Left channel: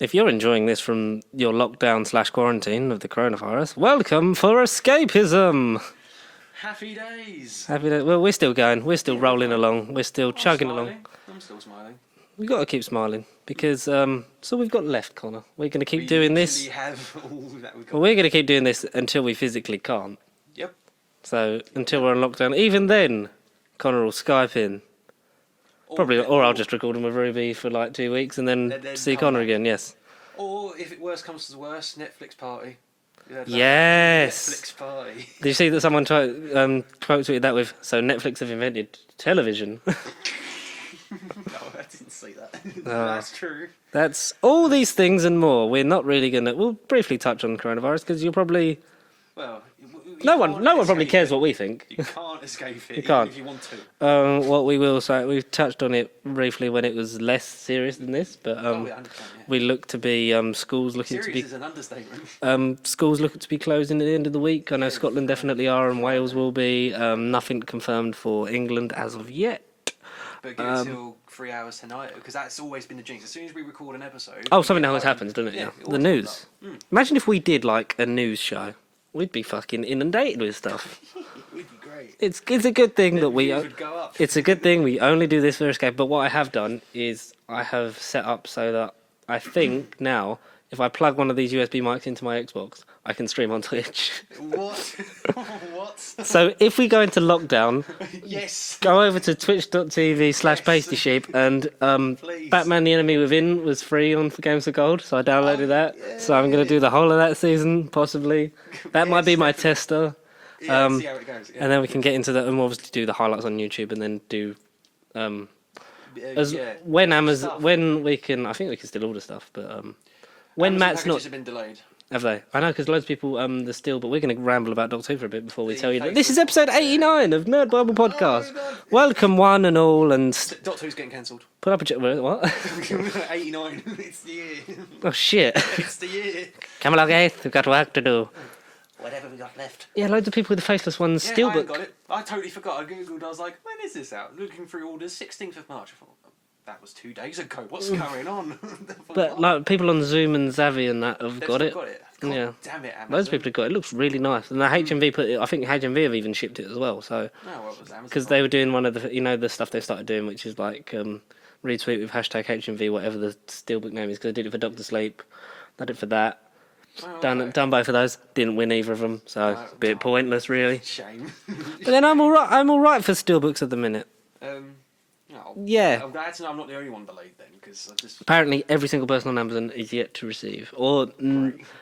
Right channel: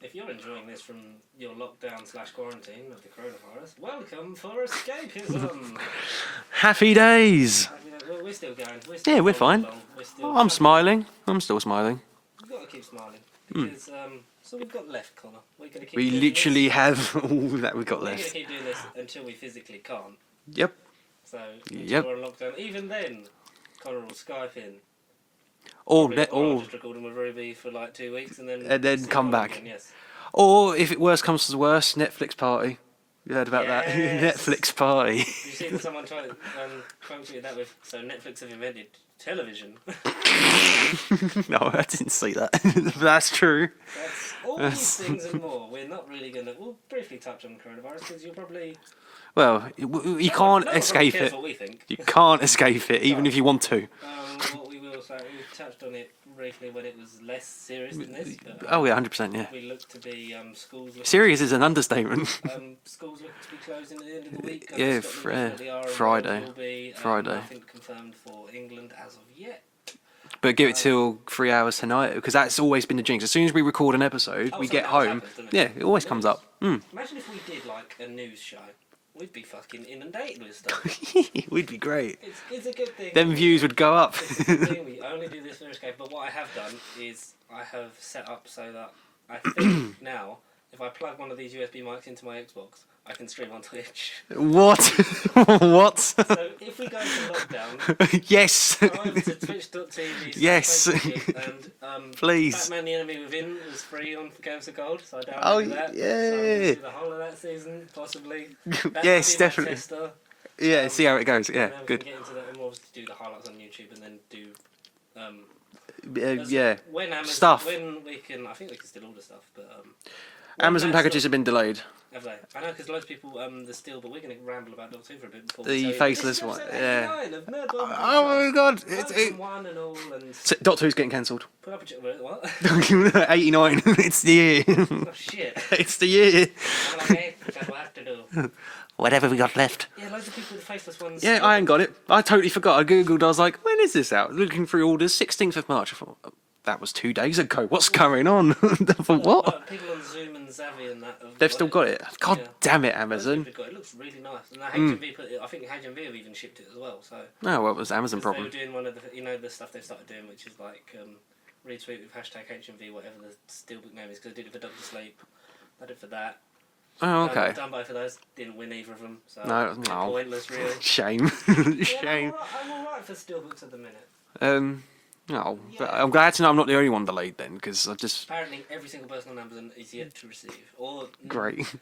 If you're enjoying this from your lockdown/quarantine of the coronavirus, welcome for escapism. Happy days. Happy day. Well, we're still going. We're still rolling along. We're still chugging smiling. along. I'm still smiling. We've got to keep smiling because so we've got left, Connor. We're going to keep doing this. We literally have all that we've got. We're going to keep doing this until we physically can't. Yep. So until we're on lockdown, even then, Connor will Skype in. Or I'll just record him with Ruby for like 2 weeks and then see Connor back again. Yes. Or if it worse comes to worse, Netflix party. You heard about that? Netflix party. Did you see that someone quote tweeted that with? So Netflix have invented television. No, I didn't see that. That's true. That's all these things and more. We're not really gonna. We'll briefly touch on coronavirus because you'll probably. Well, you no can't one escape probably cares it. what we think. You can't escape it, even if you want to. What we will say, we touched on it briefly when it was less serious than this, but oh yeah, 100%. Yeah. We look to be schools looking. Serious to be, is an understatement. Schools looking to be closing at the end of the week. I know Scotland definitely are, and Friday. Wales will be. Nothing confirmed for England as of yet. But give it till 3 hours tonight, because that's always been the jinx. As soon as we record an episode, something always happens, doesn't it? Yeah, it always comes up. Imagine if we did like a news show. We'd be fucking inundated with stuff. We'd be great. It's a good thing that views would go up. It's a good thing we only do this for Escape. But what I have done is I have set up so that I think now if I plug one of these USB mics into my Xbox, I can stream on Twitch. What? What? So if we go into lockdown, yes, go over to twitch.tv/BasicSheep and please. Batman the Enemy Within was free on for Games of Gold, so I downloaded that. Yeah. So I'm going to do the whole of that season, possibly. That might be my tester. Yeah, see how it goes. Yeah, and then we can get into that and obviously do the highlights on YouTube and then do when Amazon stuff. When we can. I think we can still order stuff, but when Amazon packages have been delayed. Have they? I know, because loads of people they're still. But we're going to ramble about Doctor Who for a bit before we The tell you. That this is faceless episode one. 89 of Nerd Bible Podcast. Oh my god! Welcome one and all, and Doctor Who's getting cancelled. put up a what? 89. It's the year. Oh shit! It's the year. Come along, Keith. We've got work to do. Whatever we got left. Yeah, loads of people with the faceless ones. Yeah, I ain't got it. I totally forgot. I googled. I was like, when is this out? Looking through orders, 16th of March. I thought, that was 2 days ago. What's going on? I thought, what? No, people on Zoom and Zavi and that They've still got it. God damn it, Those Amazon. people have got it. It looks really nice. And the HMV put it. I think HMV have even shipped it as well. So. No, well, it was Amazon. Because they were doing one of the, the stuff they started doing, which is like retweet with hashtag HMV, whatever the steelbook name is. Because I did it for Doctor Sleep, I did it for that. Oh, okay. Done both of those. Didn't win either of them, so a bit pointless, really. Shame. And then I'm all right for steelbooks at the minute. Yeah. I'm glad to know I'm not the only one delayed then, because I just... Apparently, every single person on Amazon is yet to receive, or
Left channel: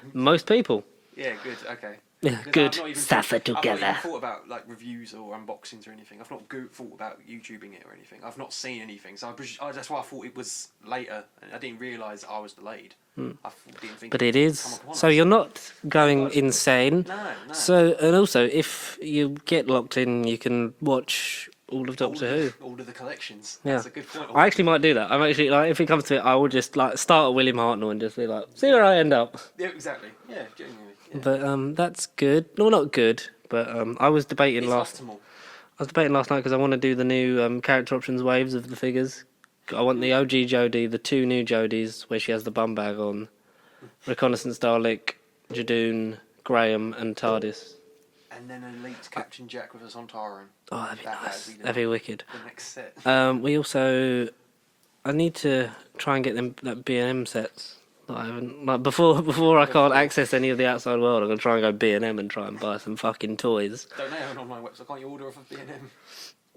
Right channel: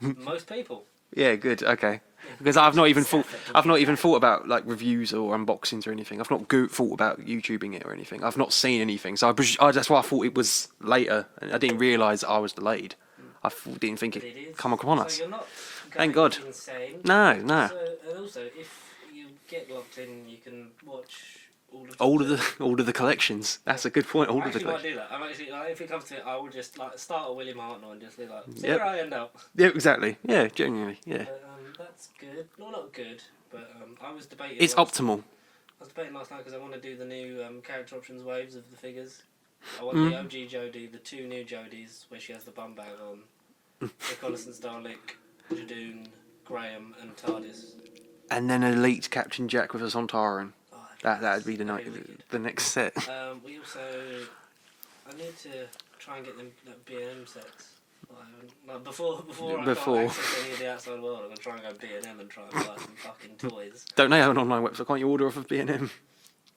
most people. Yeah, good. Okay. Yeah, because good. I've not even Suffer thought about like reviews or unboxings or anything. I've not thought about YouTubing it or anything. I've not seen anything, so that's why I thought it was later. I didn't realise I was delayed. I didn't think. But it is. Come on us. So you're not going insane. No. So and also, if you get locked in, you can watch all of the collections. That's a good point. I actually might do that. I'm actually like, if it comes to it, I will just like start at William Hartnell and just be like, see where I end up. Yeah, exactly. Yeah, genuinely. Yeah. But that's good. No, not good. But I was debating. It's optimal. I was debating last night because I want to do the new character options waves of the figures. I want the OG Jodie, the 2 new Jodies where she has the bum bag on, Reconnaissance Dalek, Jadoon, Graham, and TARDIS. And then Elite Captain Jack with us on Taran. Oh, that'd be that'd be wicked. The next set. We also, I need to try and get them that B&M sets that I haven't. Like before I can't access any of the outside world. I'm gonna try and go B&M and try and buy some fucking toys. Don't they have an online website? Can't you order off of B&M?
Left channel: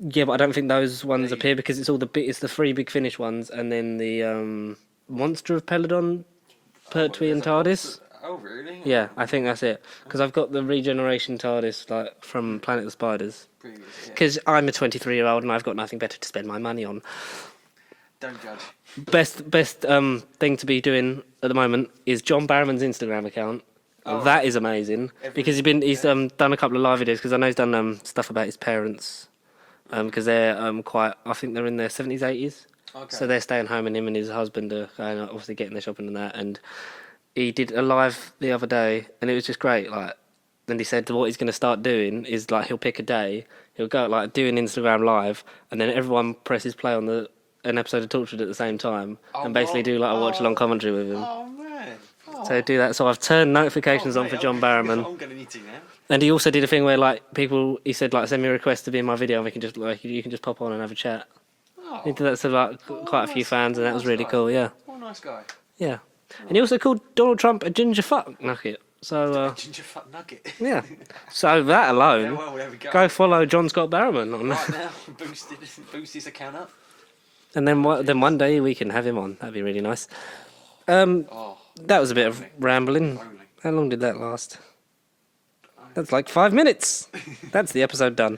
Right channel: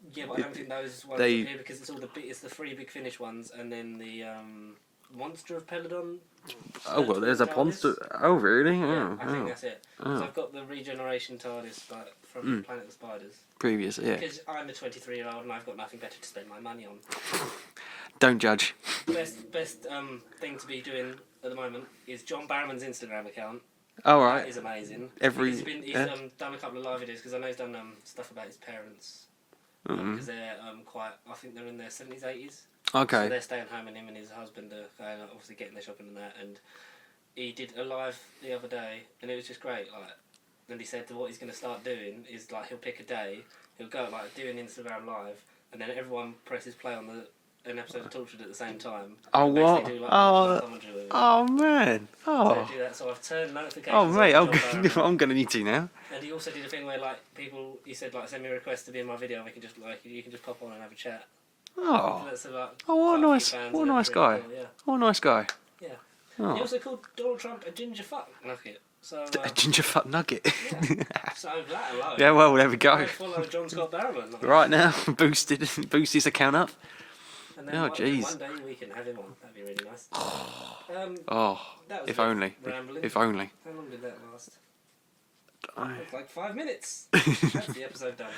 Yeah, but I don't think those ones appear because it's the 3 Big Finish ones and then the Monster of Peladon. Pertwee and TARDIS. Oh, really? Yeah, I think that's it. Because I've got the Regeneration TARDIS like from Planet of the Spiders. Previous, yeah. Because I'm a 23-year-old and I've got nothing better to spend my money on. Don't judge. Best thing to be doing at the moment is John Barrowman's Instagram account. Oh, that is amazing. Because he's done a couple of live videos. Because I know he's done stuff about his parents. Because they're I think they're in their 70s, 80s. Okay. So they're staying home, and him and his husband are going out, obviously getting their shopping and that. And he did a live the other day, and it was just great. Like, and he said what he's going to start doing is like he'll pick a day, he'll go like do an Instagram live, and then everyone presses play on the an episode of Tortured at the same time, Oh, and basically what? do like a watch-along commentary with him. Oh man! Oh, So do that. So I've turned notifications on mate, for John Barrowman. I'm gonna need to now. And he also did a thing where like people, he said like send me a request to be in my video, and we can just like you can just pop on and have a chat. Oh, He did that to like Oh, quite a few nice. fans, What and a that was nice really guy. cool. Yeah, what a nice guy. yeah. And he also called Donald Trump a ginger fuck nugget. So A ginger fat nugget. yeah. So that alone. Yeah, well, there we go. Go follow John Scott Barrowman on Right now, boost his account up. And then Oh, then jeez. one day we can have him on. That'd be really nice. Oh, That was a if bit only. of rambling. If only. How long did that last? That's like 5 minutes. That's the episode done.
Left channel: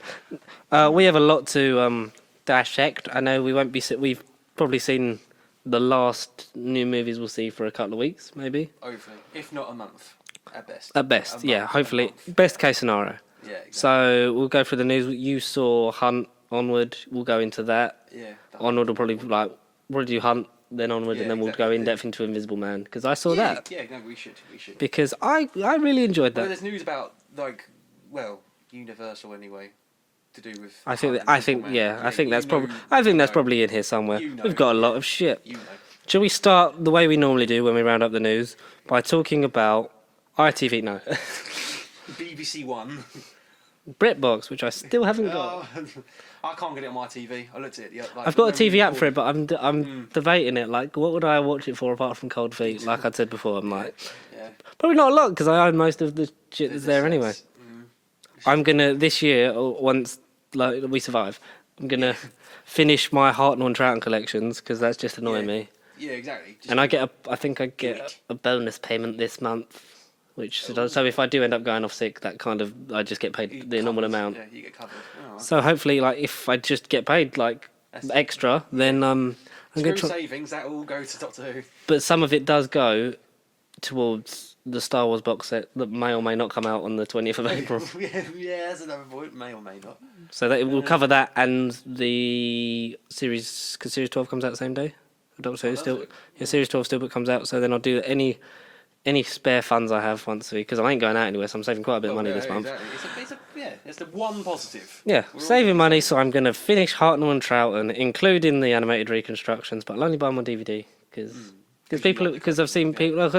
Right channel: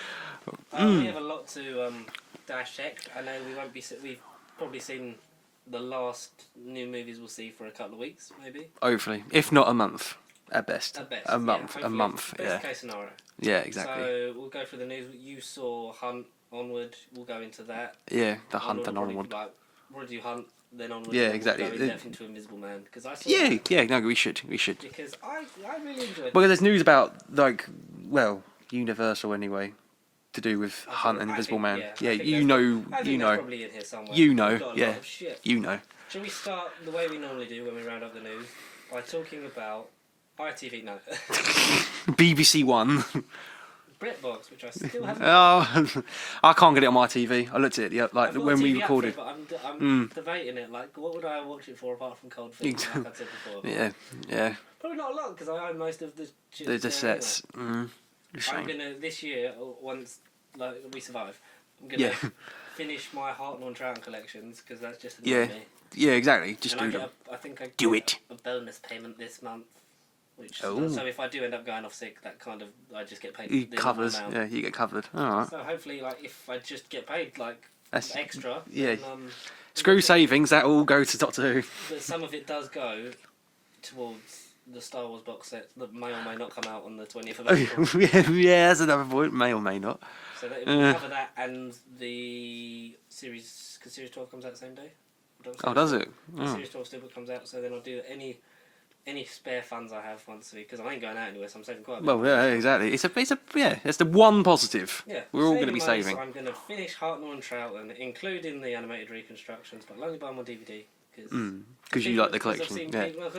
We have a lot to dissect. I know we won't be. We've probably seen the last new movies we'll see for a couple of weeks, maybe. Hopefully, if not a month, at best. At best, A yeah. month, Hopefully, a month, best yeah. case scenario. Yeah, exactly. So we'll go through the news. You saw Hunt, Onward. We'll go into that. yeah, the Hunt Onward will and probably Onward. probably do Hunt, then Onward, Yeah, and then exactly. we'll go in depth into Invisible Man because I saw Yeah, that yeah. No, we should. because I really enjoyed Well, that. there's news about Universal anyway, to do with I Hunt think, and I Invisible think, Man. yeah, I think you that's, know, I think you that's know. probably in here somewhere. You know, We've got a lot yeah. of shit. You know. Shall we start the way we normally do when we round up the news by talking about ITV? No, BBC One. BritBox, which I still haven't got. Oh, I can't get it on my TV. I looked at it. Like, I've got a when we TV app for recorded. it, but I'm debating it. Like, what would I watch it for apart from Cold Feet? Like I said before, Yeah, yeah. probably not a lot because I own most of the shit that's The there anyway. sets. Mm. I'm gonna this year once like we survive. I'm gonna Yeah. finish my Hartnell and Troughton collections because that's just annoying Yeah. me. Yeah, exactly. Just And I do get I think I Do get it. a bonus payment this month, which Ooh. so if I do end up going off sick, that kind of I just get paid it the normal covers- amount. Yeah, you get covered. All right. So hopefully, like if I just get paid like That's- extra, yeah. then I'm Screw gonna try- savings. That all go to Doctor Who. But some of it does go towards the Star Wars box set that may or may not come out on the 20th of April. Yeah, that's another point. May or may not. So that it will cover that and the series, because Series 12 comes out the same day. Adult Series does still, it? The Series 12 still comes out, so then I'll do any spare funds I have once a week, because I ain't going out anywhere, so I'm saving quite a bit of Well, money yeah, this month. exactly. Yeah. That's the one positive. Yeah, We're all gonna saving be money, so saving. I'm going to finish Hartnell and Troughton, including the animated reconstructions, but I'll only buy them on DVD, because 'cause you like the I've seen collection, yeah. people, because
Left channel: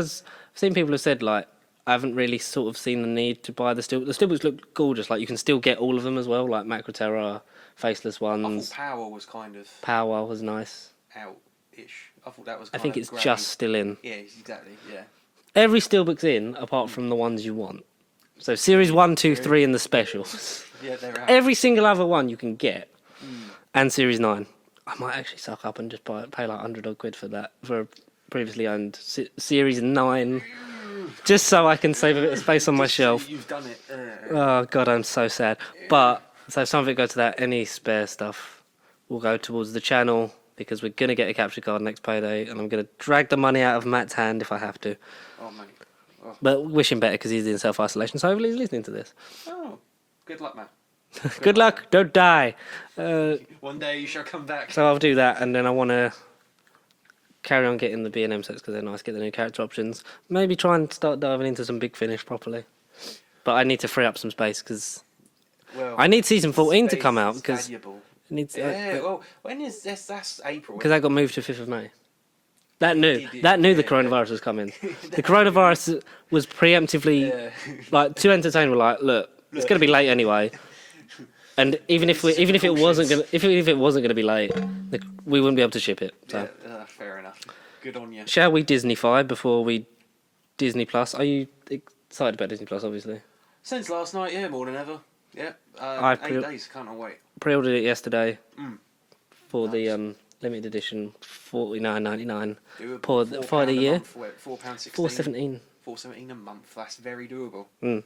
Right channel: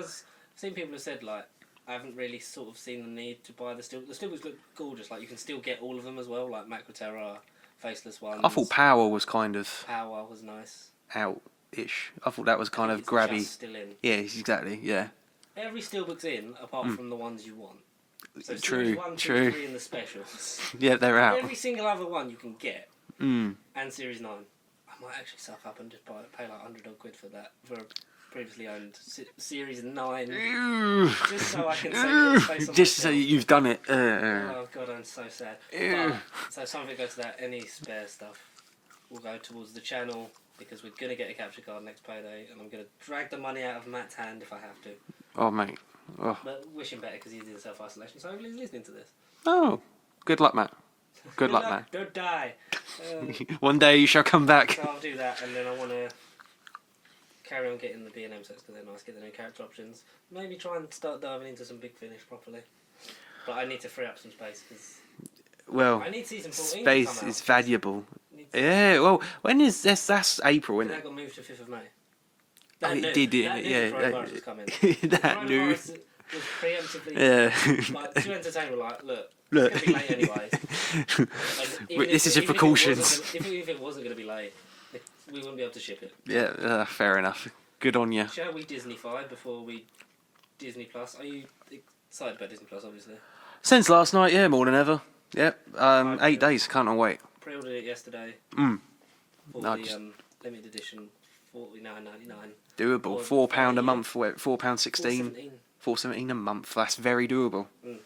I've seen people have said, like, I haven't really sort of seen the need to buy the steelbooks look gorgeous, like, you can still get all of them as well, like Macro Terror, Faceless Ones. I thought Power was kind of Power was nice. out-ish. I thought that was I kind think of it's grabby. just still in. Yeah, exactly. Yeah. Every steelbook's in, apart from the ones you want. So Series 1, 2, true. 3 and the specials. Yeah, they're out. Every single other one you can get. And Series 9. I might actually suck up and just pay like 100 odd quid for that, for a previously owned Series 9. Just so I can save a bit of space on my Just say shelf. you've done it. Oh god, I'm so sad. But, so some of it go to that. Any spare stuff will go towards the channel, because we're going to get a capture card next payday, and I'm going to drag the money out of Matt's hand if I have to. Oh, mate. Oh. But wish him better because he's in self-isolation, so hopefully he's listening to this. Oh. Good luck, Matt. Good luck, don't die. Matt. One day you shall come back. So I'll do that, and then I want to carry on getting the B&M sets because they're nice, get the new character options. Maybe try and start diving into some Big Finish properly. But I need to free up some space because Well, I need Season 14 to space come out. is valuable. Because Yeah, well, when is this? That's April. that got moved to 5th of May. That It knew did, the yeah, coronavirus was coming. The That coronavirus was preemptively, Yeah. like, two entertainers were like, look, it's going to be late anyway. And even if This is even if it wasn't precautions. gonna, if it wasn't going to be late, we wouldn't be able to ship it. So. Yeah, fair enough. Good on you. Shall we Disneyfy before we Disney Plus? Are you excited about Disney Plus? Obviously, Since last night, yeah, more than ever. Yep, I 8 feel- days. Can't wait. pre-ordered it yesterday for Nice. the limited edition, $49.99. Doable. For £4 the a year. month. £4.16. $4.17. $4.17 a month. That's very doable. And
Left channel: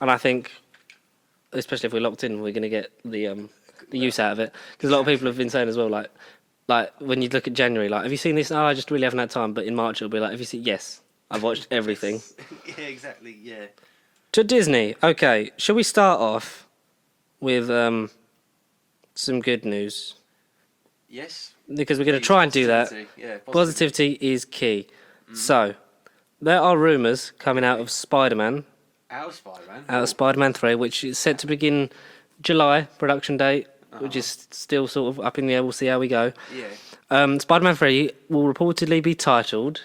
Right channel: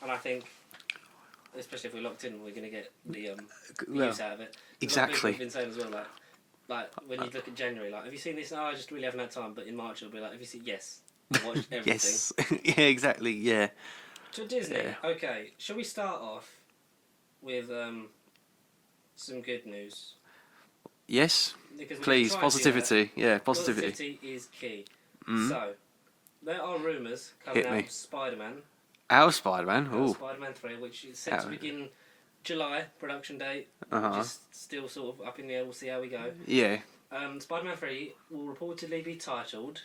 I think, especially if we're locked in, we're going to get the use out of it. Because a lot of people Exactly. have been saying as well, like when you look at January, like, have you seen this? Oh, I just really haven't had time. But in March, it'll be like, have you seen? Yes, I've watched everything. Yes. Yeah, exactly. Yeah. To Disney. Okay, shall we start off with some good news? Yes. Because we're going to Please, try and do that. positivity. Yeah, Positivity is key. So, there are rumours coming Hit out me. of Spider-Man, Out of Spider-Man. out of Spider-Man 3, which is set to begin July production date. which is still sort of up in the air. We'll see how we go. Yeah. Spider-Man 3 will reportedly be titled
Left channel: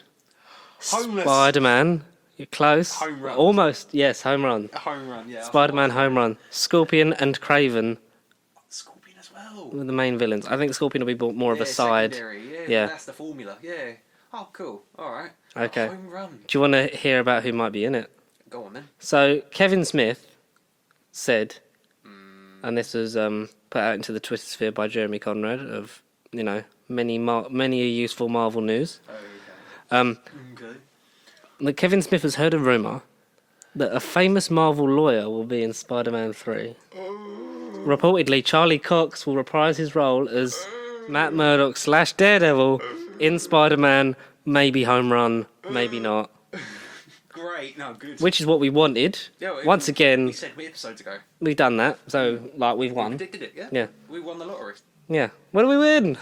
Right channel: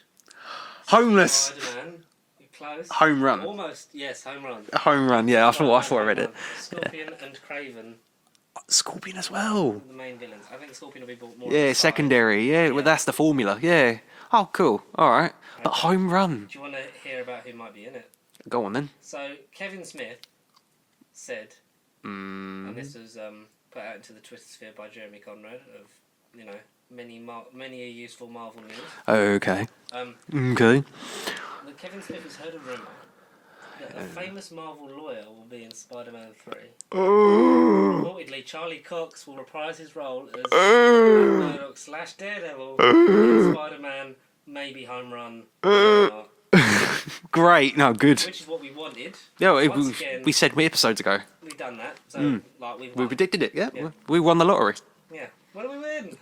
Homeless. Spider-Man. You're close. Home Run. Almost. Yes, Home Run. Home Run, yeah. Spider-Man I thought I Home read Run. it. Scorpion and Craven Scorpion as well. are the main villains. I think Scorpion will be more of Yeah, a side. secondary. Yeah, Yeah. well, that's the formula. Yeah. Oh, cool. All right. Okay. A home run. Do you want to hear about who might be in it? Go on then. So Kevin Smith said, and this was put out into the Twitter sphere by Jeremy Conrad of many a useful Marvel news. Okay. That Kevin Smith has heard a rumor that a famous Marvel lawyer will be in Spider-Man 3. Reportedly, Charlie Cox will reprise his role as Matt Murdock / Daredevil in Spider-Man. Maybe Home Run, maybe not. Great. No, good. Which is what we wanted. Yeah, Once again, we said episodes ago. we've done that. So, we've We won. predicted it, yeah? Yeah. We won the lottery. Yeah. What do we win?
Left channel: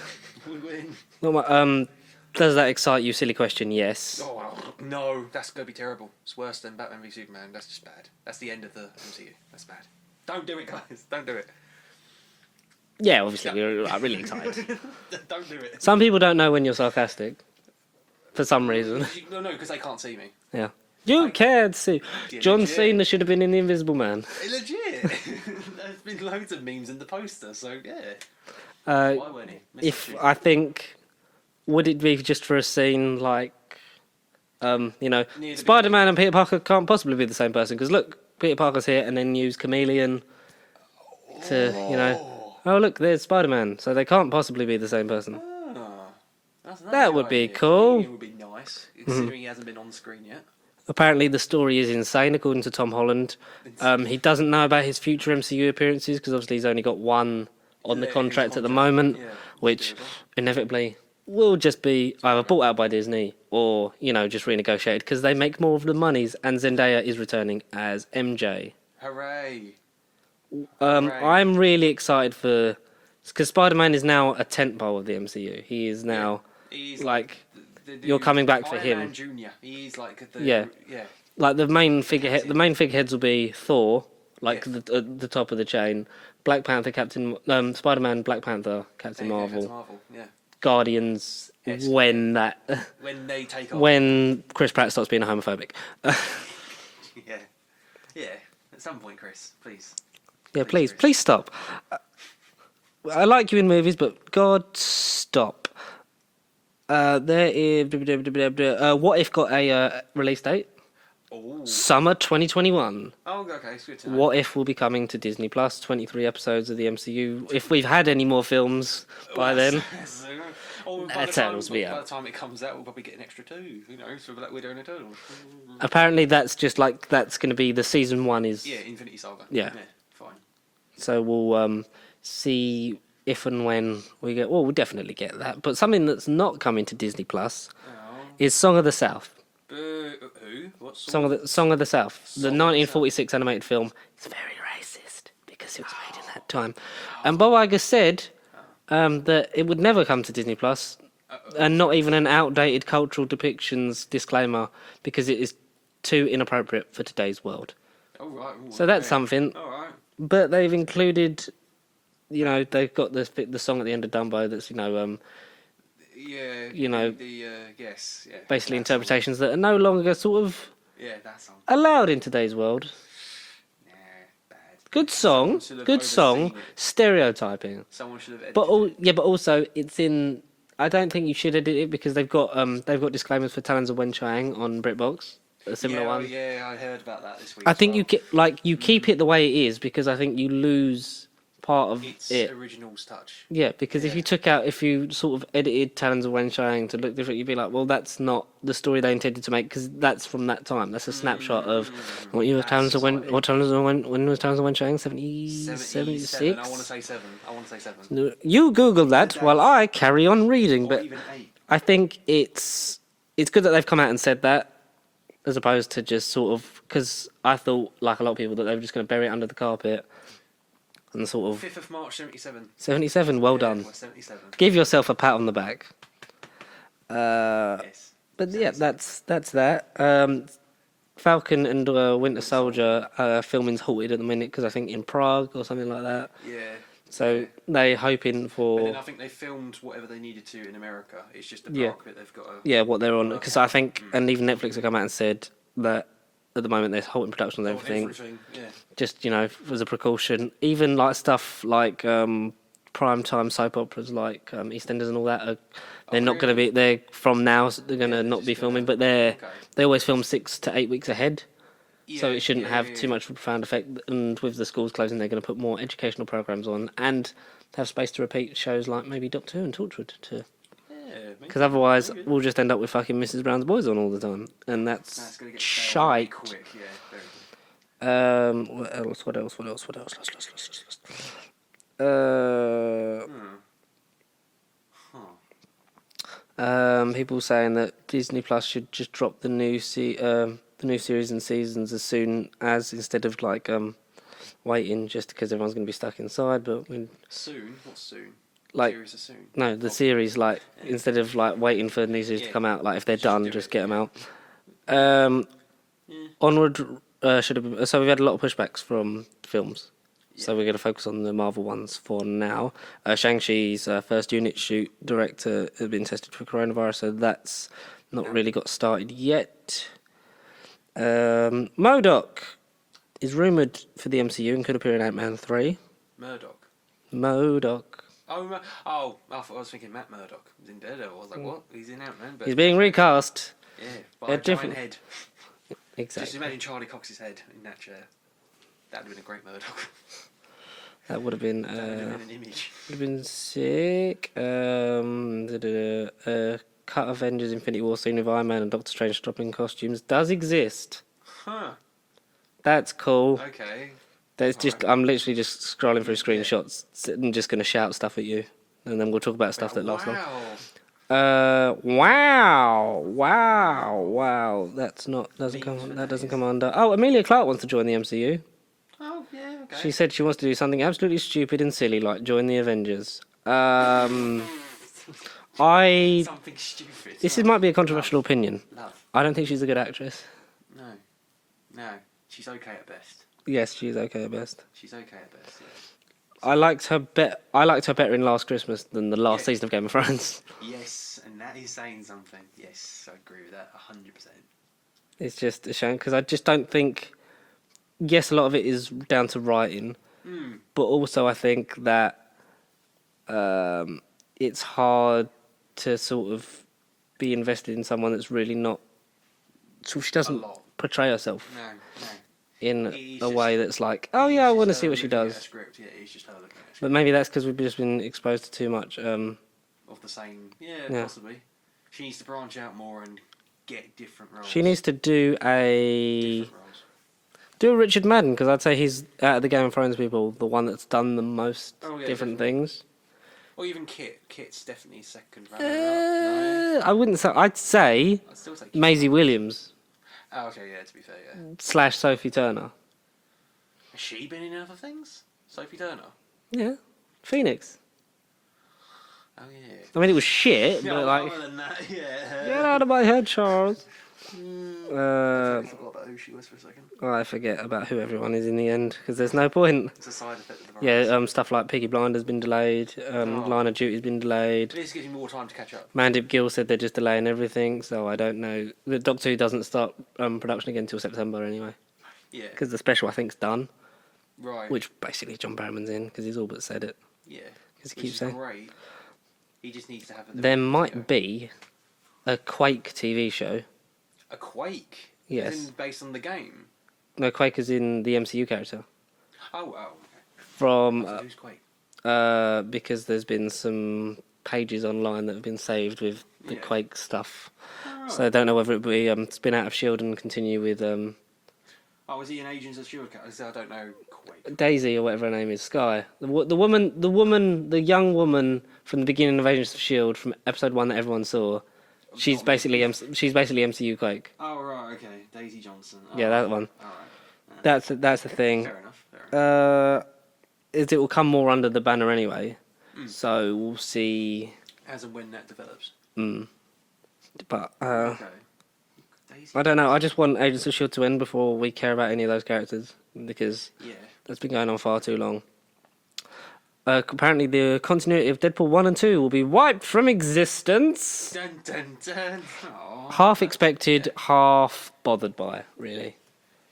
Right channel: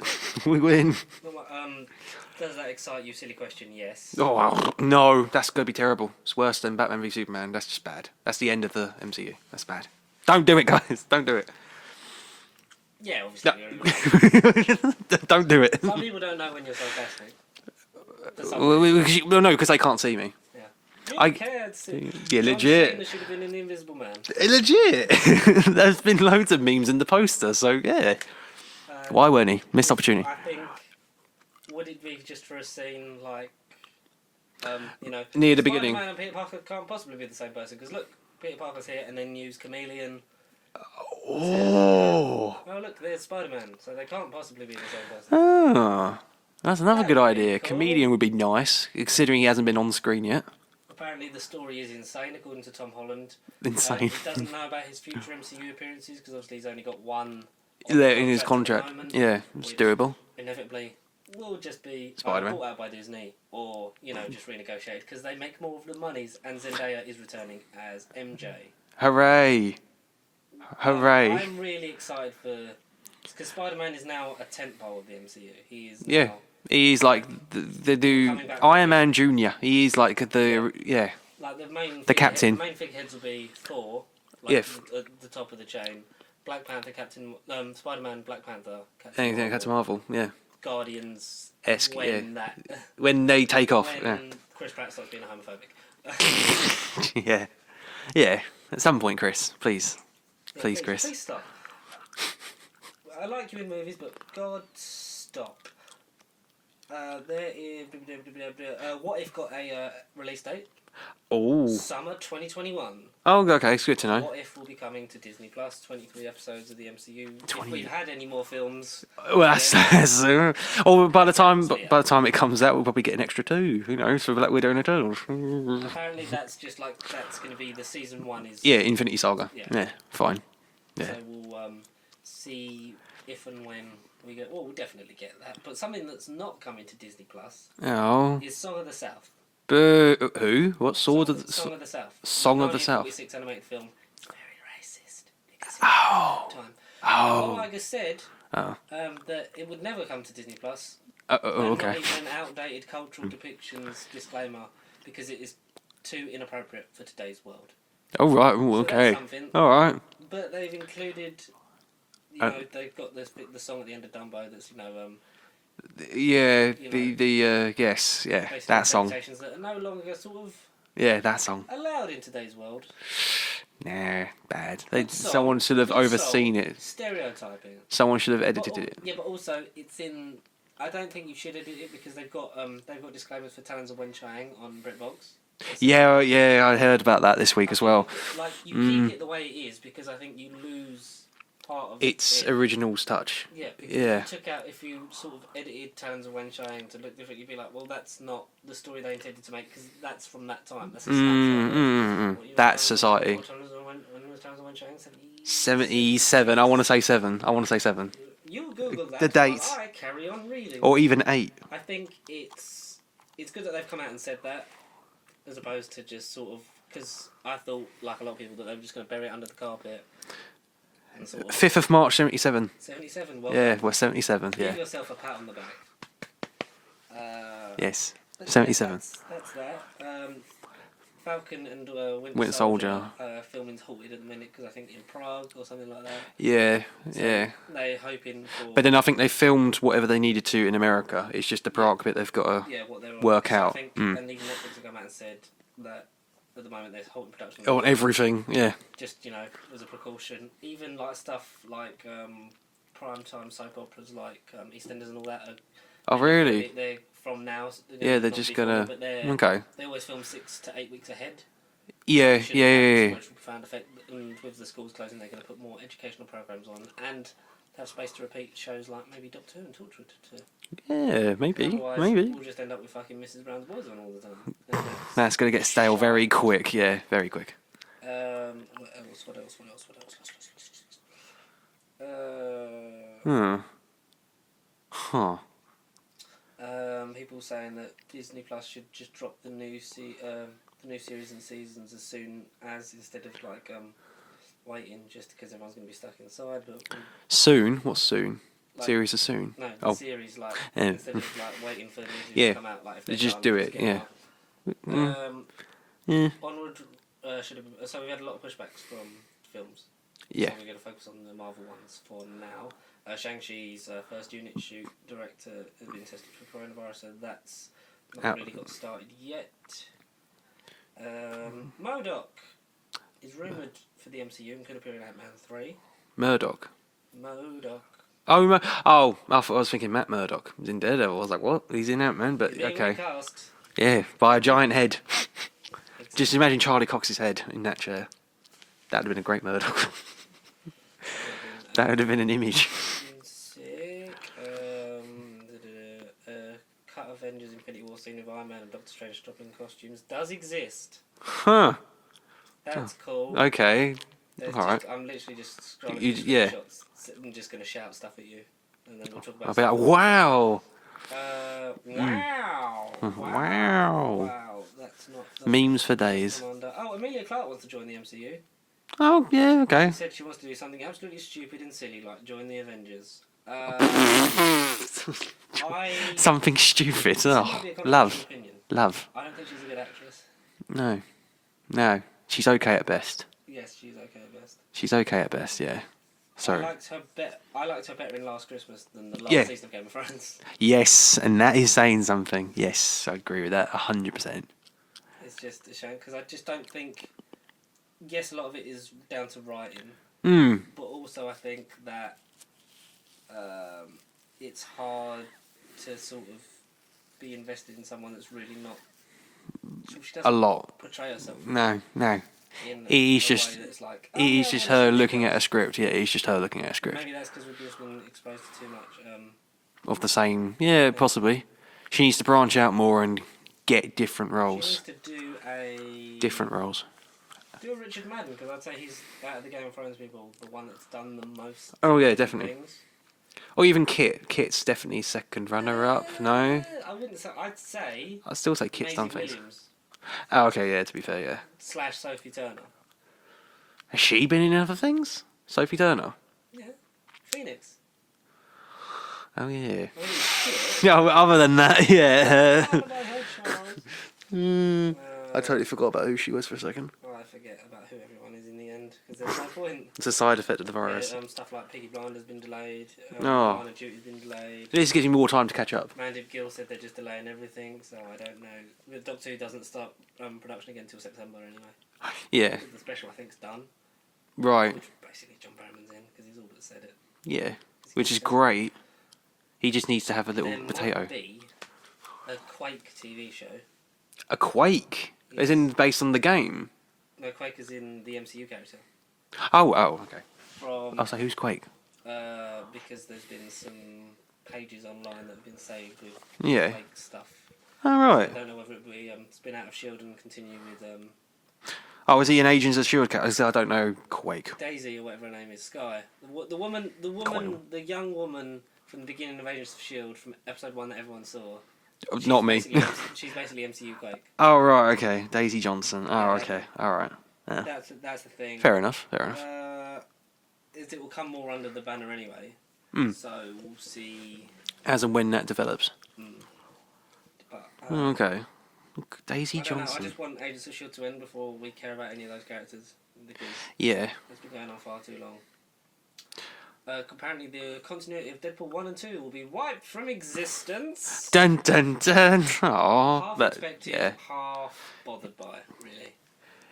We win. Does that excite you? Silly question. Yes. Oh, no, that's going to be terrible. It's worse than Batman v Superman. That's just bad. That's the end of the MCU. That's bad. Don't do it, guys. Don't do it. Yeah, obviously. You're right. Don't do it. Some people don't know when you're sarcastic. For some reason. Well, no, because they can't see me. Yeah. You can't see. Yeah, John legit. Cena should have been in The Invisible Man. Legit. There's been loads of memes in the poster, so yeah. Why weren't he? Missed opportunity. I think, would it be just for a scene like, Near the Spider-Man beginning. and Peter Parker can't possibly be the same person, because look, Peter Parker's here and then use Chameleon to, oh look, there's Spider-Man, so they can't possibly be the same person. Oh, that's another That good would be idea. cool. Comedian would be nice, considering he hasn't been on screen yet. Apparently, the story is insane, according to Tom Holland. Insane. He doesn't know about his future MCU appearances because obviously he's only got one on Yeah, the in his contract at the contract. moment. Yeah, which is doable. Inevitably will just be either Spider-Man. bought out by Disney or just renegotiated because they make more of the monies. And Zendaya is returning as MJ. Hooray! Hooray! I'm really excited because Spider-Man is now a tentpole of the MCU. He is now. Yeah. He's like the dude. you're coming back for Iron him. Man Junior. He's like Yeah. Like the main captain. the main figureheads will be Thor, like Yeah. the top of the chain, Black Panther, Captain, Spider-Man, Black Panther, Captain Yeah, Marvel, Captain Marvel. Yeah. Guardians. Esque, When When they take off. when Chris Pratt stops being homophobic. Yeah. Yeah. At some point, Chris, please. Yeah, Please, please, Chris. please stop. I like you in movies, but God, stop. There is. What If got a release date? Oh. Summer 2021. Oh, okay. It's good to know. What If will be coming to Disney Plus? 23 episodes of the MCU. If we've had any more films, by then, Or by the time sounds weird. by the time it comes out, we'll probably get an extra 2. Who knows? For Black Widow and Eternals. apparently that's just like that's going to be the season 1 is. Yeah, Infinity Saga. Yeah. Yeah. Fine. So we'll see if and when we get. Well, we'll definitely get that. But something that's not coming to Disney Plus Oh. is Song of the South. Who? What Song sort of the South. Song the of the 1946 animated film. It's very racist because it was at that time. And Bob Iger said that it would never come to Disney Plus, and not even an outdated cultural depictions disclaimer because it is too inappropriate for today's world. Oh right. Ooh, So that's okay. something. All right. But they've included, they've got the song at the end of Dumbo that's Yeah. know, yes. Yeah. basically that song. interpretations that are no longer sort of Yeah, that song. allowed in today's world. Nah, bad. Good song. Someone should have good overseen song, it. Stereotyping. Someone should have edited But it. yeah, but also it's in. I don't think you should edit it because they've got disclaimers for Talons of Wenchang on BritBox. Yeah, I heard about that this week I as think well. you keep it the way it is because I think you lose part of It's it. original's touch. Yeah, because Yeah. if you sort of edited Talons of Wenchang to look different, you'd be like, well, that's not the story they intended to make because that's from that time. That's a snapshot of what you That Talons society. of when was Talons of Wenchang? 77. I want to say 7. You Google that The while date. I carry on reading. Or But even 8. I think it's good that they've come out and said that, as opposed to just sort of because I thought, like a lot of people, that they were just going to bury it under the carpet and sort of 5th of March, 77. 77. Well Yeah, done. we're 77. Give yourself a pat on the back. Yes. But 77. yeah, that's that. Falcon and Winter Winter Soldier Soldier. filming's halted at the minute because I think in Prague or something like that. Yeah, So yeah. they're hoping for. But then I think they filmed whatever they needed to in America. It's just the Yeah. Prague bit they've got to what they're on. work So I out. think, and even Netflix have come out and said that at the moment they're halting production on everything. Yeah. Just as a precaution. Even like stuff like primetime soap operas like EastEnders and all that are. They're not going to really? be. They're from now. So they're going to they're not just be gonna- filming, but they always film 6 to 8 weeks ahead. Yeah, So it shouldn't yeah, have yeah, too yeah. much of a profound effect. And with the schools closing, they're going to put more educational programs on and have space to repeat shows like maybe Doctor Who and Torchwood to. Yeah, maybe. Because otherwise, maybe. we'll just end up with fucking Mrs. Brown's Boys on all the time, and That's going to get stale very shite. quick. Yeah, very quick. What else? Huh. People saying that Disney Plus should just drop the new series and seasons as soon as instead of waiting just because everyone's going to be stuck inside. But Soon? What's soon? Like- Series of soon? no, the Oh. series Yeah. instead of waiting for the new series Yeah. to come out, if they're Just done, do just it, get yeah. them out. Yeah. Onward should have been. So we've had a lot of pushbacks from films. Yeah. So we're going to focus on the Marvel ones for now. Shang-Chi's first unit shoot director has been tested for coronavirus, so that's not Out. really got started yet. MODOK is rumoured for the MCU and could appear in Ant-Man 3. Murdoch. MODOK. I thought I was thinking Matt Murdock was in Daredevil. I was like, what? He's in Ant-Man, but He's being okay. recast. Yeah, by Yeah, a giant head. Exactly. Just imagine Charlie Cox's head in that chair. That'd have been a great Murdoch. That would have been. That would have been an image. Would have been sick. Cut Avengers Infinity War scene of Iron Man and Doctor Strange stopping costumes does exist. Huh. That's cool. Okay. There's just Alright. I'm literally just scrolling through Yeah. screenshots. I'm just gonna shout stuff at you, and then we'll talk about I'll be stuff. like, that's wow. Wow. That's not Memes for that doesn't days. come under. Oh, Amelia Clark wants to join the MCU. Oh, yeah, She okay. said she wants to do something absolutely stupid and silly, like join the Avengers. Something stupid. This Oh, might be a controversial love. opinion. Love. I don't think she's a good actress. No. She's okay at best. Yes, she's okay at best. She's okay at best, yeah. I liked her better in Last Christmas than the last Yeah. season of Game of Thrones. Yes, and that is saying something. Yes, I agree with that 100%. It's just a shame because I just don't think. Yes, a lot of it is down to writing, but also I think that it's hard to sort of be invested in someone that's really not. So she doesn't A lot. portray herself No. in It's a just- way that's like, oh It's yeah, I just want to see her what she looking does. at a script. Yeah, it's just her looking at a But script. maybe that's because we've just been exposed to too much. Of the same. Yeah, possibly. She needs to branch out more and get different roles. She needs to do Different roles. Do a Richard Madden, because I'd say he's, out of the Game of Thrones people, the one that's done the most Oh, yeah, different definitely. things. Or even Kit. Kit's definitely second runner-up. No? I wouldn't say... I'd say I'd still say Kit. Maisie Stanford. Williams Oh, okay, yeah, to be fair, yeah. / Sophie Turner. Has she been in other things? Sophie Turner? Yeah. Phoenix. Oh, yeah. I mean, it was shit. Yeah, but, like, other than that, yeah. out of my head, Charles. I totally forgot about who she was for a second. I forget about who everyone is in the end, because there's no point. It's a side effect of the virus. Yeah, stuff like Piggy Blinder's been delayed, Line of Duty's been delayed. This gives you more time to catch up. Mandip Gill said they're just delaying everything, so I don't know. The Doctor Who doesn't start production again until September anyway, Yeah, because the special I think's done, right. which basically John Barrowman's in because he's all but said it. Yeah, 'Cause he which keeps is saying- great. He just needs to have a little There potato. might be a Quake TV show. A Quake? Yes. As in based on the game? No, Quake is in the MCU character Oh, okay. from I was like, who's Quake? because there's been some pages online that have been saved with Yeah. Quake stuff. Oh, right. So I don't know whether it will be spin out of Shield and continue with Oh, is he an Agents of S.H.I.E.L.D. character? I don't know Quake. Daisy or whatever her name is, Sky. The young woman from the beginning of Agents of Shield from episode 1 that everyone saw. She's Not me. basically she's basically MCU Quake. Oh, right, okay. Daisy Johnson. Oh, Yeah, that okay. one. All right. Yeah. That's the thing. Fair enough. Fair enough. It will come more under the banner anyway. So we'll see. As and when that develops. But Okay. Daisy I don't know. I Johnson. just want Agents of S.H.I.E.L.D. to end before we care about any of those characters because Yeah. that's been going on far too long. Apparently, the continuity of Deadpool 1 and 2 will be wiped from existence. Dun dun dun. Aww, Half expected, Yeah, half bothered by, really.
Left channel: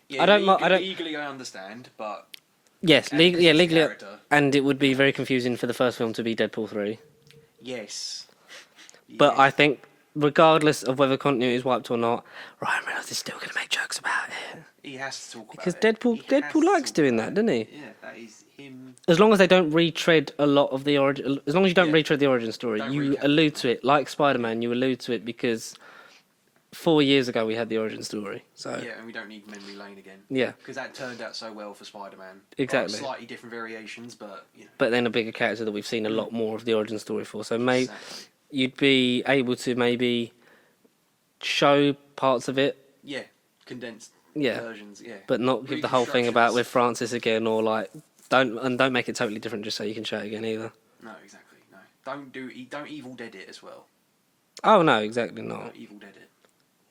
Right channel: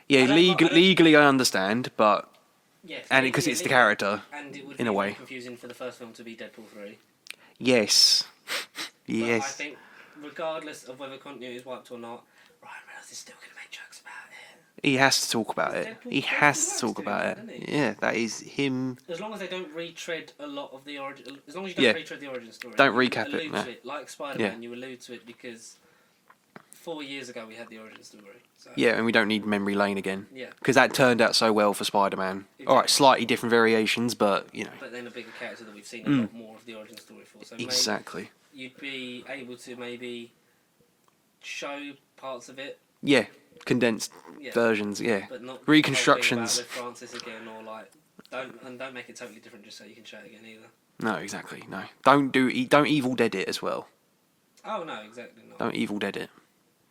yeah I don't mi- I don't- legally I understand, but Yes, and because it's the legally- character. And it would in be a very way. confusing for the first film to be Deadpool 3. Yes. But Yes. I think, regardless of whether continuity is wiped or not, Ryan Reynolds is still going to make jokes about it. he has to talk about Because it. Deadpool He has to likes talk doing about that, it. doesn't he? Yeah, that is him. As long as they don't retread a lot of the origin, as long as you don't Yeah. retread the origin story, Don't you recap it, allude no. to it. Like Spider-Man, Yeah. you allude to it because 4 years ago we had the origin story. So Yeah, and we don't need memory lane again. Yeah. Because that turned out so well for Spider-Man. Exactly. Alright, slightly different variations, but you know. But then a bigger character that we've seen a lot more of the origin story for. So maybe Exactly. you'd be able to maybe show parts of it, Yeah, condensed Yeah. versions. Yeah, but not the whole thing about reconstructions. with Francis again, or like don't make it totally different just so you can show it again either. No, exactly. No, don't Evil Dead it as well. Oh no, exactly not. Don't Evil Dead it.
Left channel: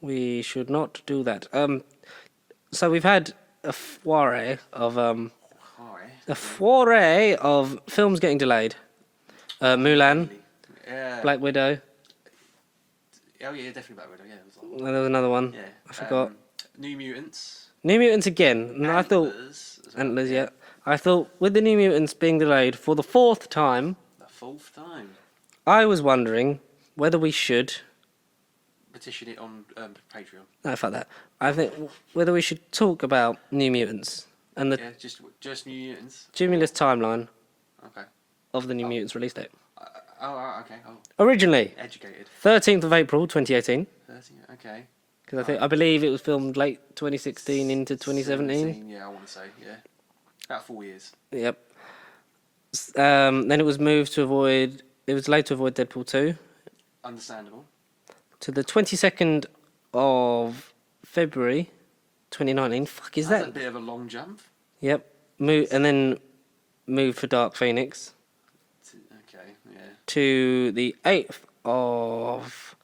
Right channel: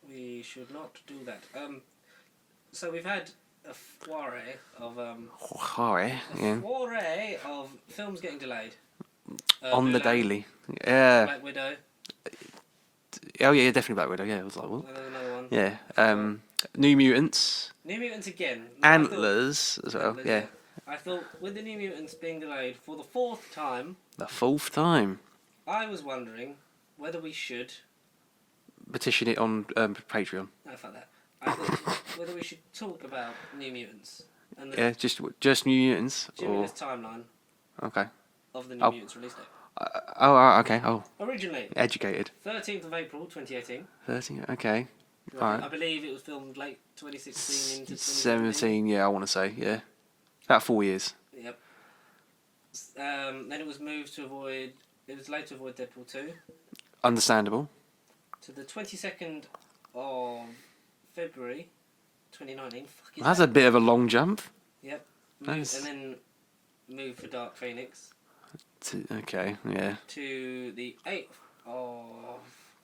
We should not do that. So we've had a foray of Sorry. foray of films getting delayed. On the Mulan, daily. Yeah. Black Widow, Oh yeah, definitely Black Widow. Yeah, it was like what? and there was another one. Yeah. I forgot. New Mutants. New Mutants again. Now, Antlers as well. Antlers, yeah. yeah. I thought with the New Mutants being delayed for the 4th time, The 4th time. I was wondering whether we should. Petition it on Patreon. No, fuck that. I think whether we should talk about New Mutants and the Yeah, just New Mutants. cumulus timeline Okay. of the New Oh. Mutants release date. Okay. Oh, Originally, educated. 13th of April 2018. 30. Okay. 'Cause I believe it was filmed late 2016 into 2017. 17, yeah, I want to say, yeah. About 4 years. Yep. Then it was moved to avoid. It was late to avoid Deadpool 2 Understandable. to the 22nd of February 2019. Fuck is That's that? a bit of a long jump. Yep. And then moved for Dark Phoenix Okay, yeah. to the 8th of.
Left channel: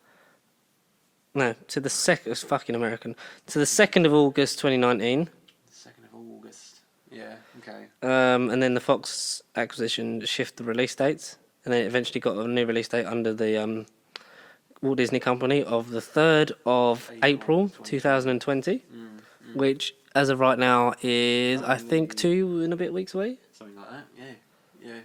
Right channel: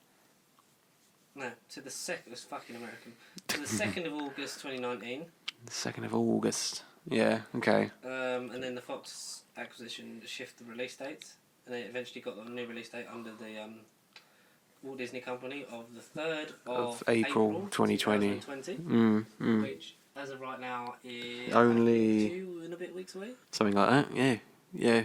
No, to the second. It's fucking American. To the 2nd of August 2019. 2nd of August. Yeah, okay. And then the Fox acquisition shifted the release dates, and then it eventually got a new release date under the Walt Disney Company of the 3rd of April 2020, which, as of right now, is I think Only- 2 and a bit weeks away. Something like that, yeah. Yeah.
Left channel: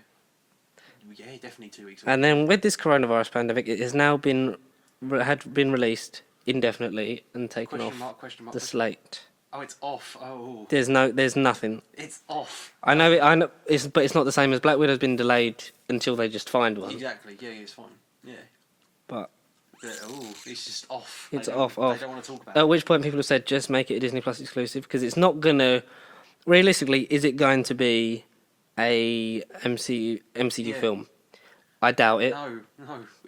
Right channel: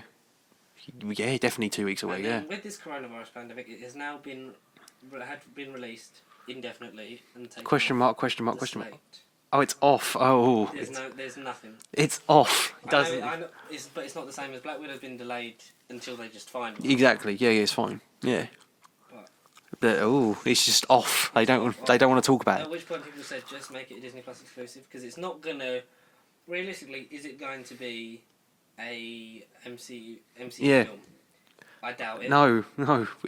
Yeah, definitely 2 weeks away. And then yeah. with this coronavirus pandemic, it has now been released indefinitely and taken Question off mark, question mark, the question mark. slate. Oh, it's off. Oh. There's nothing. It's off. I know, but it's not the same as Black Widow's been delayed until they just find one. Exactly, yeah, it's fine. Yeah. But It's just off. It's They don't off. they don't want to talk about it. at which point people have said just make it a Disney Plus exclusive because it's not gonna. Realistically, is it going to be a MCU Yeah. film? I doubt it. No.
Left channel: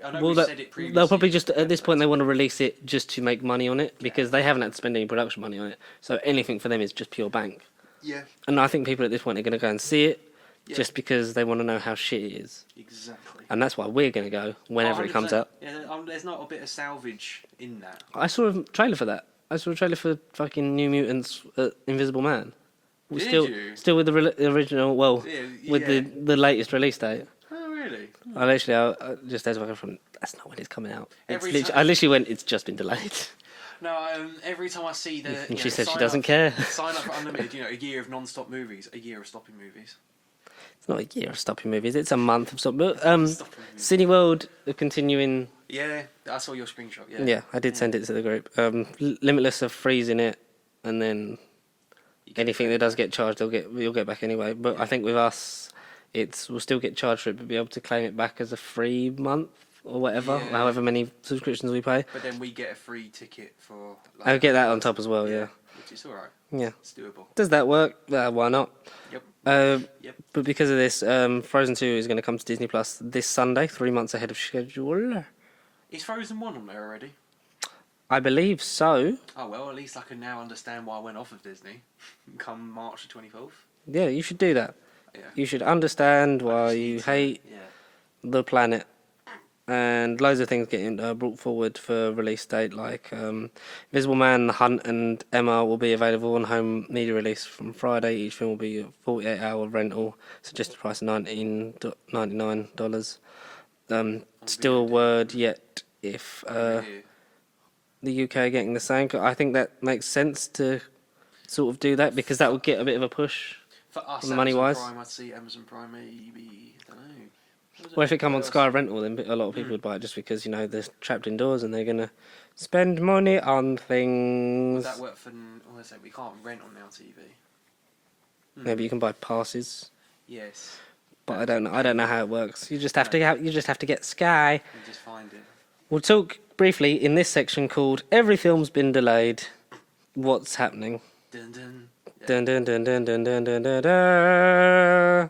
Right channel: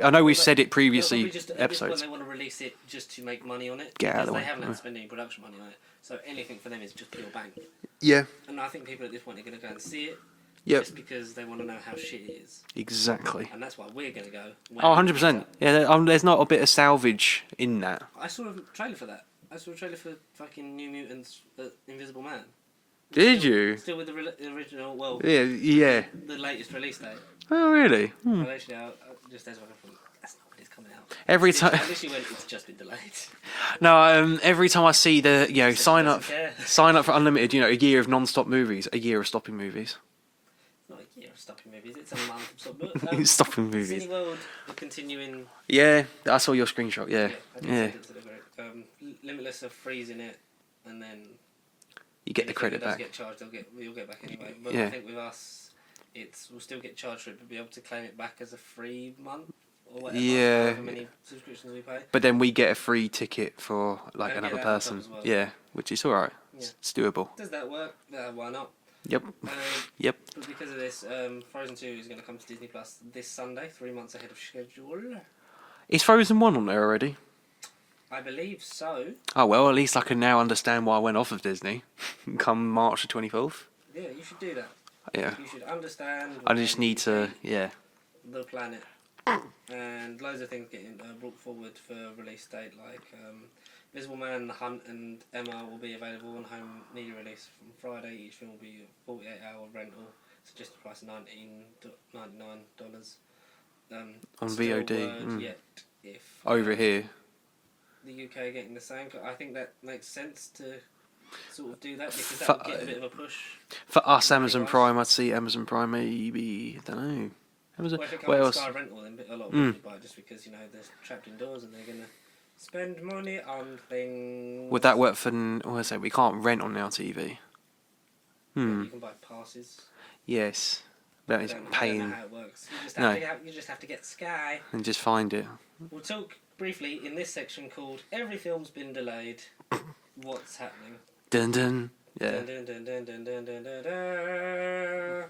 I know we've said it previously. They'll probably just at this point episodes. they want to release it just to make money on it Get because out they of haven't it. had to spend any production money on it. So anything for them is just pure bank. Yeah. And I think people at this point are going to go and see it Yep. just because they want to know how shit it is, Exactly. and that's why we're going to go Oh, whenever it comes 100%. out. Yeah, there's not a bit of salvage in that. I saw a trailer for that. I saw a trailer for fucking New Mutants Invisible Man. Did still, you? Still with the original, well, Yeah, with yeah. the latest release date. Oh, really? I literally, just as I from, that's not when it's coming out. Every It's literally- time- I literally went, it's just been delayed. No, every time I see the, She you know, said she sign doesn't up, care. sign up for unlimited, you know, a year of non-stop movies, a year of stopping movies. It's not a year of stopping movies, it's a month of stopping. Stopping movies. Cineworld are continuing. Yeah, I saw your screenshot. Yeah. Yeah, I did send it to the group. Limitless are freezing it, and then You get the anything that credit does back. get charged, you'll get back anyway. But Yeah. I think with us, we'll still get charged for it, but be able to claim it back as a free month or whatever, Yeah. however many subscriptions we pay. But then we get a free ticket for. Like, I'll get another that on person. top as well, yeah. which is all right. Yeah. It's doable. Does that work? Why not? Yep. Yep. But because of this, Frozen 2 is going to come to Disney Plus this Sunday, 3 months ahead of schedule. Is Frozen 1 on there already? I believe so. Oh well, at least I can now understand why I went off of Disney. Come March the 24th. Yeah, you should do that. Yeah. You should understand why I just you need to. hate Yeah. the planet and loads of things getting brought forward for release date, like Invisible Man, The Hunt, and Emma will be available on home media release from Friday. Each film will be a 48-hour rental, suggested price of $99. Still a VOD, word yet if over here. the UK are getting the same. I think that makes sense to sort of do that because that will get a bit of a push. For us, Amazon money-wise. Prime, I'd see Amazon Prime maybe, I don't know. Well, if it comes What on else? Sky Rental, then a lot of people would buy it just because, you know, they're trapped indoors and they're going to spend money on things. Would that work for? What I say? We can't rent on our TV. Yeah, but you can buy passes. Yes, But that I is don't know. a I don't know pain. how it works. You just have No. to get Sky. And just find it. We'll talk briefly in this section called "Every Film's Been Delayed." What's happening? Dun dun. Yeah. Dun dun dun dun dun dun dun dun dun.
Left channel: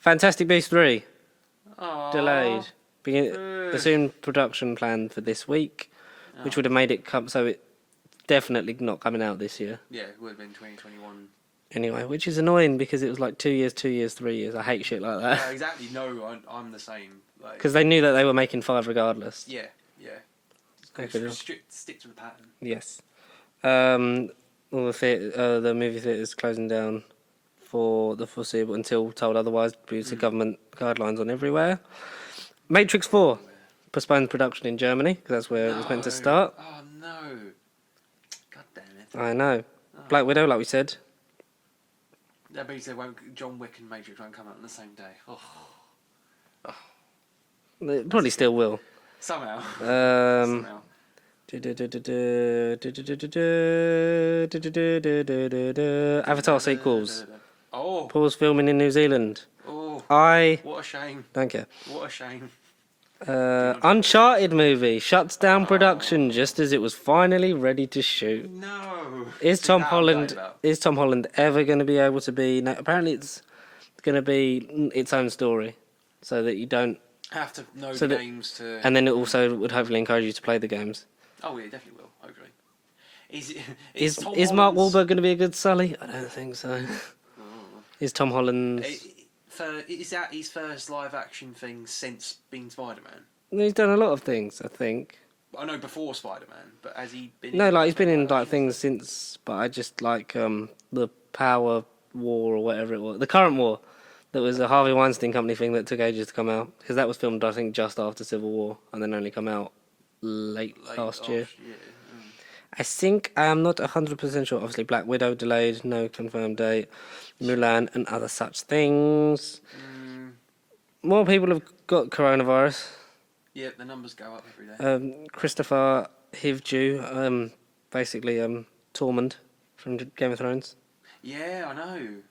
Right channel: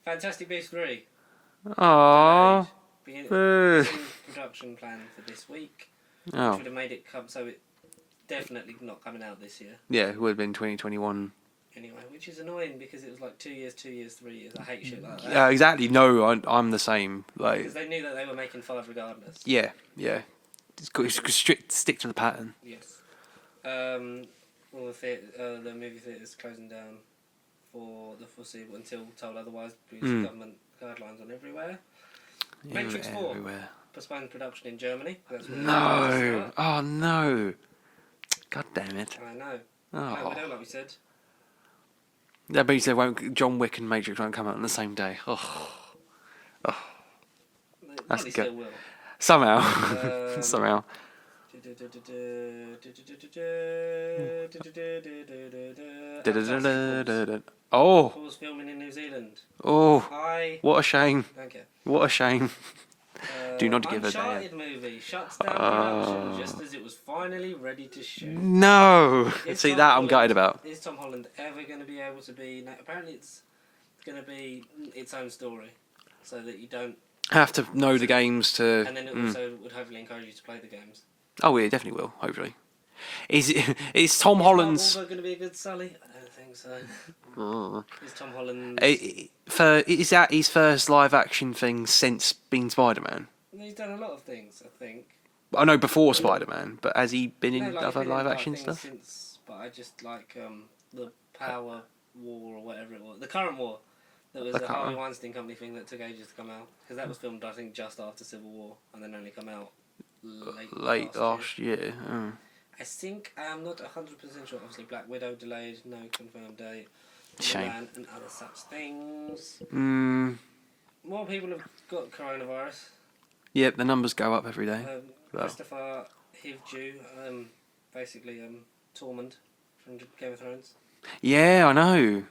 Fantastic Beasts 3 Aww. delayed. Soon production planned for this week, Oh. which would have made it come. So it definitely not coming out this year. Yeah, it would have been 2021. Anyway, which is annoying because it was like 2 years, 3 years. I hate shit like that. Exactly. No, I'm the same. Like, Because they knew that they were making 5 regardless. yeah. It's got to stick to the pattern. Yes. All the movie theatres closing down for the foreseeable until told otherwise because of government guidelines on everywhere. Matrix 4 Everywhere. postponed production in Germany because that's where it had to start. Oh no. God damn it. I know. Oh. Black Widow, like we said. That means John Wick and Matrix won't come out on the same day. Oh. They probably still will. Somehow. Um, Somehow. Avatar sequels. Oh. Pause filming in New Zealand. Oh. I What a shame. don't care. What a shame. Do not Uncharted movie shuts down production just as it was finally ready to shoot. No. Is See, Tom that Holland I'm gutted about. Is Tom Holland ever going to be able to be? No, apparently, it's going to be its own story, so that you don't. Have to know the that- games to. And then it also would hopefully encourage you to play the games. Oh, yeah, it definitely will. Hopefully. Is Is Tom Mark Holland's? Wahlberg going to be a good Sully? I don't think so. Is Tom Holland? Is that his first live action thing since being Spider-Man? He's done a lot of things, I think. I know before Spider-Man, but has he been in? No, like he's other been in live like action things stuff? since, but I just like the Power War or whatever it was, the current war. That was a Harvey Weinstein company thing that took ages to come out because that was filmed, I think, just after Civil War and then only come out late last year. year. Oh. I think I'm not 100% sure. Obviously, Black Widow delayed, no confirmed date. Shame. Mulan and other such things. Mm, More people have got coronavirus. yeah, the numbers go up every day. Christopher Hivju, basically Tormund from Game of Thrones. Yeah, I know.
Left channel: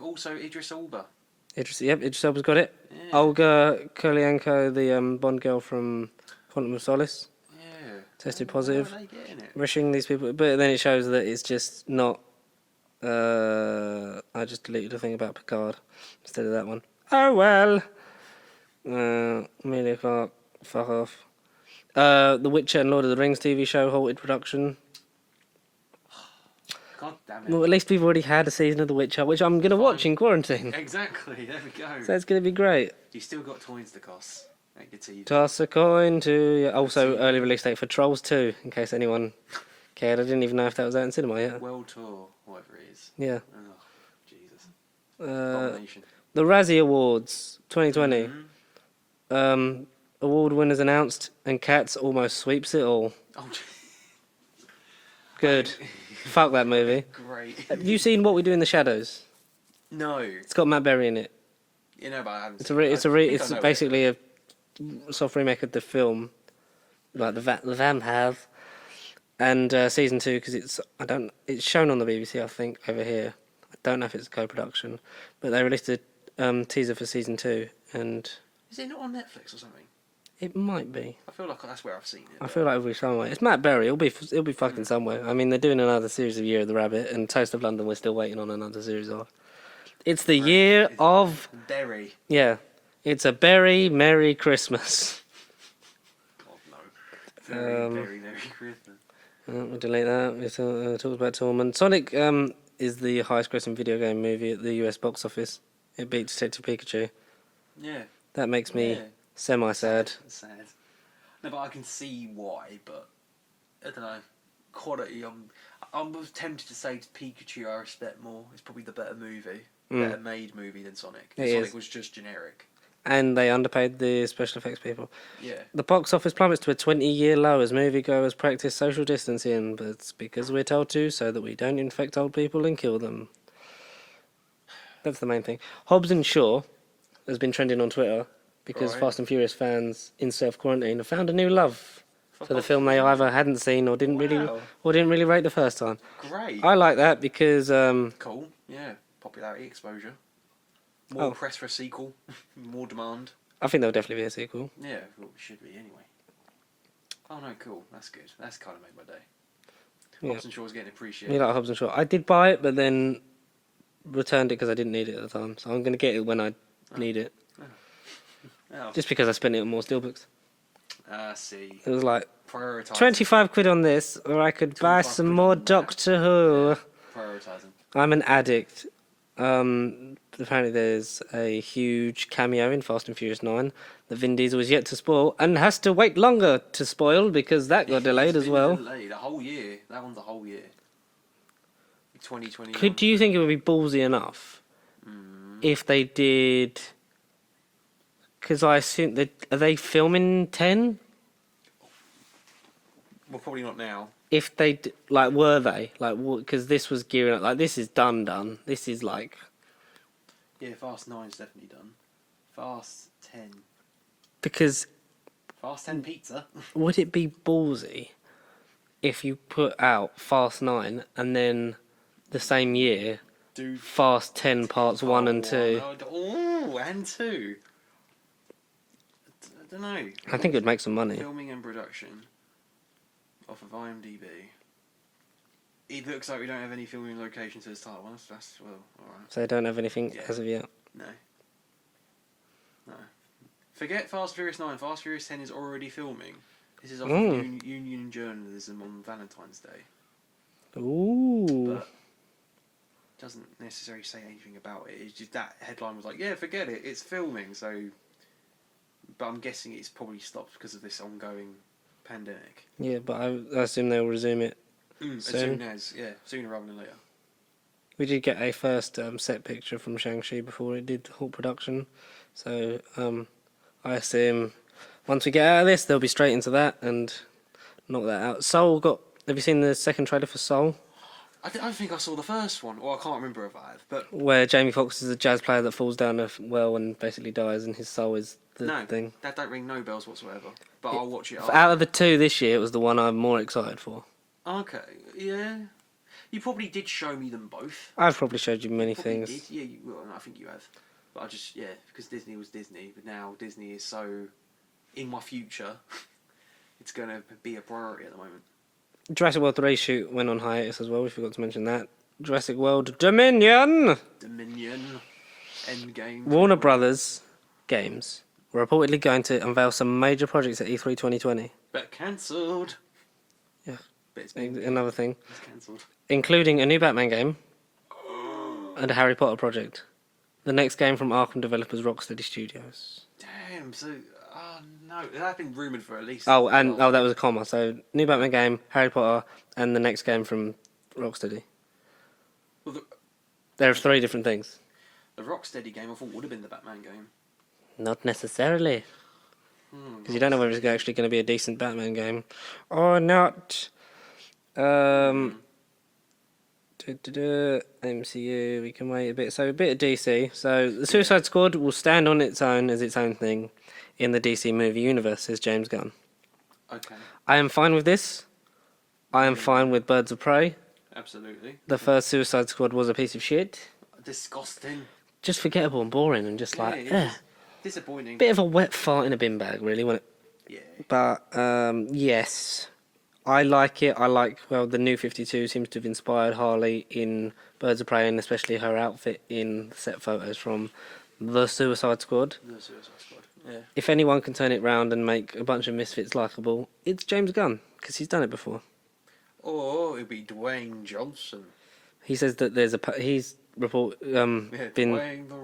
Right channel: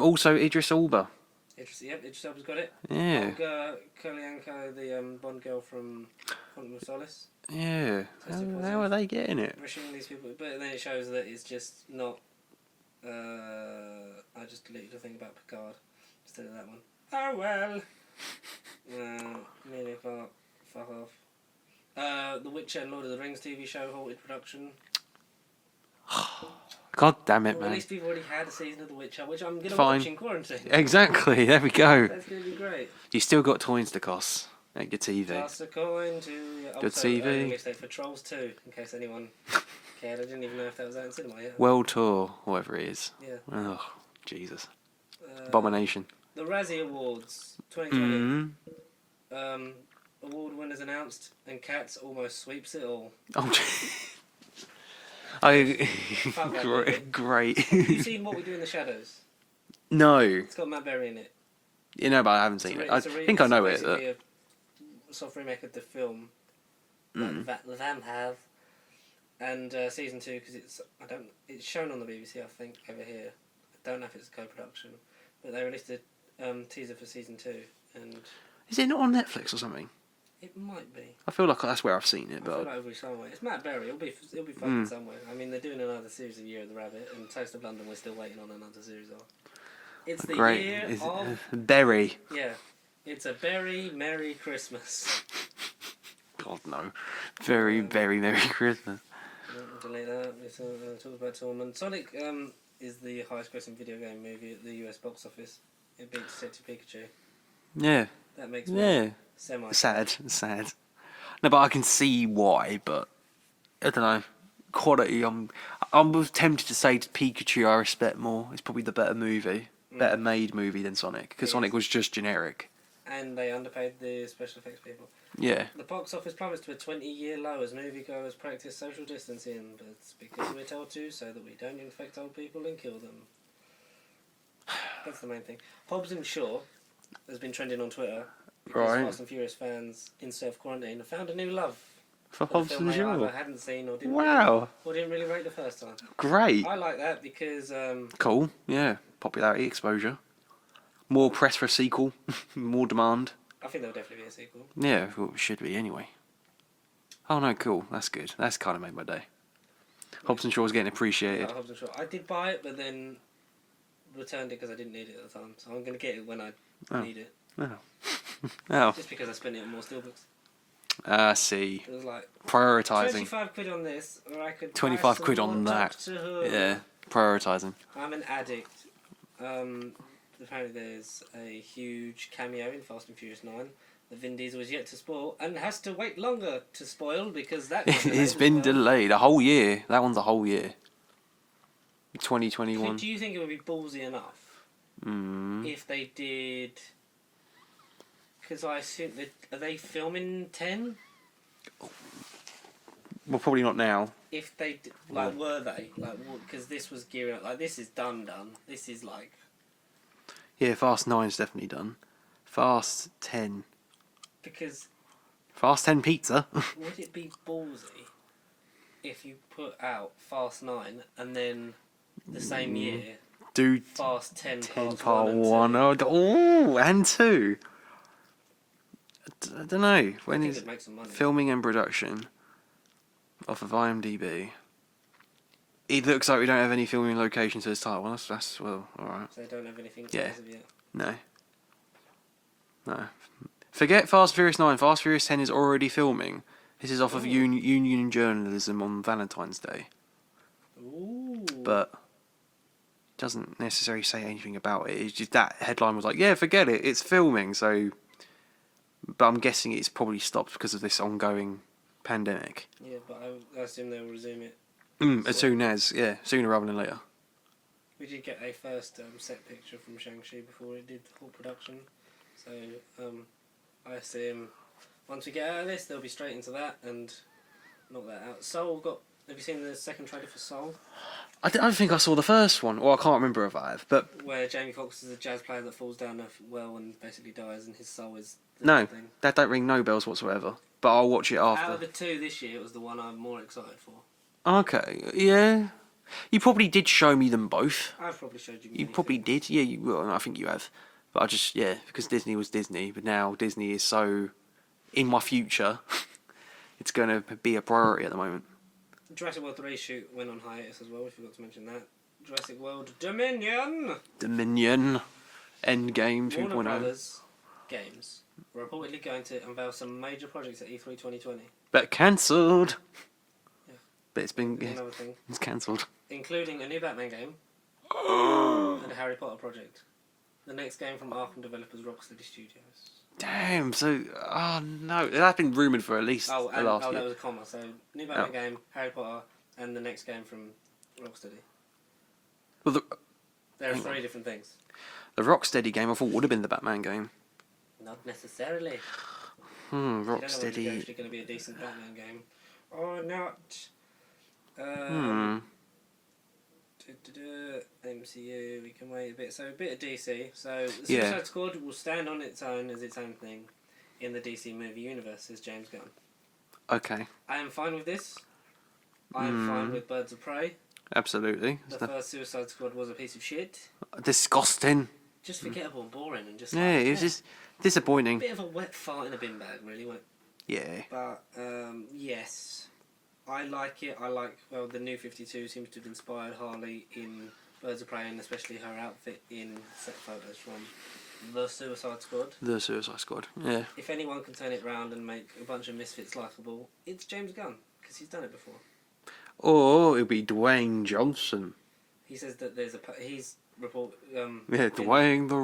Also, Idris Elba. Idris Elba's got it. Yeah. Olga Kurylenko, the Bond girl from Quantum of Solace. Yeah. Tested How positive. are they getting it? Wishing these people, but then it shows that it's just not. I just deleted the thing about Picard instead of that one. Oh well. Amelia Clark, fuck off. The Witcher and Lord of the Rings TV show halted production. God damn it. Well, man. at least we've already had a season of The Witcher, which I'm gonna Fine. watch in quarantine. Exactly. There we go. That's gonna be great. You still got toys to cost at your TV. Toss a coin to. Yeah. Also, TV. early release date for Trolls 2, in case anyone cared. I didn't even know if that was out in cinema yet. World Tour, whatever it is. Yeah. Oh, Jesus. Abomination. The Razzie Awards 2020. Mhm. Award winners announced, and Cats almost sweeps it all. Oh, Good. Fuck that movie. Great. Have you seen What We Do in the Shadows? No. It's got Matt Berry in it. You know, but I haven't It's, seen a re- it. it's, a I re- think it's I know basically it. a soft remake of the film, like the vampires, and season 2 because it's shown on the BBC, I think, over here. I don't know if it's a co-production, but they released a teaser for season 2, and Is it not on Netflix or something? it might be. I feel like that's where I've seen it. I but- feel like it'll be somewhere. It's Matt Berry. It'll be fucking somewhere. I mean, they're doing another series of Year of the Rabbit, and Toast of London. We're still waiting on another series of. It's the Great. year Is it- of Berry. yeah. It's a very merry Christmas. God no. Very, very Merry Christmas. We'll delete that. We talked about Tormund. Sonic is the highest grossing video game movie at the US box office. It beat Detective Pikachu. Yeah. That makes me Yeah. Semi-sad. Sad. No, but I can see why. But I don't know. Quality. I was tempted to say Pikachu I respect more. It's probably the better movie, better made movie than Sonic. Because Sonic was just generic. And they underpaid the special effects people. Yeah. The box office plummets to a 20-year low as moviegoers practice social distancing, but it's because we're told to, so that we don't infect old people and kill them. That's the main thing. Hobbs and Shaw has been trending on Twitter because Fast and Furious fans in self-quarantine have found a new love for the film they either hadn't seen or didn't really rate the first time. Great. I like that because... cool, yeah. Popularity, exposure. More press for a sequel. More demand. I think there'll definitely be a sequel. Yeah, well, it should be anyway. Oh no, cool. That's good. That's kind of made my day. Yeah. Hobbs and Shaw's getting appreciated. I like Hobbs and Shaw. I did buy it, but then returned it because I didn't need it at the time. So I'm going to get it when I need it. Oh. Just because I spent it on more steelbooks. See. It was like Prioritising. 25 quid on this, or I could buy some more Doctor Who. Yeah. Prioritising. I'm an addict. Apparently there's a huge cameo in Fast and Furious 9 that Vin Diesel is yet to spoil and has to wait longer to spoil because that got delayed as well. It's been delayed a whole year. That one's a whole year. 2021. Do you think it would be ballsy enough if they did... Because I assume... Are they filming 10? Well, probably not now. If they... were they? Because this was gearing up... this is done. This is like... Yeah, Fast 9's definitely done. Fast 10. Because... Fast 10 pizza. Would it be ballsy if you put out Fast 9 and then the same year do Fast 10 parts 1 and 2? Oh, and 2. I don't know. I think it'd make some money. Filming and production off of IMDb. It looks like we don't have any filming locations for this title. Well, that's well, alright. So they don't have anything as of yet? No. Forget Fast Furious 9. Fast Furious 10 is already filming. This is off of Union Journalism on Valentine's Day. Ooh. But doesn't necessarily say anything about it. It's just that headline was like, yeah, forget it. It's filming. So, but I'm guessing it's probably stopped because of this ongoing pandemic. Yeah, but I assume they'll resume it. As soon as, sooner rather than later. We did get a first set picture from Shang-Chi before it did the whole production. So, I assume once we get out of this, they'll be straight into that and knock that out. Have you seen the second trailer for Soul? I don't think I saw the first one. Well, I can't remember if I have. But where Jamie Foxx is a jazz player that falls down a well and basically dies, and his soul is the thing. That don't ring no bells whatsoever. But I'll watch it after. Out of the two this year, it was the one I'm more excited for. Okay, yeah. You probably did show me them both. I've probably showed you many things. You probably things. did. Yeah, well, I think you have. But I just, because Disney was Disney, but now Disney is so in my future, it's going to be a priority at the moment. Jurassic World 3 shoot went on hiatus as well, we forgot to mention that. Jurassic World Dominion! Endgame. Warner Brothers Games were reportedly going to unveil some major projects at E3 2020. But cancelled. Yeah. But it's been... Another thing. It's cancelled. Including a new Batman game and a Harry Potter project. The next game from Arkham developers Rocksteady Studios. Damn, so... Oh, no. That's been rumoured for at least... that was a comma. So, new Batman game, Harry Potter, and the next game from Rocksteady. Well, there are 3 different things. The Rocksteady game, I thought, would have been the Batman game. Not necessarily. You don't know whether it's actually going to be a decent Batman game or not. MCU, we can wait a bit. So a bit of DC. So the Suicide Squad will stand on its own as its own thing in the DC movie universe, says James Gunn. Okay. I am fine with this. I am fine with Birds of Prey. Absolutely. The first Suicide Squad was a piece of shit. Disgusting. Just forgettable and boring and just like... it's just disappointing. Bit of a wet fart in a bin bag, really, wasn't it? Yeah. But, yes... I like it. The New 52 seems to have inspired Harley in Birds of Prey, and especially her outfit in set photos from The Suicide Squad. The Suicide Squad, yeah. If anyone can turn it round and make a bunch of misfits likeable, it's James Gunn, because he's done it before. Or it'll be Dwayne Johnson. He says that there's been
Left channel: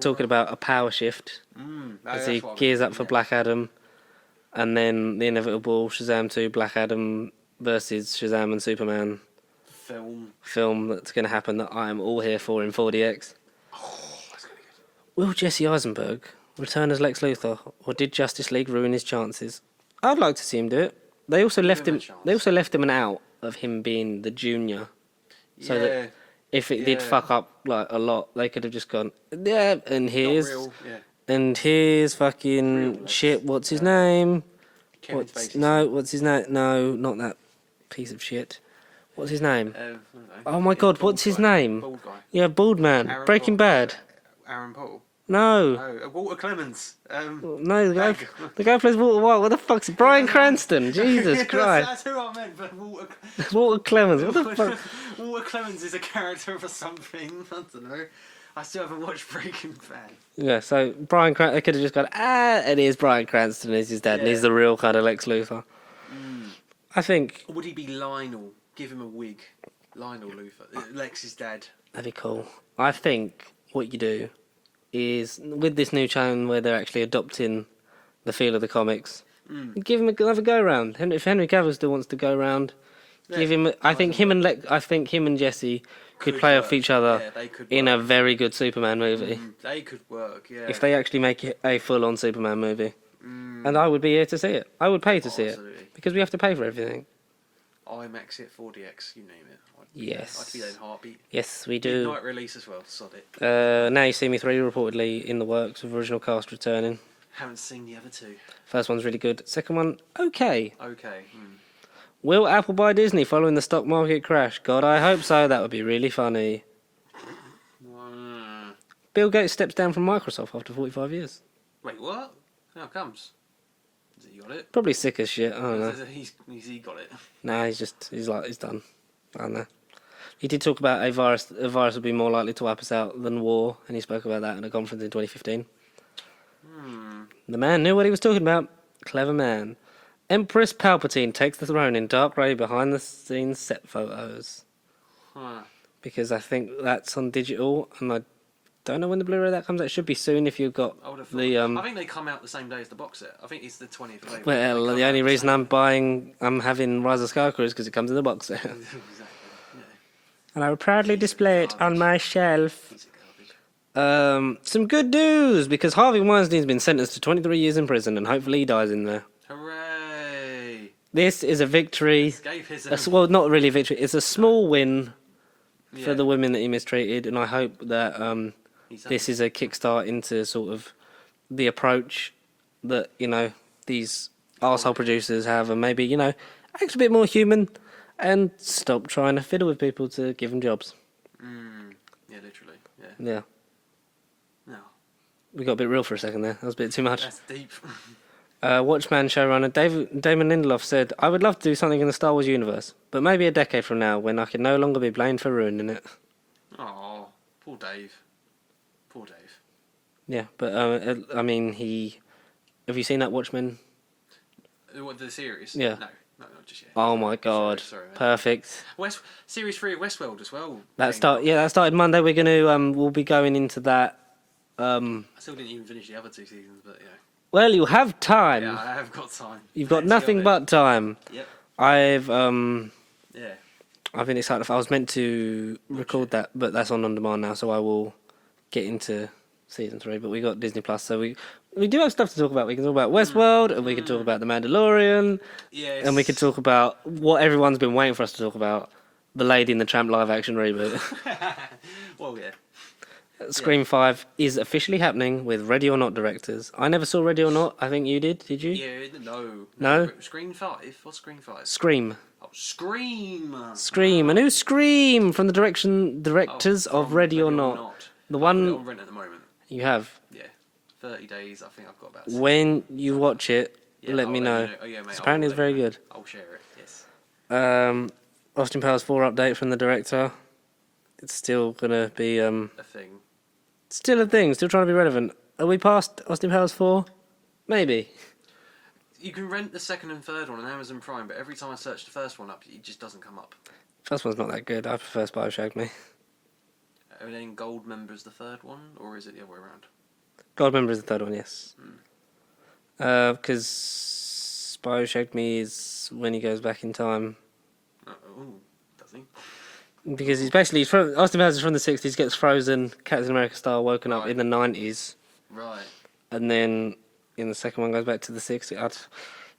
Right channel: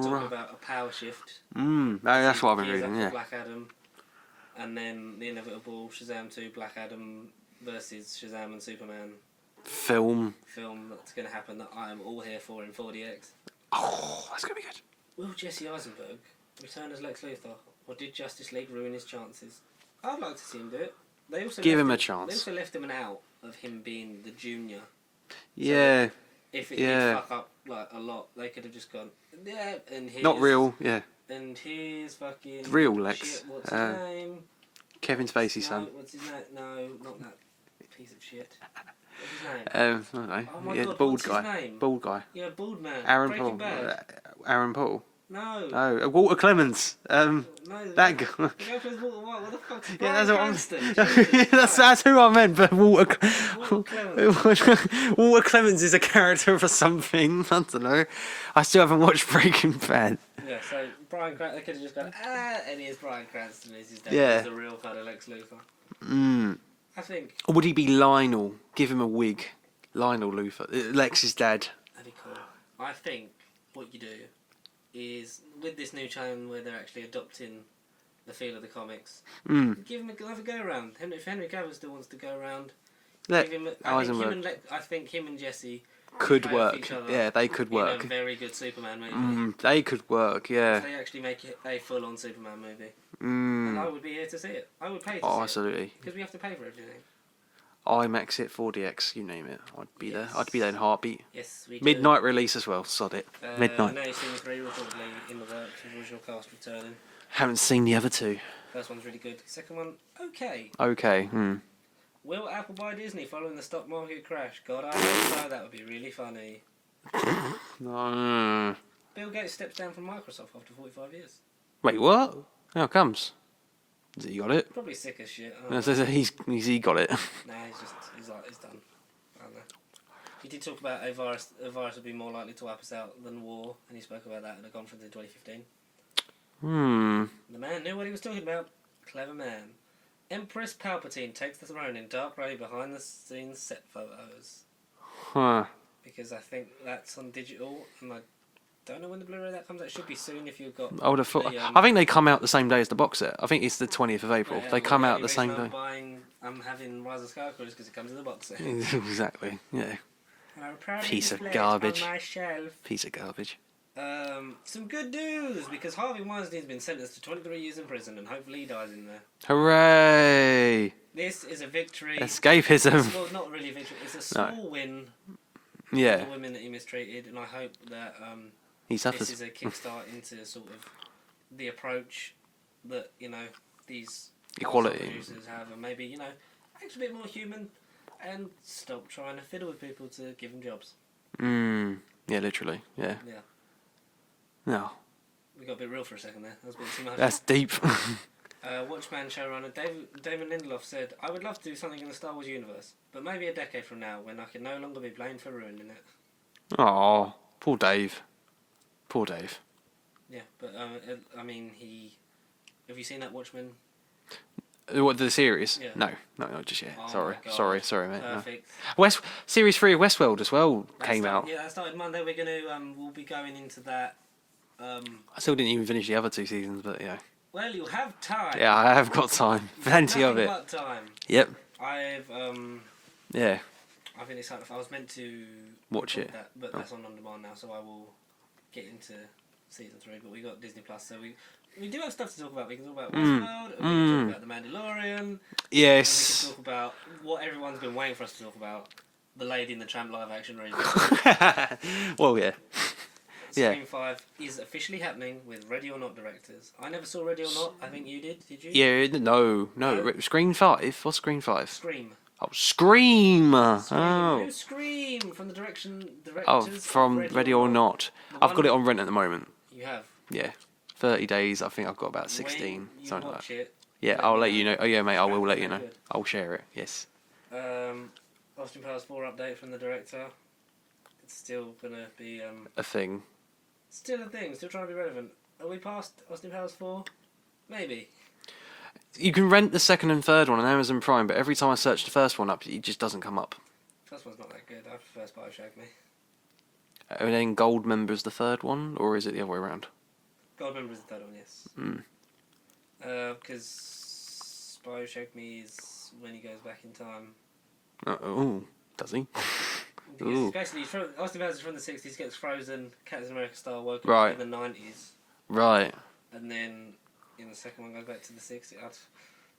talking about a power shift. That's what he gears up for Black Adam. And then the inevitable Shazam 2, Black Adam versus Shazam and Superman Film. that's going to happen that I am all here for in 4DX. Oh, that's going to be good. Will Jesse Eisenberg return as Lex Luthor, or did Justice League ruin his chances? I'd like to see him do it. They also Give left him him a chance. They also left him an out of him being the junior. So Yeah. that if it did fuck up like a lot, they could have just gone, yeah, and here's Not real, yeah. and here's fucking Real Lex. shit. What's his name? Kevin Spacey. No, what's his name? No, not that piece of shit. What's his name? I don't know. Oh my God, bald what's his guy. name? Bald guy. Yeah, bald man. Aaron Breaking Paul. Bad. Aaron Paul. No. Oh, Walter Clemens. No, the guy Dag. who plays Walter White. What the fuck's Bryan Cranston? Jesus Christ. that's who I meant, but Walter Clemens. What the fuck? Walter Clemens is a character for something. I don't know. I still haven't watched Breaking Bad. Yeah, so Bryan Cranston, they could have just gone, and here's Bryan Cranston as his dad. Yeah. And he's the real kind of Lex Luthor. I think Or would he be Lionel? Give him a wig. Lionel Luthor. Lex's dad. that'd be cool. I think what you do is, with this new channel where they're actually adopting the feel of the comics, give him another go round. If Henry Cavill still wants to go round, give him. I think him and Jesse could play off work. each other. Yeah, they could in a work. very good Superman movie. They could work, yeah. If they actually make it a full-on Superman movie, and I would be here to see it. I would pay to see absolutely. it because we have to pay for everything. IMAX it, 4DX, you name it. I'd be there. I'd be there in a heartbeat. Yes, we do. Midnight release as well, sod it. Midnight. Now You See Me 3 reportedly in the works with original cast returning. Haven't seen the other two. First one's really good. Second one, okay. Okay. Will Apple buy Disney following the stock market crash? God, I hope so. That would be really funny. Bill Gates steps down from Microsoft after 45 years. Wait, what? How comes? Has he got it? Probably sick as shit. I don't know. He got it. Nah, he's done. I don't know. He did talk about a virus would be more likely to wipe us out than war, and he spoke about that in a conference in 2015. The man knew what he was talking about. Clever man. Empress Palpatine takes the throne in dark grey behind the scenes set photos. Huh. Because I think that's on digital, and I don't know when the Blu-ray of that comes out. It should be soon if you've got I would have thought. the... I think they come out the same day as the box set. I think it's the 20th of April. Well, they come the out only the reason same I'm having Rise of Skywalker is because it comes in the box set. day. Exactly. Yeah. And I will proudly Piece of display it on garbage. my shelf. Piece of garbage. Some good news, because Harvey Weinstein's been sentenced to 23 years in prison, and hopefully he dies in there. Hooray! This is a victory. Escapism. Well, not really a victory. It's a small win Yeah. for the women that he mistreated, and I hope that He's had this to- is a kickstart into sort of the approach that, these Equality. arsehole producers have, and maybe, act a bit more human and stop trying to fiddle with people to give them jobs. Yeah, literally. Yeah. Yeah. No. We got a bit real for a second there. That was a bit too much. That's deep. Watchman showrunner Damon Lindelof said, "I would love to do something in the Star Wars universe, but maybe a decade from now when I can no longer be blamed for ruining it." Oh, poor Dave. Poor Dave. Yeah, but I mean, have you seen that Watchmen? What, the series? Yeah. No, not just yet. Oh Sorry. my God. Sorry, man. Perfect. Series 3 of Westworld as well. That came out. started Monday. We're gonna we'll be going into that. I still didn't even finish the other two seasons, but yeah. Well, you have time. Yeah, I have got time. You've Plenty got of nothing it. but time. Yep. I've Yeah. been excited. I was meant to Watch record it. that, but that's on demand now, so I will get into season 3. But we got Disney Plus, so we do have stuff to talk about. We can talk about Westworld, and we can talk about The Mandalorian, Yes. and we can talk about what everyone's been waiting for us to talk about: the Lady and the Tramp live-action reboot. Well, yeah. Scream 5 is officially happening with Ready or Not directors. I never saw Ready or Not. I think you did. Did you? Yeah, no. No? Screen 5? What's Screen 5? Scream. Oh, Scream! Scream. Oh. A new Scream from the directors of from Ready or Not. The I've one got it on rent at the moment. You have. Yeah. 30 days, I think I've got about 16. When you something watch it, Yeah, let I'll me let know. you know. Oh, yeah, mate, I will Apparently let it's you very know. good. I'll share it, yes. Austin Powers 4 update from the director. It's still gonna be A thing. still a thing. Still trying to be relevant. Are we past Austin Powers 4? Maybe. You can rent the second and third one on Amazon Prime, but every time I search the first one up, it just doesn't come up. First one's not that good. I prefer Spy Who Shagged Me. And then Goldmember's the third one, or is it the other way around? Goldmember is the third one, yes. Because Spyro showed me is when he goes back in time. Oh, does he? Because he's basically Austin Powers is from the 60s, gets frozen, Captain America style, woken up in the 90s. Right. And then in the second one goes back to the 60s.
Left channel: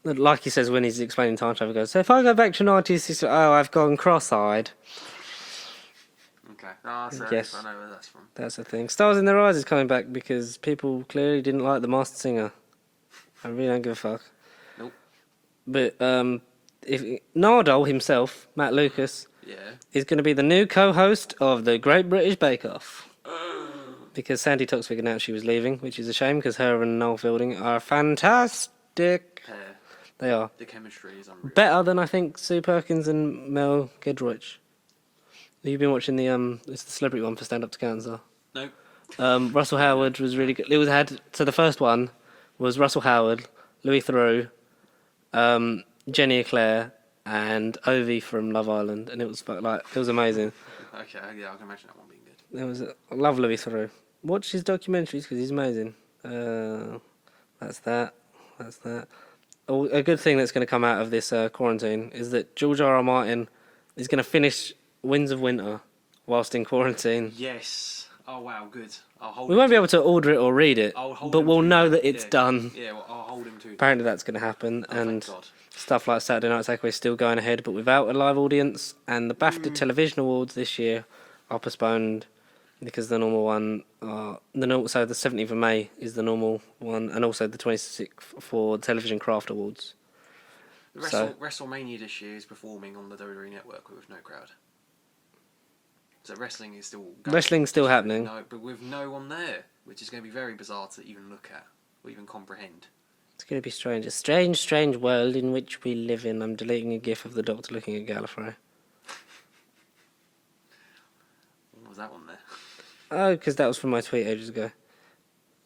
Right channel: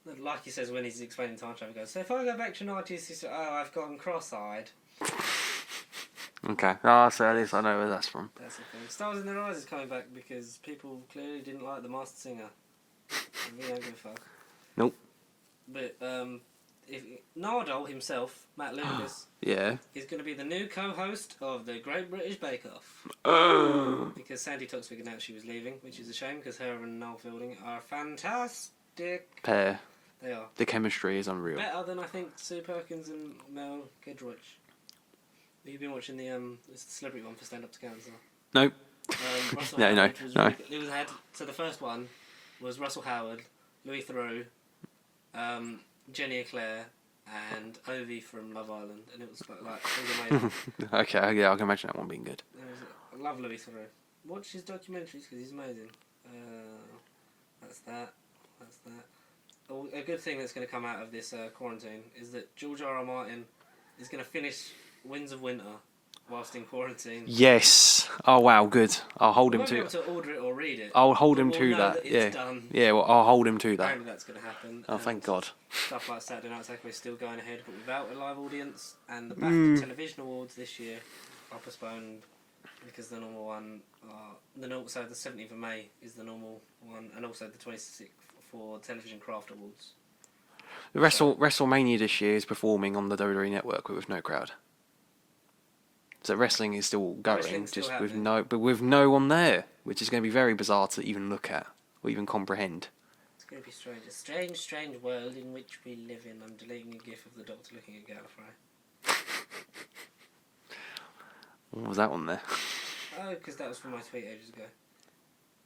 Like he says when he's explaining time travel, he goes, so if I go back to 90s, he says, oh, I've gone cross-eyed. Okay. So yes. I know where that's from. That's the thing. Stars in Their Eyes is coming back because people clearly didn't like The Masked Singer. I really don't give a fuck. Nope. But if Nardole himself, Matt Lucas, is going to be the new co-host of the Great British Bake Off. Because Sandy Toksvig announced she was leaving, which is a shame because her and Noel Fielding are a fantastic pair. They are. The chemistry is unreal. Better than I think Sue Perkins and Mel Giedroyc. You've been watching it's the celebrity one for Stand Up to Cancer. Nope. Russell Howard was really good. So the first one was Russell Howard, Louis Theroux, Jenny Eclair, and Ovi from Love Island, and it was amazing. Okay, yeah, I can imagine that one being good. I love Louis Theroux. Watch his documentaries because he's amazing. That's that. A good thing that's going to come out of this quarantine is that George R.R. Martin is going to finish Winds of Winter whilst in quarantine. Yes. Oh wow, good. I'll hold. We won't be able to order it or read it. I'll hold him to that. But we'll know that it's done. Yeah, well, I'll hold him to that. Apparently that's going to happen. Oh, and thank God. Stuff like Saturday Night Takeaway is still going ahead, but without a live audience. And the BAFTA Television Awards this year are postponed because the normal one, so the 17th of May is the normal one, and also the 26th for Television Craft Awards. WrestleMania this year is performing on the WWE Network with no crowd. So wrestling is still going. Wrestling's still happening. But with no one there, which is going to be very bizarre to even look at or even comprehend. It's going to be strange. A strange world in which we live in. I'm deleting a gif of the Doctor looking at Gallifrey. What was that one there? Oh, because that was from my tweet ages ago.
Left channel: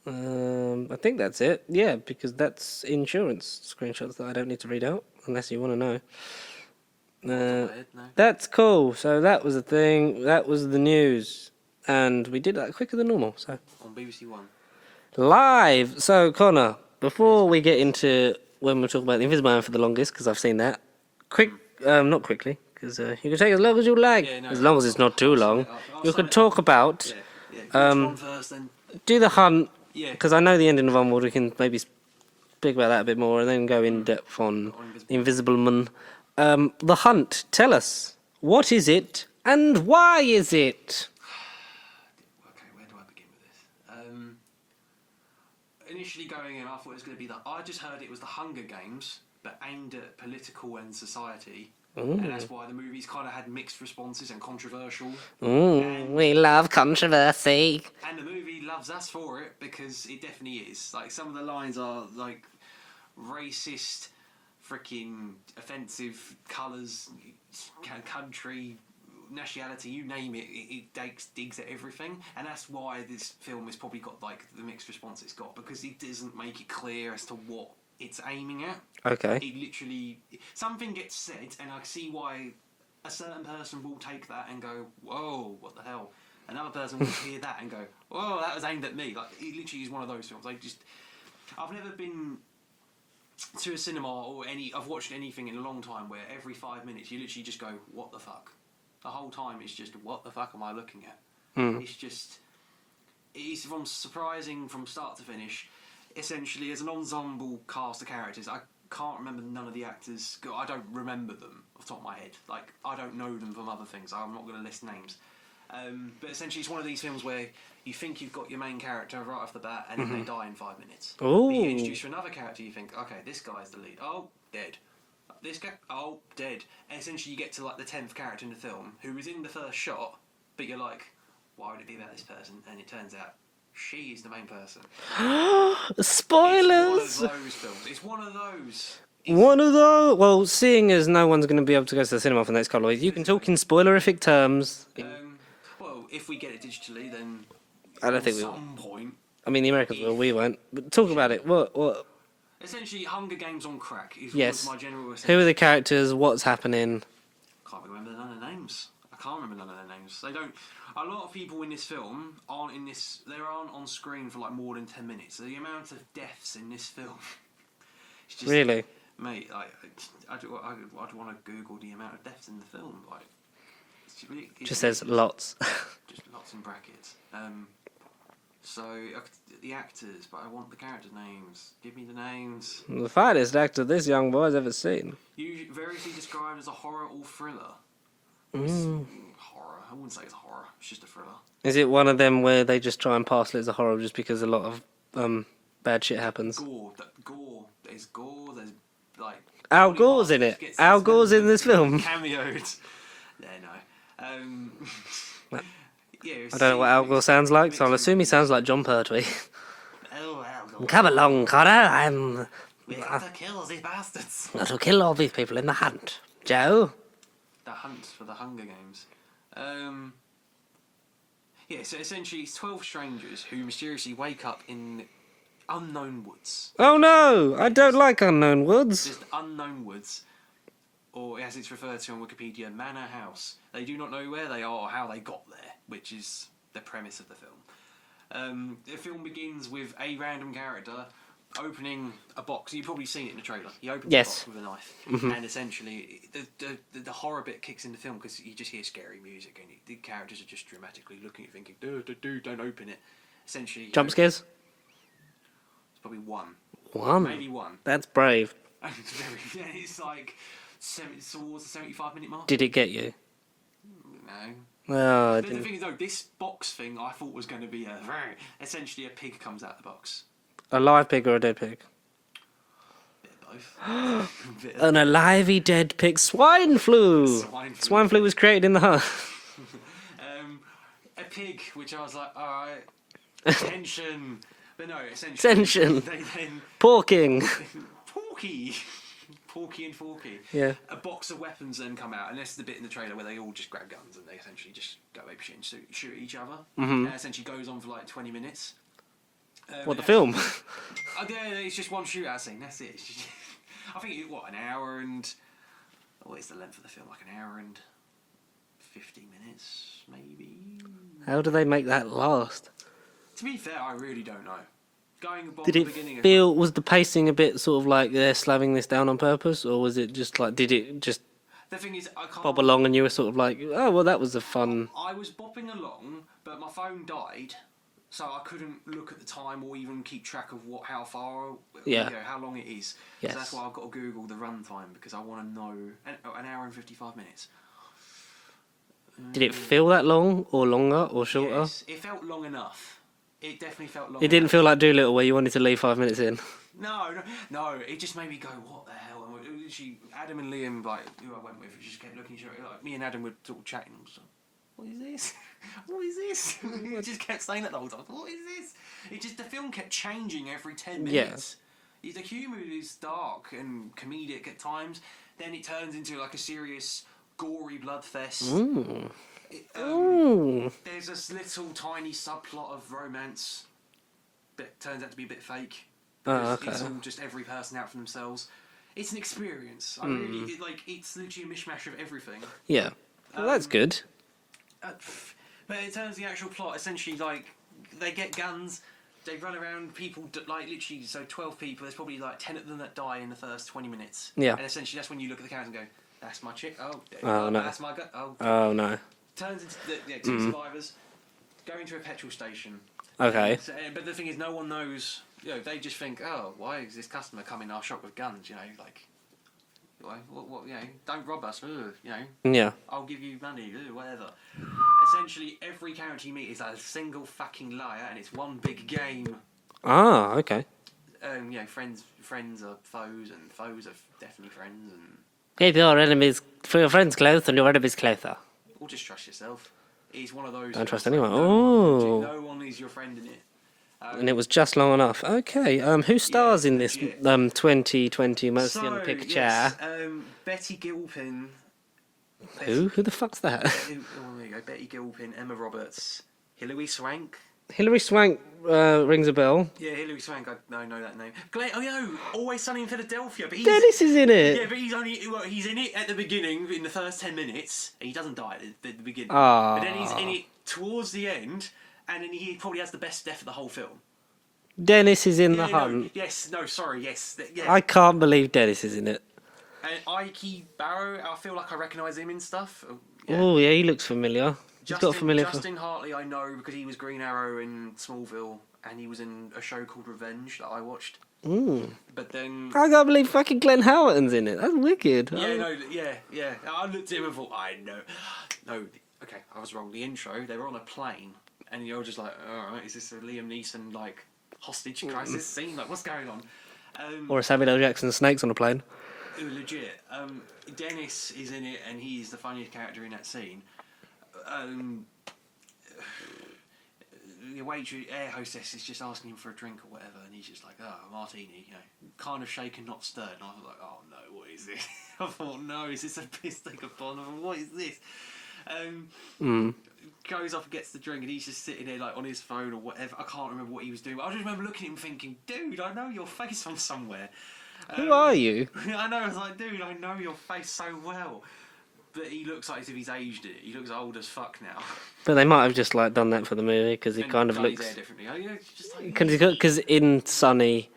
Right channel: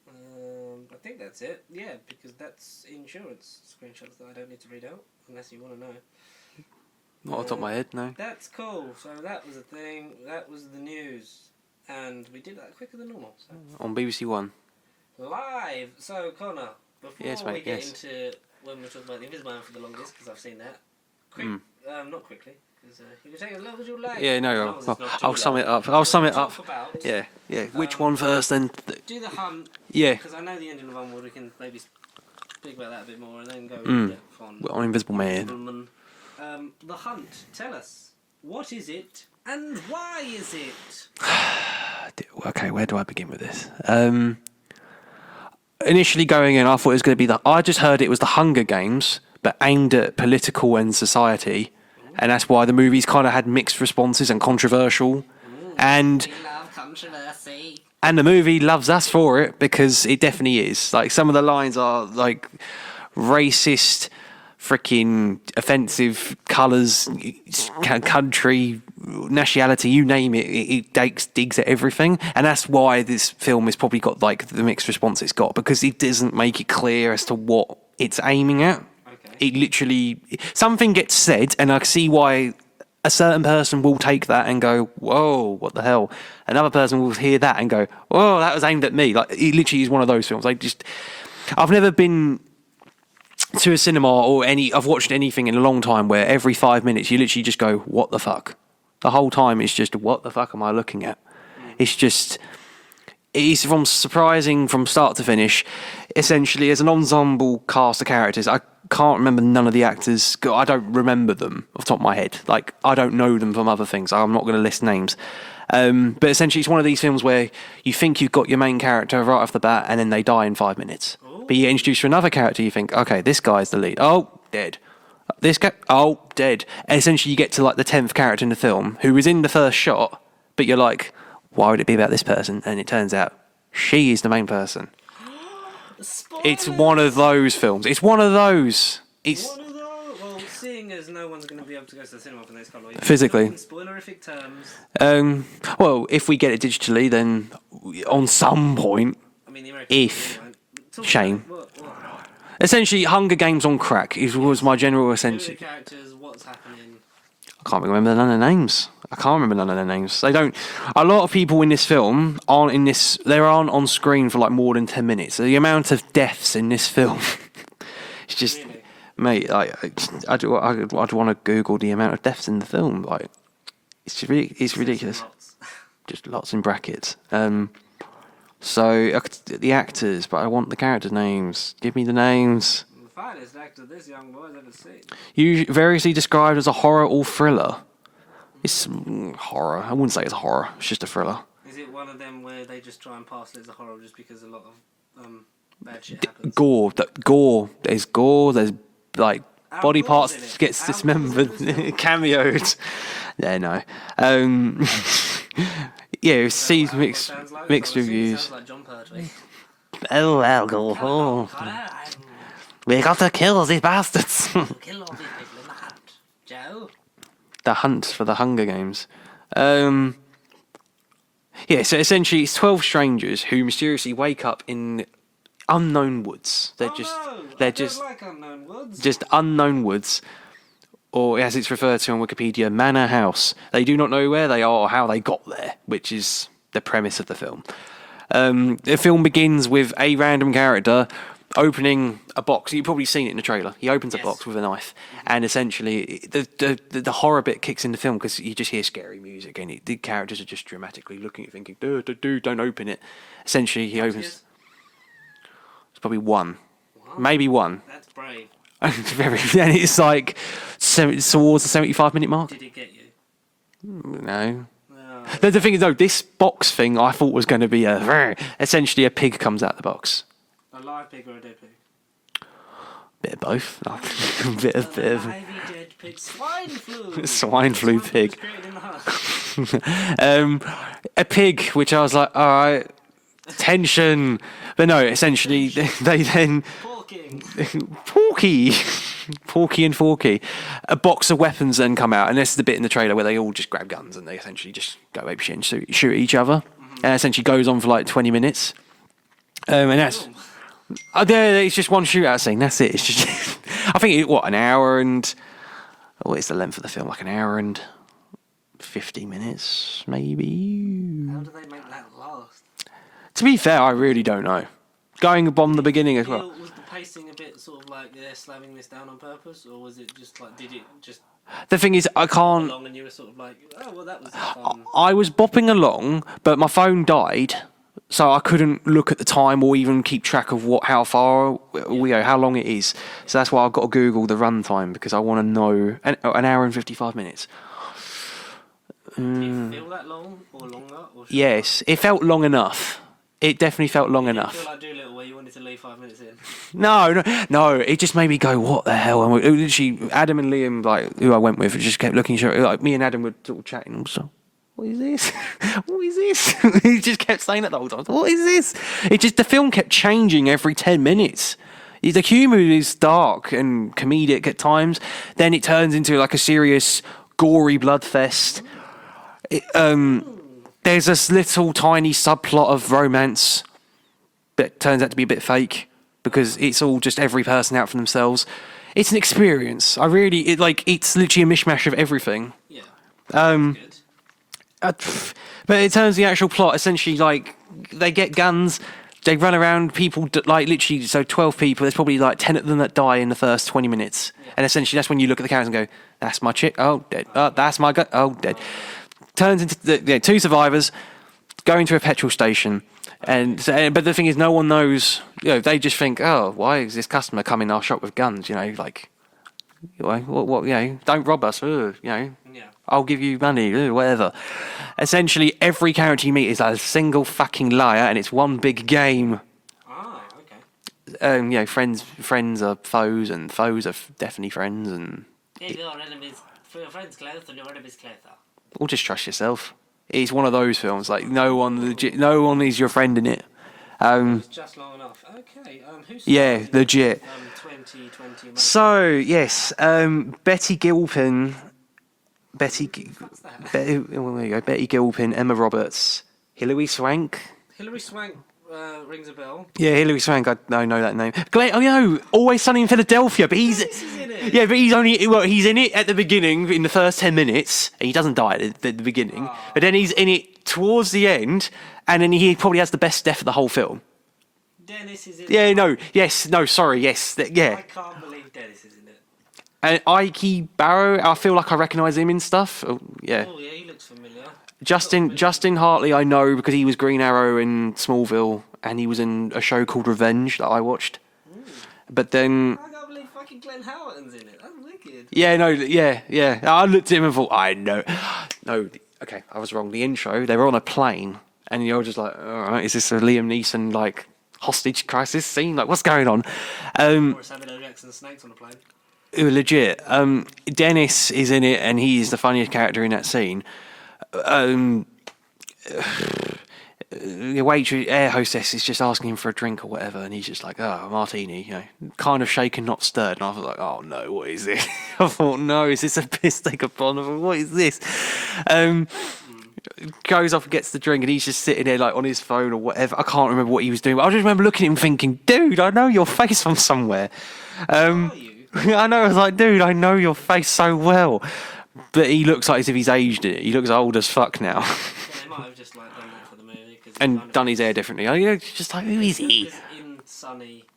I think that's it. Yeah, because that's insurance screenshots that I don't need to read out, unless you want to know. Not on top of my head, no. That's cool. So that was the thing. That was the news. And we did that quicker than normal. So on BBC One. Live. So, Connor, before we get into when we're talking about the Invisible Man for the longest, because I've seen that. Not quickly, because you can take as long as you like. Yeah, no. As long as it's not too long. I'll sum it up. I'll sum it up. Talk about. Yeah. Which one first, then? Do the hunt. Yeah. Because I know the ending of Onward. We can maybe speak about that a bit more, and then go in depth on Invisible Man. The Hunt. Tell us, what is it and why is it? Okay, where do I begin with this? Initially going in, I thought it was going to be I just heard it was the Hunger Games, but aimed at political and society. And that's why the movies kind of had mixed responses and controversial. And we love controversy. And the movie loves us for it because it definitely is. Like, some of the lines are like racist, freaking offensive colours, country, nationality, you name it. It digs at everything. And that's why this film has probably got like the mixed response it's got, because it doesn't make it clear as to what it's aiming at. Okay. It literally, something gets said, and I see why a certain person will take that and go, whoa, what the hell? Another person will hear that and go, whoa, that was aimed at me. Like, it literally is one of those films. I've never been to a cinema I've watched anything in a long time where every 5 minutes you literally just go, what the fuck? The whole time it's just, what the fuck am I looking at? It's surprising from start to finish. Essentially, as an ensemble cast of characters, I can't remember none of the actors. I don't remember them off the top of my head. Like, I don't know them from other things. I'm not going to list names. But essentially, it's one of these films where you think you've got your main character right off the bat, and then they die in 5 minutes. Ooh. But you get introduced to another character, you think, okay, this guy's the lead. Oh, dead. This guy, oh, dead. And essentially, you get to like the 10th character in the film, who is in the first shot, but you're like, why would it be about this person? And it turns out she is the main person. Spoilers! It's one of those films. It's one of those. Well, seeing as no one's going to be able to go to the cinema for the next couple of weeks, physically, talking spoilerific terms. Well, if we get it digitally, then on some point. I mean, the Americans we won't. But talk about it. What? Essentially, Hunger Games on crack was my general essential. Who are the characters? What's happening? I can't remember none of their names. They don't. A lot of people in this film aren't in this. They aren't on screen for like more than 10 minutes. So the amount of deaths in this film, it's just really. Mate, I'd want to Google the amount of deaths in the film. Like, it's ridiculous. Lots. Just lots in brackets. So the actors, but I want the character names. Give me the names. The finest actor this young boy's ever seen. Variously described as a horror or thriller. It's horror. I wouldn't say it's horror. It's just a thriller. Is it one of them where they just try and parcel it as a horror just because a lot of bad shit happens? Gore. There's gore. There's like Al body Gore's parts in it. gets Al Gore's in this film. Cameos. Yeah, no. Yeah, I don't know what Al Gore sounds like, so I'll assume he sounds like John Pertwee. Oh, Al Gore. Come along, Connor. We got to kill these bastards. To kill all these people in the hunt. Joe? The hunt for the Hunger Games. Yeah, so essentially it's 12 strangers who mysteriously wake up in unknown woods. I don't like unknown woods. Just unknown woods. Or, as it's referred to on Wikipedia, manor house. They do not know where they are or how they got there, which is the premise of the film. The film begins with a random character opening a box. You've probably seen it in the trailer. He opens a box with a knife. Mm-hmm. And essentially, the horror bit kicks in the film because you just hear scary music and the characters are just dramatically looking at you thinking, dude, don't open it. Essentially, Jump scares? It's probably one. One? Maybe one. That's brave. And it's like towards the 75-minute mark. Did it get you? No. The thing is, though, this box thing I thought was going to be essentially a pig comes out the box. A live pig or a dead pig? Bit of both. An alive dead pig. Swine flu. Swine flu was created in the hut. A pig, which I was like, all right, tension. But no, essentially, they then... Porky and Forky. Yeah. A box of weapons then come out, and this is the bit in the trailer where they all just grab guns and they essentially just go apeshit and shoot at each other. Mm-hmm. And essentially goes on for like 20 minutes. And that's, film? It's just one shootout scene, that's it. It's just... I think, an hour and... What is the length of the film? Like an hour and 50 minutes, maybe? How do they make that last? To be fair, I really don't know. Going upon the beginning of... Was the pacing a bit sort of like they're slamming this down on purpose? Or was it just like, did it just... The thing is, I can't... Bob along and you were sort of like, oh, well, that was a fun... I was bopping along, but my phone died, so I couldn't look at the time or even keep track of how long it is. Yes. So that's why I've got to Google the runtime, because I want to know... An hour and 55 minutes. Did it feel that long or longer or shorter? Yes, it felt long enough. It definitely felt long enough. It didn't feel like Doolittle where you wanted to leave 5 minutes in. No. It just made me go, what the hell? And literally, Adam and Liam, like who I went with, just kept looking. Like me and Adam were sort of chatting. Also, what is this? What is this? He just kept saying that the whole time. What is this? The film kept changing every 10 minutes. Yeah. The humour is dark and comedic at times. Then it turns into like a serious, gory bloodfest. Ooh. There's this little tiny subplot of romance that turns out to be a bit fake because it's all just every person out for themselves. It's an experience. It's literally a mishmash of everything. Yeah, that's good. But it turns the actual plot essentially like they get guns. They run around, people, like, literally, so 12 people, there's probably, like, 10 of them that die in the first 20 minutes. Yeah. And essentially, that's when you look at the characters and go, that's my chick, oh, dead. No. That's my guy, oh, dead. Oh, no. Turns into two survivors going to a petrol station. Okay. But the thing is, no one knows, they just think, oh, why is this customer coming in our shop with guns, like... What, don't rob us, Yeah. I'll give you money, whatever. Essentially, every character you meet is a single fucking liar, and it's one big game. Ah, okay. Friends are foes, and foes are definitely friends, and... Keep your friends close and your enemies closer. Or just trust yourself. It's one of those films, like, no one is your friend in it. And it was just long enough. Okay, who stars in this 2020 Most So, Picture? yes, Betty Gilpin... Who the fuck's that? There you go. Betty Gilpin, Emma Roberts, Hilary Swank. Hilary Swank rings a bell. Yeah, Hilary Swank, I know that name. Always Sunny in Philadelphia, but Dennis is in it. Yeah, but he's in it at the beginning, in the first 10 minutes. He doesn't die at the beginning. But then he's in it towards the end, and then he probably has the best death of the whole film. Dennis is in Yeah, the no, Hunt. yes, no, sorry, yes, yeah. I can't believe Dennis is in it. And Ike Barrow, I feel like I recognise him in stuff. Oh, yeah. Oh, yeah, he looks familiar. Got a familiar Justin Hartley, I know because he was Green Arrow in Smallville, and he was in a show called Revenge that I watched. But then, I can't believe fucking Glenn Howerton's in it. That's wicked. yeah, no, yeah. I looked at him and thought, I know. No, okay, I was wrong. The intro, they were on a plane, and you're just like, all right, is this a Liam Neeson like hostage crisis scene? Like, what's going on? Or a Samuel L. Jackson snakes on a plane. Legit. Dennis is in it, and he is the funniest character in that scene. The waitress, air hostess is just asking him for a drink or whatever, and he's just like, "Oh, a martini," you know, kind of shaken, not stirred. And I was like, "Oh no, what is this?" I thought, "No, is this a piss take upon? What is this?" Goes off and gets the drink, and he's just sitting there like on his phone or whatever. I can't remember what he was doing, but I just remember looking at him thinking, "Dude, I know your face from somewhere." Who are you? I know. I was like, "Dude, I know your face so well." But he looks like as if he's aged it. He looks old as fuck now. But they might have just like done that for the movie because he And kind of done looks, his hair differently. It's just like, easy. because in Sunny,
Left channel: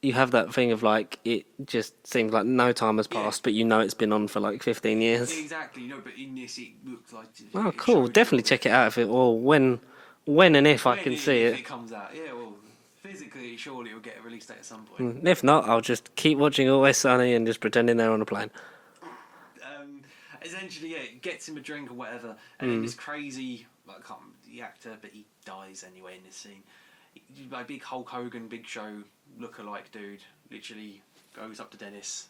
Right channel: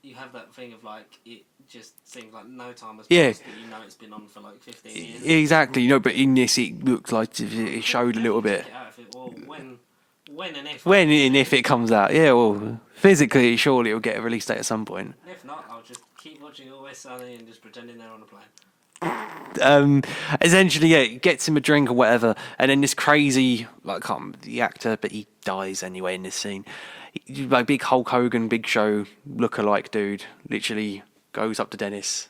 you have that thing of like it just seems like no time has Yeah. passed, but you know it's been on for like 15 years. Exactly, but in this it looked like it Cool. showed a little Definitely bit. check it out if it or when and if I When can and see if it comes out, yeah. Well, physically, surely it'll get a release date at some point. If not, I'll just keep watching Always Sunny and just pretending they're on a plane. Essentially, yeah, it gets him a drink or whatever, and then this crazy, like, I can't remember the actor, but he dies anyway in this scene. Like big Hulk Hogan, Big Show lookalike dude, literally goes up to Dennis,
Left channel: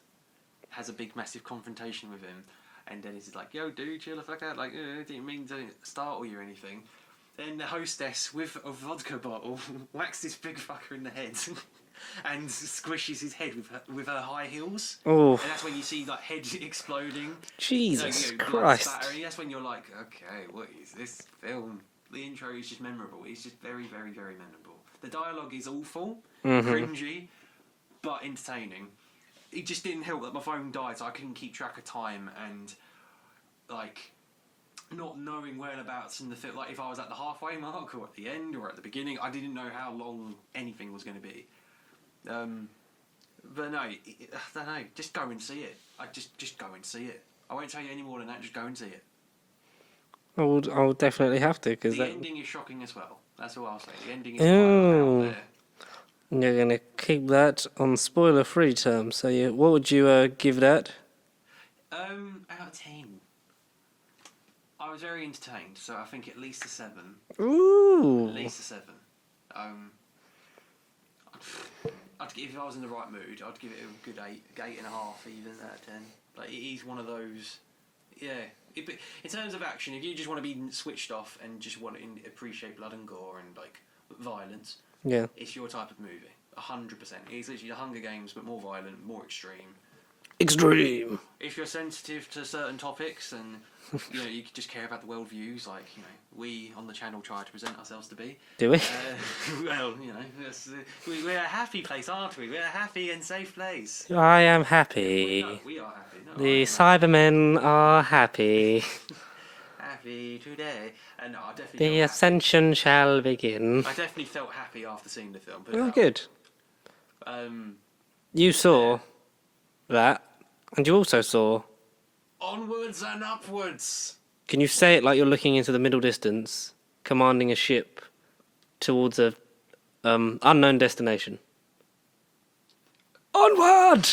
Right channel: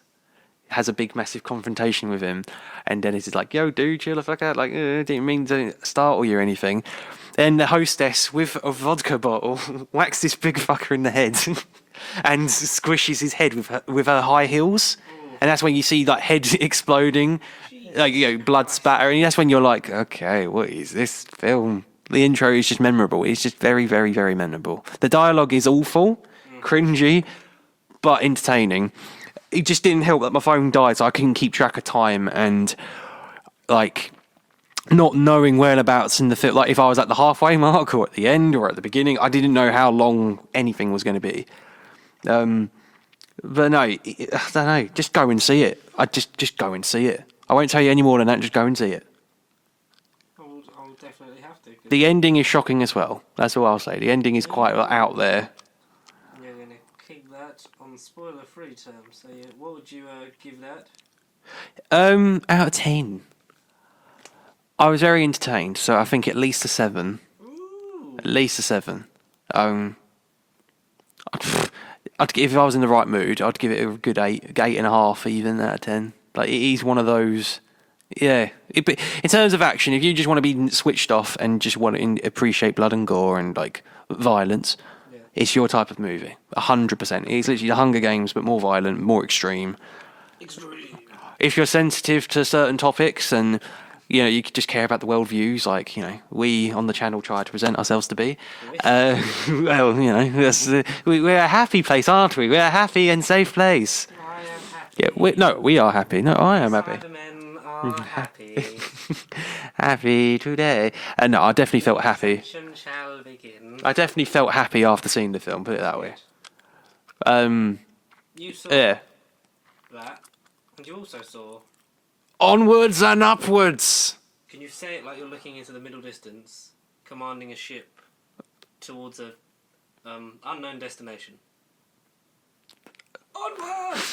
has a big massive confrontation with him, and Dennis is like, "Yo, dude, chill the fuck out. Like, didn't mean to startle you or anything." Then the hostess with a vodka bottle whacks this big fucker in the head. And squishes his head with her high heels, Oh. and that's when you see like head exploding, Jesus like blood Christ. spatter, and that's when you're like, okay, what is this film? The intro is just memorable. It's just very, very, very memorable. The dialogue is awful, cringy, but entertaining. It just didn't help that my phone died, so I couldn't keep track of time and like not knowing whereabouts in the film. Like if I was at the halfway mark or at the end or at the beginning, I didn't know how long anything was going to be. But no, I don't know. Just go and see it. I just go and see it. I won't tell you any more than that. Just go and see it. I'll definitely have to. Cause The ending is shocking as well. That's all I'll say. The ending is quite out there. You're going to keep that on spoiler-free terms. So, what would you give that? Out of 10. I was very entertained, so I think at least a 7. Ooh. At least a 7. I'd if I was in the right mood, I'd give it a good 8.5 even out of 10. Like it is one of those, yeah. But in terms of action, if you just want to be switched off and just want to appreciate blood and gore and like violence, Yeah. it's your type of movie. 100%. It's literally the Hunger Games, but more violent, more extreme. Extreme. If you're sensitive to certain topics and you just care about the worldviews, like we on the channel try to present ourselves to be. Do we? Well, that's, we're a happy place, aren't we? We're a happy and safe place. I am happy. Yeah, we are happy. No, I am The happy. Cybermen are happy. Happy today. And no, I definitely felt The happy. ascension shall begin. I definitely felt happy after seeing the film. Put it that Good. way. You saw Yeah. that, and you also saw. Onwards and upwards. Can you say it like you're looking into the middle distance, commanding a ship towards a unknown destination? Onward.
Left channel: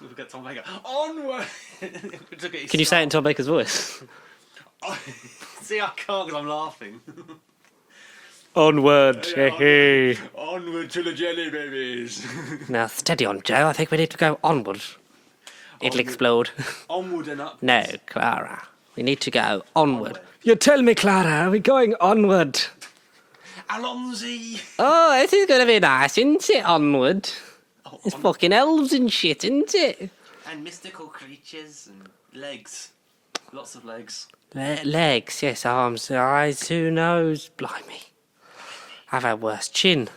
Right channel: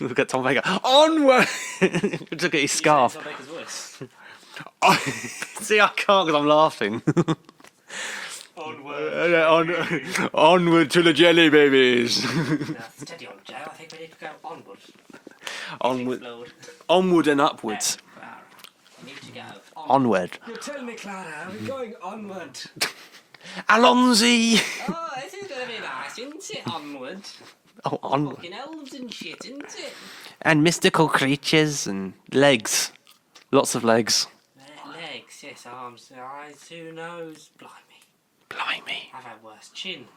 Look at Tom Baker. Onward. Look at his Can you say it in Tom Baker's voice? See, I can't because I'm laughing. Onward. Onward to the jelly babies. Now, steady on, Joe. I think we need to go onward. It'll Onward. explode. Onward and No, upwards. Clara. We need to go onward. Onward. You tell me, Clara, are we going onward? Alonzi. Oh, this is going to be nice, isn't it? Onward. Oh, It's fucking elves and shit, isn't it? and mystical creatures and legs. Lots of legs. Legs, yes, arms, eyes, who knows? Blimey. Blimey. I've had worse. Chin.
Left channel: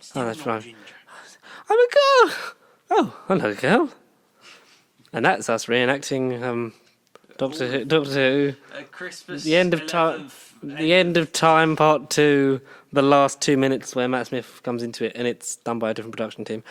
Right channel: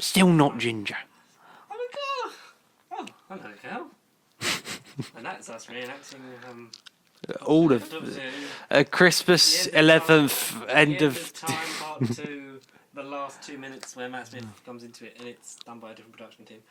Still that's not right. ginger. I'm a girl. Oh, hello, girl. And that's us reenacting All Doctor of- Who. Christmas The end of 11th. The end of Time Part 2, the last 2 minutes where Matt Smith comes into it, and it's done by a different production team.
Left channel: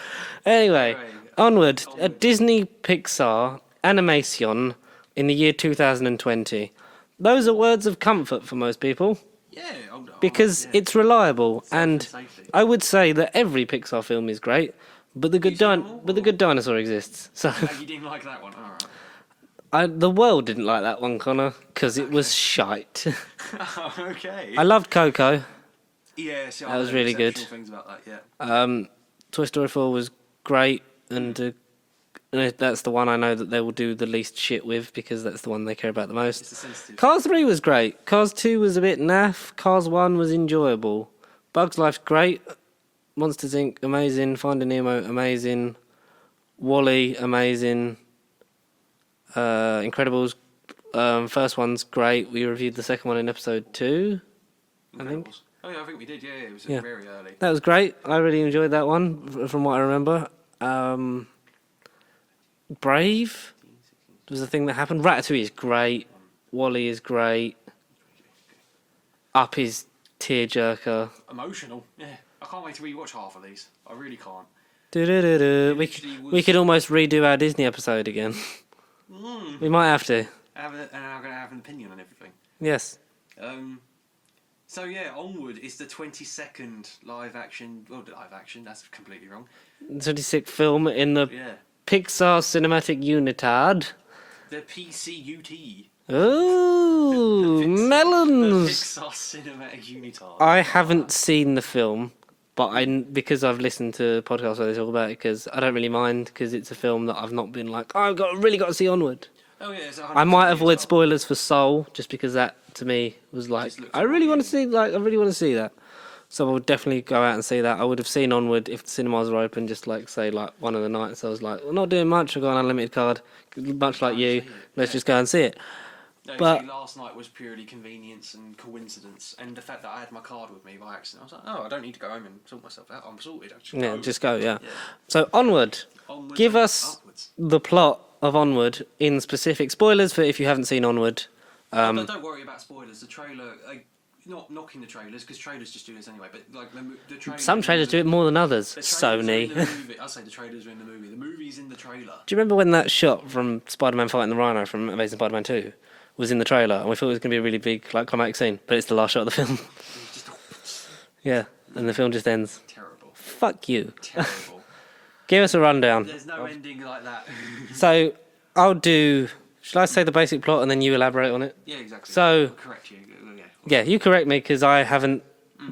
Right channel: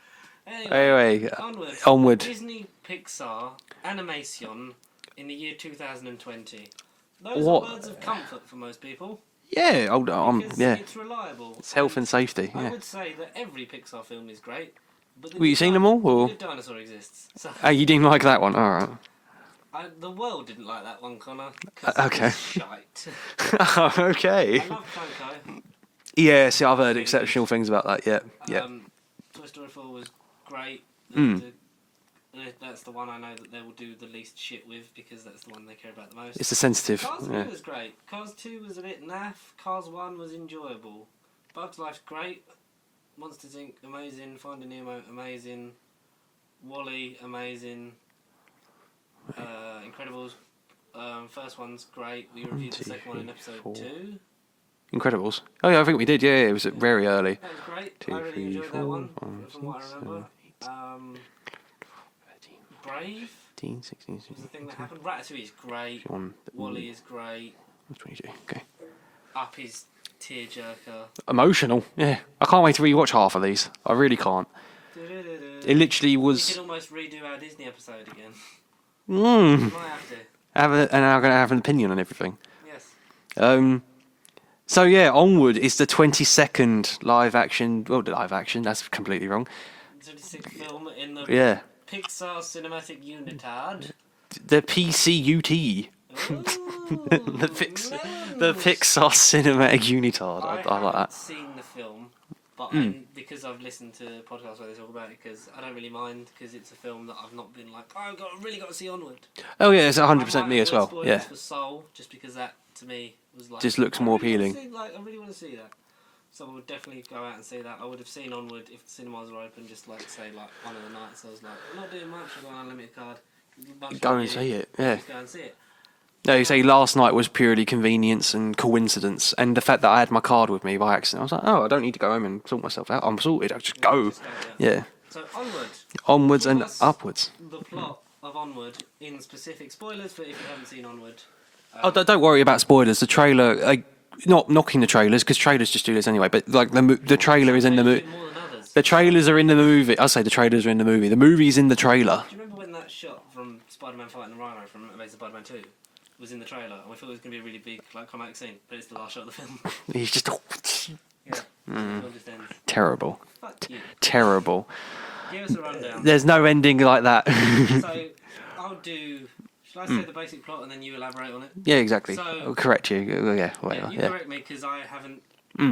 Anyway, Onward. A Disney Pixar animation in the year 2020. Those are words of comfort for most people. Yeah, because it's reliable. And safety. I would say that every Pixar film is great, but the good dinosaur exists. So oh, you didn't like that one? All right. The world didn't like that one, Connor, because it was shite. Okay. I loved Coco. Yeah, see, I've heard really exceptional things about that, yeah. Toy Story 4 was great, and that's the one I know that they will do the least shit with, because that's the one they care about the most. It's a sensitive. Cars 3 was great. Cars 2 was a bit naff. Cars 1 was enjoyable. Bugs Life's great. Monsters Inc. amazing. Finding Nemo amazing. Wall-E amazing. Incredibles. First one's great. We reviewed the second one in episode 2. Incredibles. Oh yeah, I think we did. Yeah, it was very early. That was great. I really enjoyed that one, from what I remember. Brave 15, 16, was the thing that happened. Ratatouille is great. Wall-E is great. 22. Okay. Up is tearjerker. Emotional. Yeah. I can't wait to rewatch half of these. I really can't. It literally was. We could almost redo our Disney episode again. We might have to. And I'm going to have an opinion on everything. Yes. So yeah, Onward is the 22nd live action. Well, live action. That's completely wrong. 26th film in the Pixar Cinematic Unitard. The PCUT. Ooh, melons. The Pixar Cinematic Unitard. I haven't seen the film, but because I've listened to podcasts where they talk about it, because I don't really mind, because it's a film that I've not been like, oh, I've really got to see Onward. Oh yeah, it's 100%. I might avoid spoilers for Soul, just because that to me was like, just looks I more really want to appealing. see, I really want to see that. So I would definitely go out and see that. I would have seen Onward if the cinemas were open, just say one of the nights. I was like, we're not doing much. I've got an unlimited card, much like you. Let's just go and see it. No, you say last night was purely convenience and coincidence, and the fact that I had my card with me by accident, I was like, oh, I don't need to go home and sort myself out. I'm sorted. I just go. Just go. Yeah. Yeah. So Onward. Onwards Give and us upwards. the plot of Onward in specific. Spoilers for if you haven't seen Onward. Don't worry about spoilers. The trailer, not knocking the trailers, because trailers just do this anyway. But like the trailer Some is in the trailers do movie. it more than others. The trailers are in the movie. I say the trailers are in the movie. The movie's in the trailer. Do you remember when that shot from Spider-Man fighting the Rhino from Amazing Spider-Man 2 was in the trailer, and we thought it was going to be a really big climatic scene, but it's the last shot of the film. He's just Yeah, and the film just ends. terrible. Fuck you. Terrible. Give us a rundown. There's no ending like that. So I'll do. Shall I say the basic plot and then you elaborate on it? Yeah, exactly. So I'll correct you. Yeah. Yeah, you correct me because I haven't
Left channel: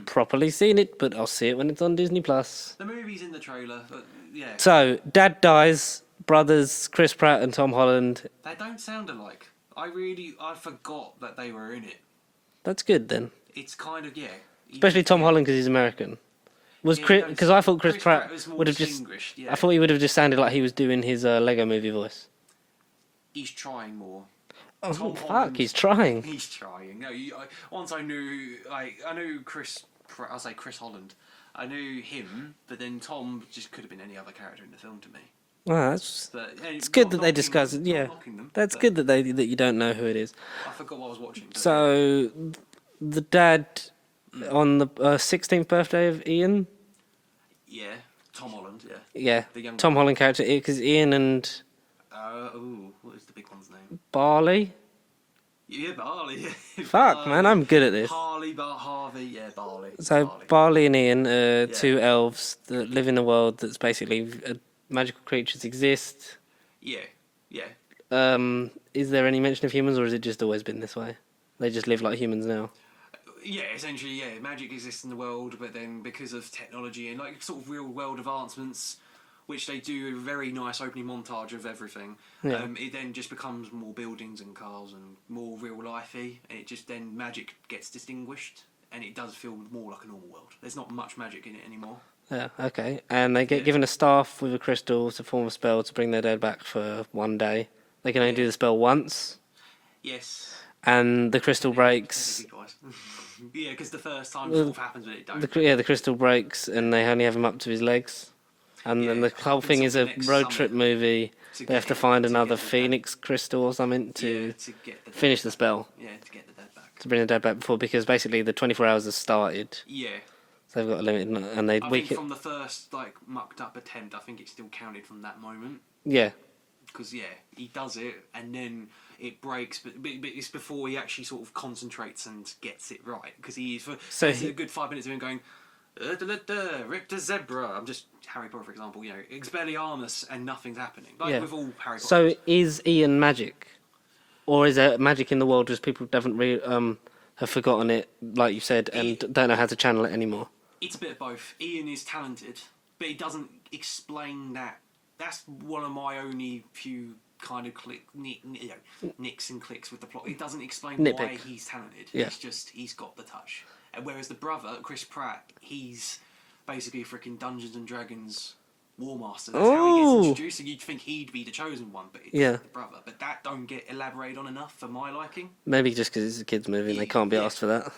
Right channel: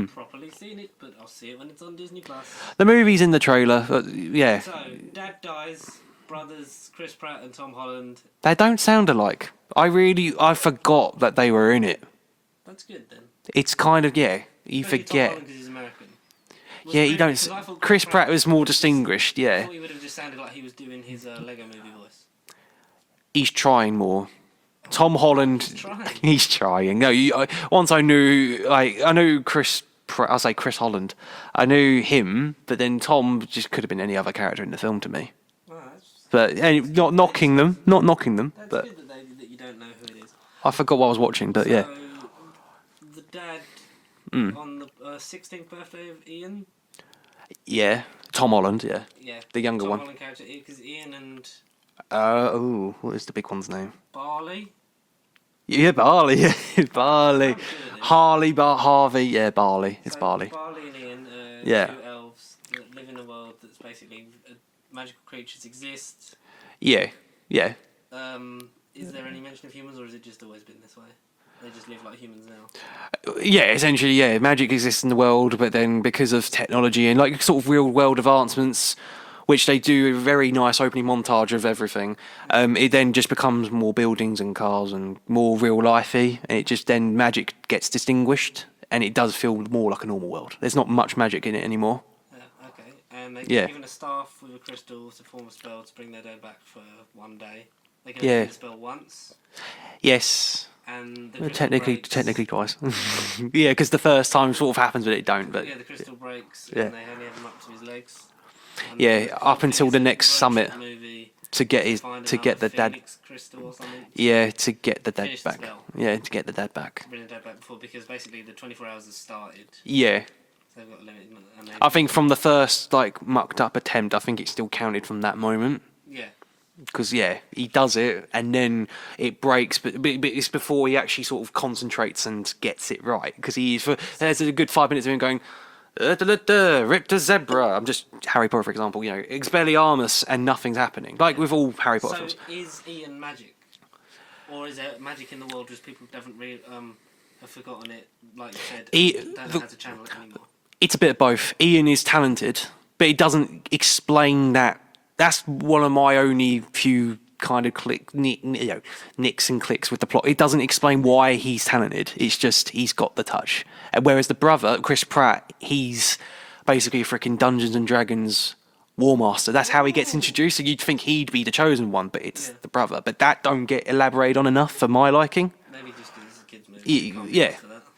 properly seen it, but I'll see it when it's on Disney Plus. The movie's in the trailer. Yeah. So Dad dies. Brothers Chris Pratt and Tom Holland. They don't sound alike. I forgot that they were in it. That's good then. It's kind of Especially Tom Holland because he's American. Because I thought Chris Pratt was more distinguished. I thought he would have just sounded like he was doing his Lego Movie voice. He's trying more. Tom Holland. He's trying. He's trying. No, once I knew, I knew Chris. I'll say Chris Holland. I knew him, but then Tom just could have been any other character in the film to me. Well, that's. But not knocking them. Not knocking them. That's good that you don't know who it is. I forgot what I was watching, but So, the dad on the 16th birthday of Ian. Yeah, Tom Holland. Yeah. Yeah, the younger Tom one. Holland character, because Ian and. What is the big one's name? Barley. Yeah, Barley. Yeah, Barley. Man, I'm good at this. Harvey. Yeah, Barley. It's So Barley. Barley and Ian, two elves that live in a world that's basically magical creatures exist. Yeah. Is there any mention of humans, or has it just always been this way? They just live like humans now. Yeah, essentially, yeah. Magic exists in the world, but then because of technology and like sort of real world advancements, which they do a very nice opening montage of everything, it then just becomes more buildings and cars and more real lifey, and it just then magic gets distinguished, and it does feel more like a normal world. There's not much magic in it anymore. Yeah, okay. And they get given a staff with a crystal to form a spell to bring their dad back for one day. They can only do the spell once. Yes. And the crystal breaks. Technically twice. Yeah, because the first time sort of happens, but it don't. The crystal breaks, and they only have him up to his legs. And up until the next summit movie to get to find another the Phoenix crystal or something. To get the dad finish back. the spell. Yeah, to get the dad back. To bring the dad back before, because basically the 24 hours has started. Yeah. They've got a limit, and they. I think from the first like mucked up attempt, I think it still counted from that moment. Yeah. Because he does it, and then it breaks, but it's before he actually sort of concentrates and gets it right. Because there's a good 5 minutes of him going, ripped a zebra. I'm just Harry Potter, for example. Expelliarmus, and nothing's happening. Like with all Harry Potter. So films. is Ian magic, or is there magic in the world just people haven't have forgotten it, like you said, and don't know how to channel it anymore? It's a bit of both. Ian is talented, but it doesn't explain that. That's one of my only few kind of nicks and clicks with the plot. It doesn't explain why he's talented. Yeah. It's just he's got the touch. Whereas the brother, Chris Pratt, he's basically a freaking Dungeons and Dragons War Master. That's how he gets introduced. So you'd think he'd be the chosen one, but it's the brother. But that don't get elaborated on enough for my liking. Maybe just because it's a kids' movie and they can't be asked for that.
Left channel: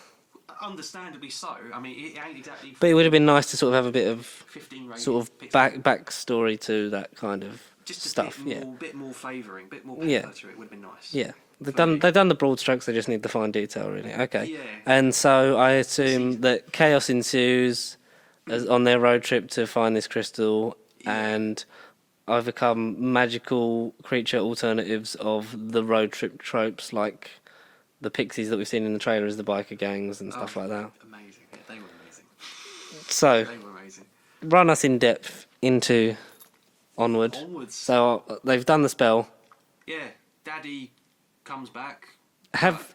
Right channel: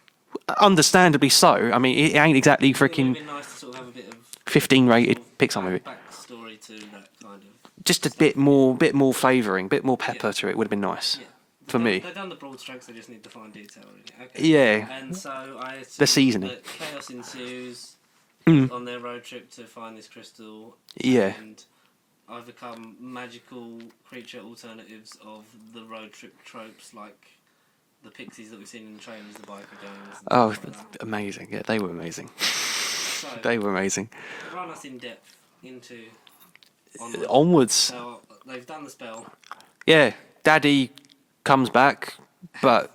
Understandably so. I mean, it ain't exactly freaking... It would have been nice to sort of have a bit of... 15 rated sort of Pixar backstory to that kind of just a stuff, bit more flavouring, bit more pepper to it would have been nice. Yeah. They've done the broad strokes, they just need the fine detail, really. Okay. Yeah. And so I assume that chaos ensues on their road trip to find this crystal and overcome magical creature alternatives of the road trip tropes, like the pixies that we've seen in the trailers, the biker gangs and stuff like that. Amazing. Yeah, they were amazing. So they were amazing. Run us in depth into Onward. Onwards. So they've done the spell. Yeah. Daddy comes back. Good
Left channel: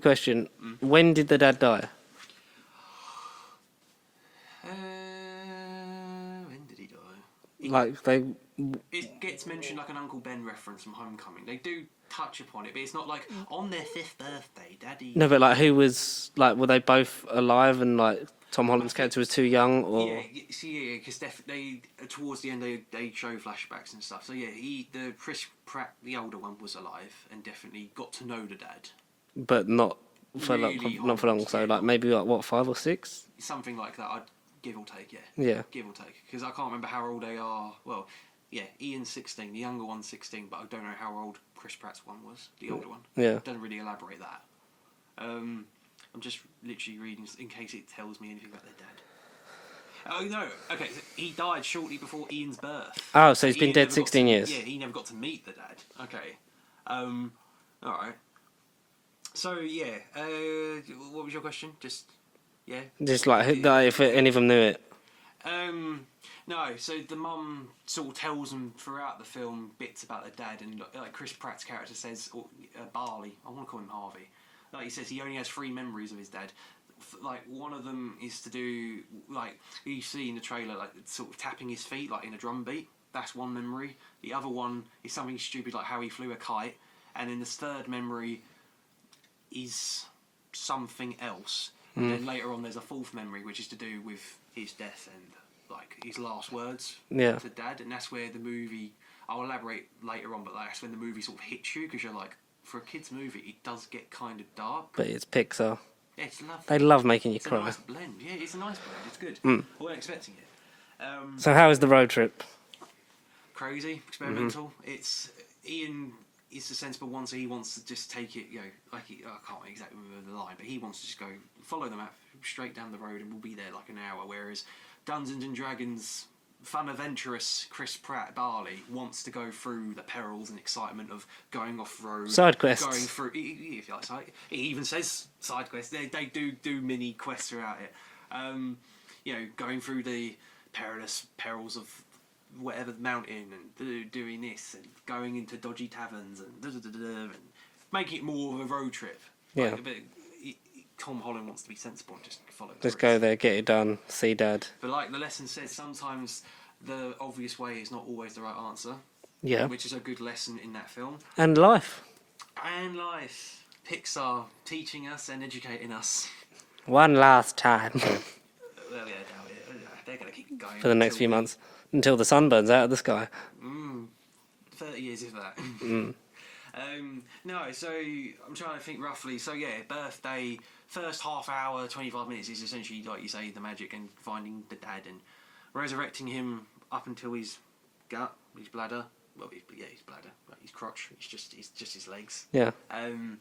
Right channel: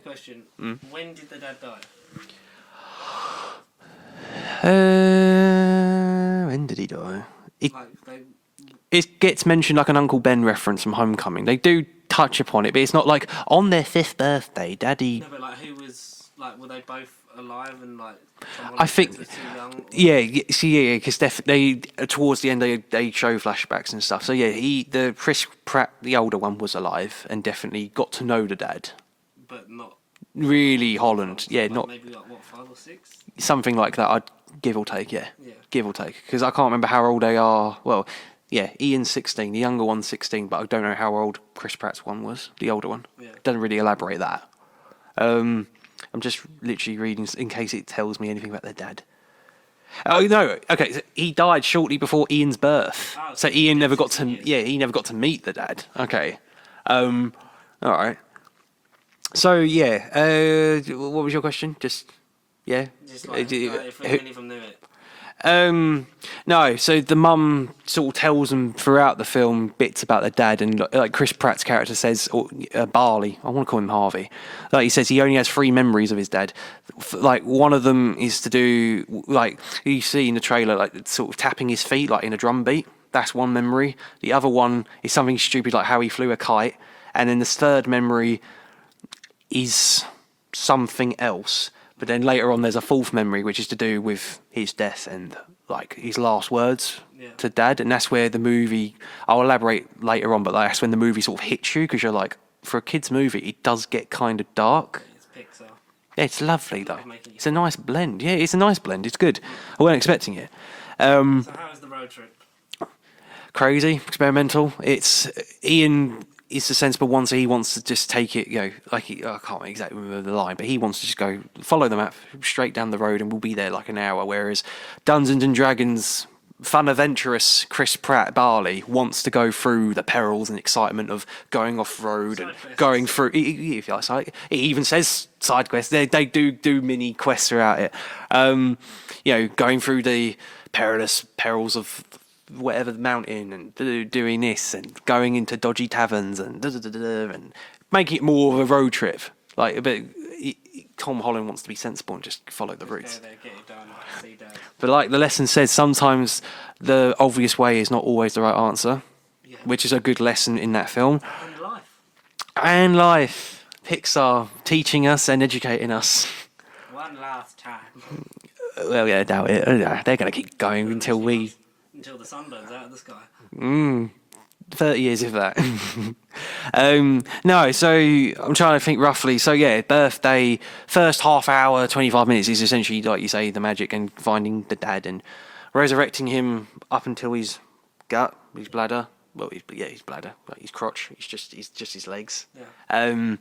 question. When did the dad die? When did he die? It gets mentioned like an Uncle Ben reference from Homecoming. They do touch upon it, but it's not like on their 5th birthday, Daddy. No, but like who was like? Were they both alive and like Tom Holland's character was too young? Or? Yeah, because they towards the end they show flashbacks and stuff. So yeah, the Chris Pratt, the older one, was alive and definitely got to know the dad, but not really Holland. Not maybe like what 5 or 6, something like that. I'd give or take. Yeah, give or take, because I can't remember how old they are. Well. Yeah, Ian's 16, the younger one's 16, but I don't know how old Chris Pratt's one was, the older one. Yeah. Doesn't really elaborate that. I'm just literally reading in case it tells me anything about their dad. Oh, no, okay, so he died shortly before Ian's birth. Oh, so Ian never got to years. Yeah, he never got to meet the dad. Okay. All right. So, yeah, what was your question? Just like if any of them knew it. No, so the mum sort of tells them throughout the film bits about their dad, and like Chris Pratt's character says, Barley, I want to call him Harvey, like he says he only has 3 memories of his dad. Like one of them is to do, like you see in the trailer, like sort of tapping his feet like in a drum beat. That's one memory. The other one is something stupid like how he flew a kite, and then the third memory is something else. But then later on, there's a 4th memory, which is to do with his death and like his last words to Dad, and that's where the movie. I'll elaborate later on, but that's when the movie sort of hits you because you're like, for a kids' movie, it does get kind of dark. But it's Pixar. Yeah, it's lovely. They love making you. It's a nice blend. Yeah, it's a nice blend. It's good. I wasn't expecting it. So how is the road trip? Crazy, experimental. It's Ian. Is the sensible one, so he wants to just take it, I can't exactly remember the line, but he wants to just go follow the map straight down the road and we'll be there like an hour, whereas Dungeons and Dragons fun adventurous Chris Pratt Barley wants to go through the perils and excitement of going off road, side quests, going through. If you like, it even says side quests. They do mini quests throughout it. Going through the perils of whatever the mountain and doing this and going into dodgy taverns and and making it more of a road trip. But Tom Holland wants to be sensible and just follow the routes. Just go there, get it done, see Dad. But like the lesson says, sometimes the obvious way is not always the right answer. Yeah. Which is a good lesson in that film. And life. Pixar teaching us and educating us. One last time. Well, yeah, I doubt it. They're going to keep going until the sun burns out of the sky. 30 years of that. No, so I'm trying to think roughly. So yeah, birthday, first half hour, 25 minutes is essentially, like you say, the magic and finding the dad and resurrecting him up until his gut, his bladder. Well, his bladder, like his crotch. It's just his legs. Yeah. And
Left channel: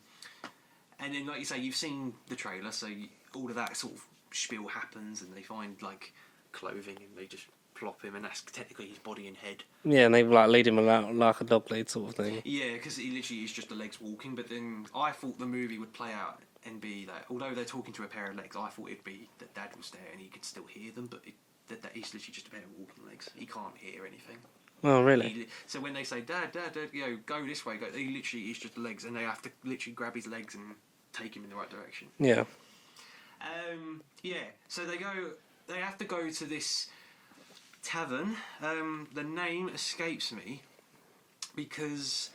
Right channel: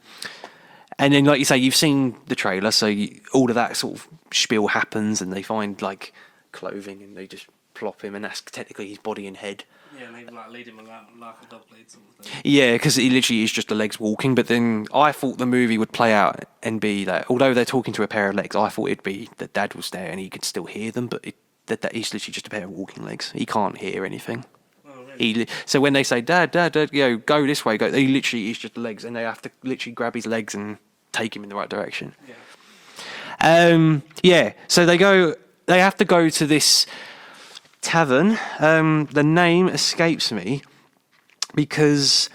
then, like you say, you've seen the trailer, so all of that sort of spiel happens, and they find like clothing, and they just plop him, and that's technically his body and head. Yeah, and they like lead him like a dog lead sort of thing. Yeah, because he literally is just the legs walking. But then I thought the movie would play out and be that although they're talking to a pair of legs, I thought it'd be that Dad was there and he could still hear them, but that he's literally just a pair of walking legs. He can't hear anything. Oh, really? So when they say, Dad, go this way, go, he literally is just the legs, and they have to literally grab his legs and take him in the right direction. Yeah. Yeah, so they have to go to this tavern. The name escapes me because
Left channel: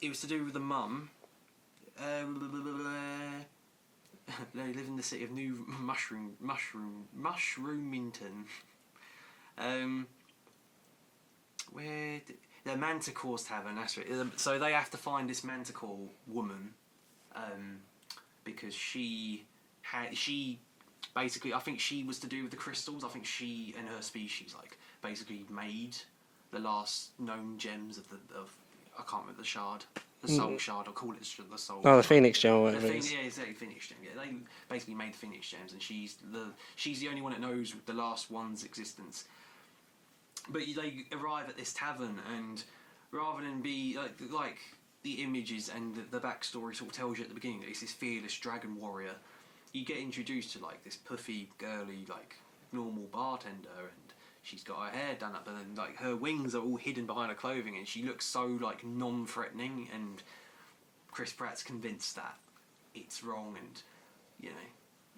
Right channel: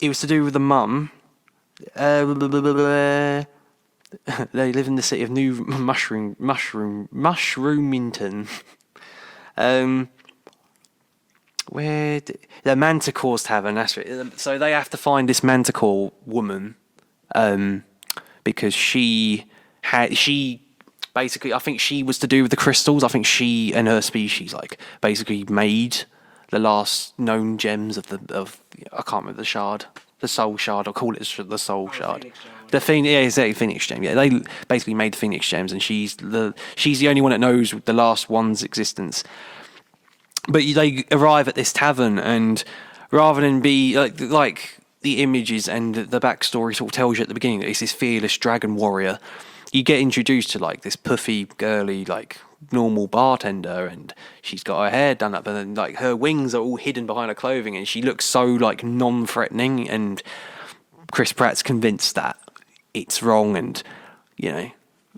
it was to do with the mum. They live in the city of New Mushroomington. The Manticore's tavern, that's right. So they have to find this Manticore woman, because she basically, I think she was to do with the crystals. I think she and her species basically made the last known gems of I can't remember the shard. The soul shard, I'll call it the soul shard. Oh, the Phoenix gem. Exactly, Phoenix gem. Yeah, they basically made the Phoenix gems, and she's the only one that knows the last one's existence. But they arrive at this tavern, and rather than be like the images and the backstory sort of tells you at the beginning that it's this fearless dragon warrior, you get introduced to this puffy, girly, normal bartender, and she's got her hair done up, and then her wings are all hidden behind her clothing, and she looks so non-threatening. And Chris Pratt's convinced that it's wrong, and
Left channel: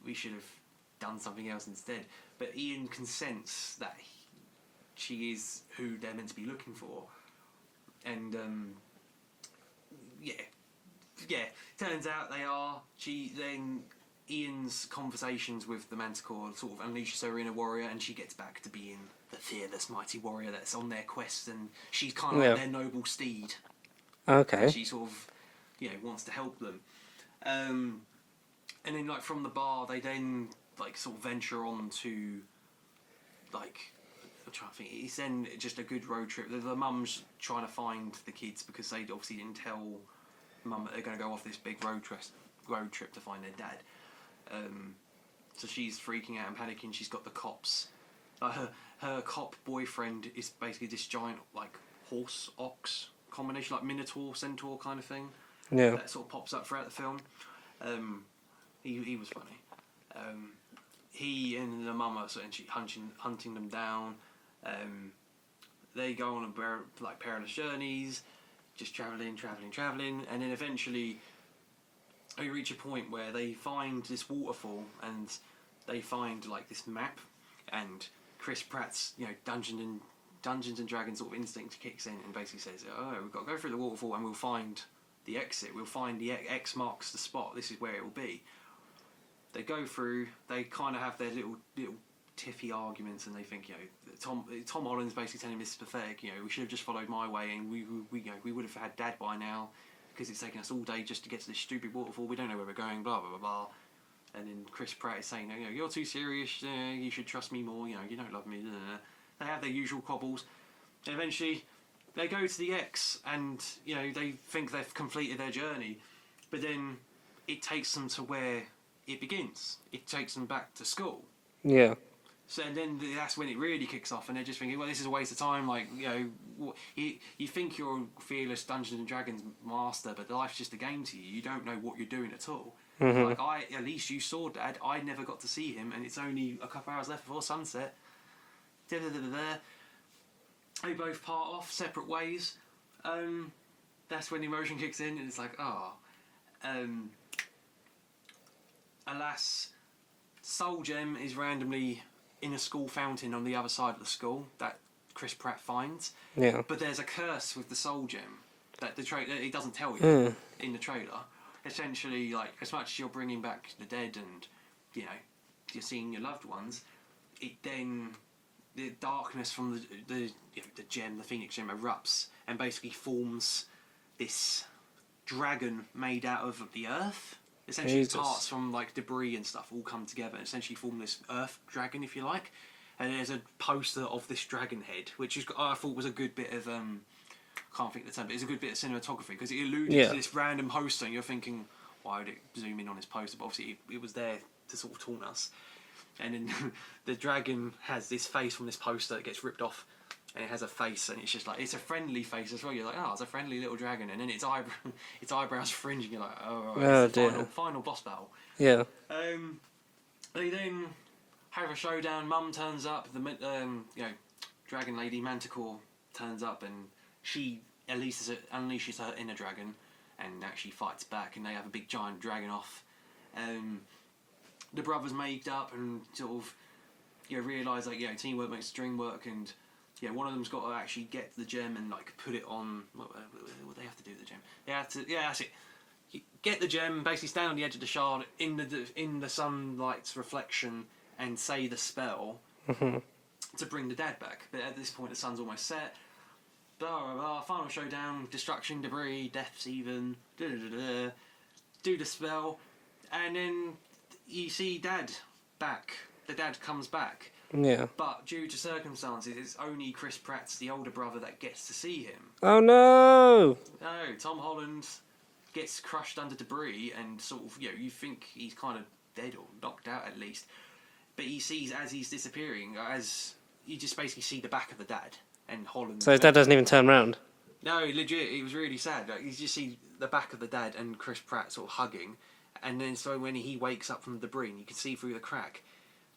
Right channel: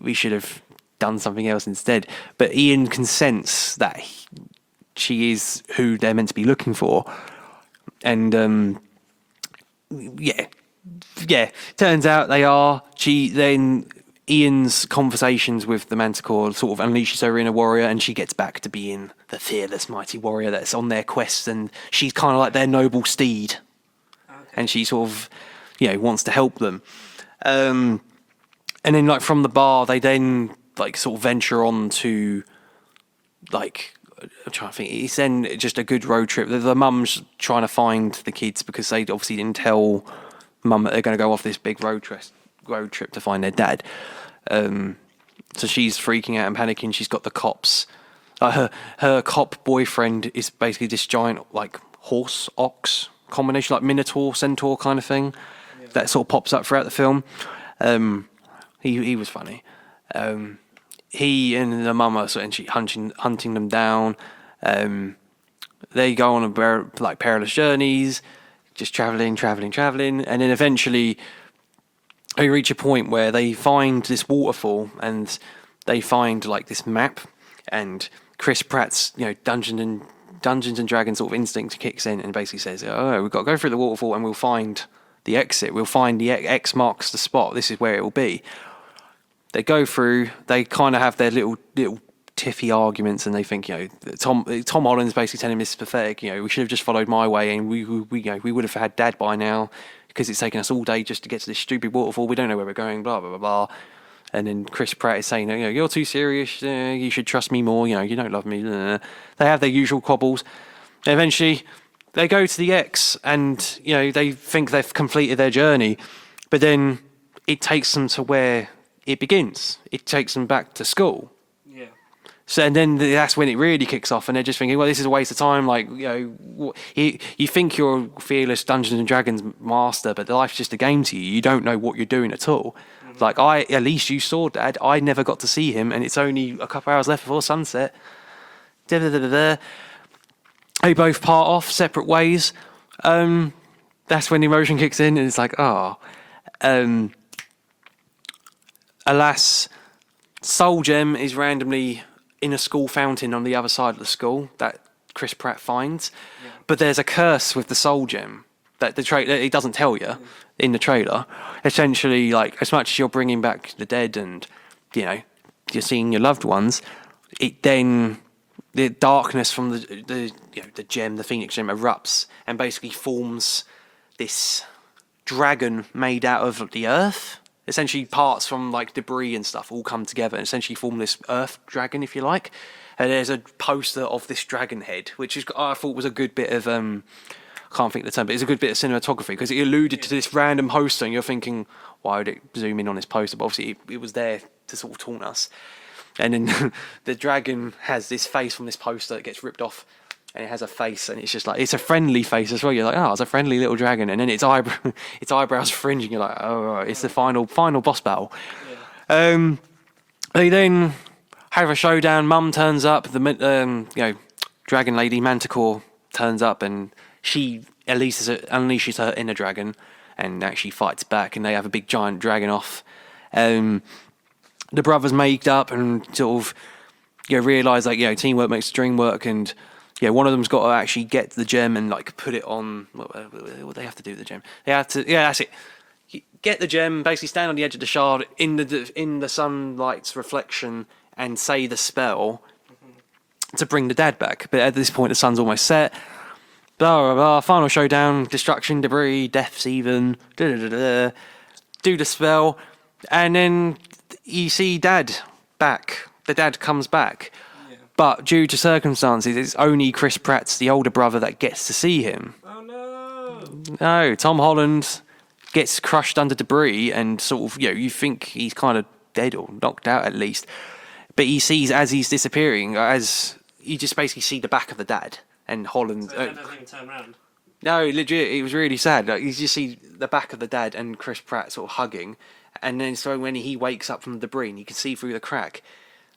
we should have done something else instead. But Ian consents that she is who they're meant to be looking for, and turns out they are. Then Ian's conversations with the Manticore sort of unleashes her inner warrior, and she gets back to being the fearless, mighty warrior that's on their quest, and she's kind of like their noble steed. Okay. And she sort of, wants to help them. And then from the bar, they then sort of venture on to I'm trying to think. It's then just a good road trip. The mum's trying to find the kids because they obviously didn't tell mum that they're going to go off this big road trip to find their dad. So she's freaking out and panicking. She's got the cops. Her cop boyfriend is basically this giant horse ox combination, minotaur centaur kind of thing. Yeah. That sort of pops up throughout the film. He was funny. He and the mum are essentially hunting them down. They go on a perilous journeys, just traveling, and then eventually they reach a point where they find this waterfall, and they find this map, and Chris Pratt's Dungeons and Dragons sort of instinct kicks in and basically says, "Oh, we've got to go through the waterfall, and we'll find the exit. We'll find the X marks the spot. This is where it will be." They go through. They kind of have their little tiffy arguments, and they think, Tom Holland's basically telling him this is pathetic. We should have just followed my way, and we would have had Dad by now, because it's taken us all day just to get to this stupid waterfall. We don't know where we're going. Blah blah blah blah. And then Chris Pratt is saying, you're too serious. You should trust me more. You don't love me. They have their usual quabbles. Eventually, they go to the X, and they think they've completed their journey, but then it takes them to where it begins. It takes them back to school. Yeah. So, and then that's when it really kicks off, and they're just thinking, well, this is a waste of time. You think you're a fearless Dungeons and Dragons master, but life's just a game to you. You don't know what you're doing at all. Mm-hmm. At least you saw Dad. I never got to see him, and it's only a couple hours left before sunset. They both part off separate ways. That's when the emotion kicks in, and it's alas, Soul Gem is randomly in a school fountain on the other side of the school that Chris Pratt finds. Yeah. But there's a curse with the Soul Gem that it doesn't tell you in the trailer. Essentially, as much as you're bringing back the dead and you're seeing your loved ones, the darkness from the gem, the Phoenix gem, erupts and basically forms this dragon made out of the earth. Essentially, parts from debris and stuff all come together and essentially form this earth dragon, if you like. And there's a poster of this dragon head, which I thought was a good bit of can't think of the term, but it's a good bit of cinematography because it alluded to this random poster, and you're thinking, why would it zoom in on this poster? But obviously, it was there to sort of taunt us. And then the dragon has this face from this poster that gets ripped off, and it has a face, and it's just like, it's a friendly face as well. You're like, oh, it's a friendly little dragon, and then its eyebrows fringe, and you're like, oh, right, it's the final boss battle. Yeah. They then have a showdown. Mum turns up. The dragon lady Manticore turns up, and she unleashes her inner dragon, and actually fights back, and they have a big giant dragon off. The brothers make up and sort of realise like teamwork makes the dream work, and one of them's got to actually get the gem and like put it on. What they have to do with the gem? They have to that's it. Get the gem, basically stand on the edge of the shard in the sunlight's reflection and say the spell to bring the dad back. But at this point, the sun's almost set. Blah blah blah. Final showdown, destruction, debris, deaths, even. Do the spell, and then you see Dad back. The dad comes back. Yeah. But due to circumstances, it's only Chris Pratt's the older brother that gets to see him. Oh no! No, Tom Holland gets crushed under debris, and sort of you think he's kind of dead or knocked out at least. But he sees as he's disappearing, as you just basically see the back of the dad and Holland. So his dad doesn't even turn around. No, legit, it was really sad. Like, you just see the back of the dad and Chris Pratt sort of hugging, and then so when he wakes up from the debris, and you can see through the crack,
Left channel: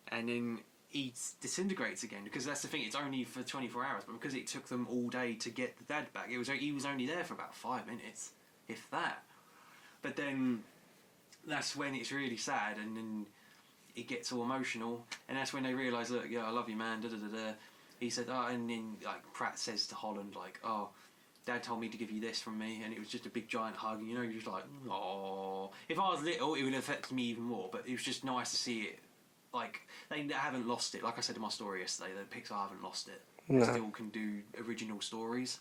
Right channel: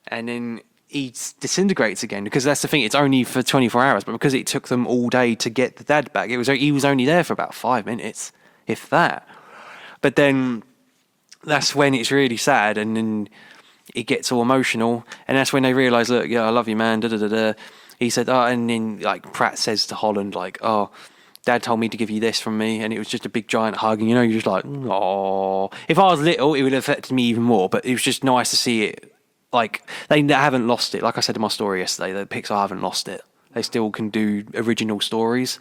and then he disintegrates again, because that's the thing. It's only for 24 hours, but because it took them all day to get the dad back, he was only there for about 5 minutes, if that. But then that's when it's really sad, and then it gets all emotional, and that's when they realise, look, I love you, man. Da da da da. He said, and then like Pratt says to Holland, like, oh, Dad told me to give you this from me, and it was just a big giant hug, and you're just like, oh. If I was little, it would have affected me even more, but it was just nice to see it. Like, they haven't lost it. Like I said in my story yesterday, the Pixar haven't lost it. No. They still can do original stories,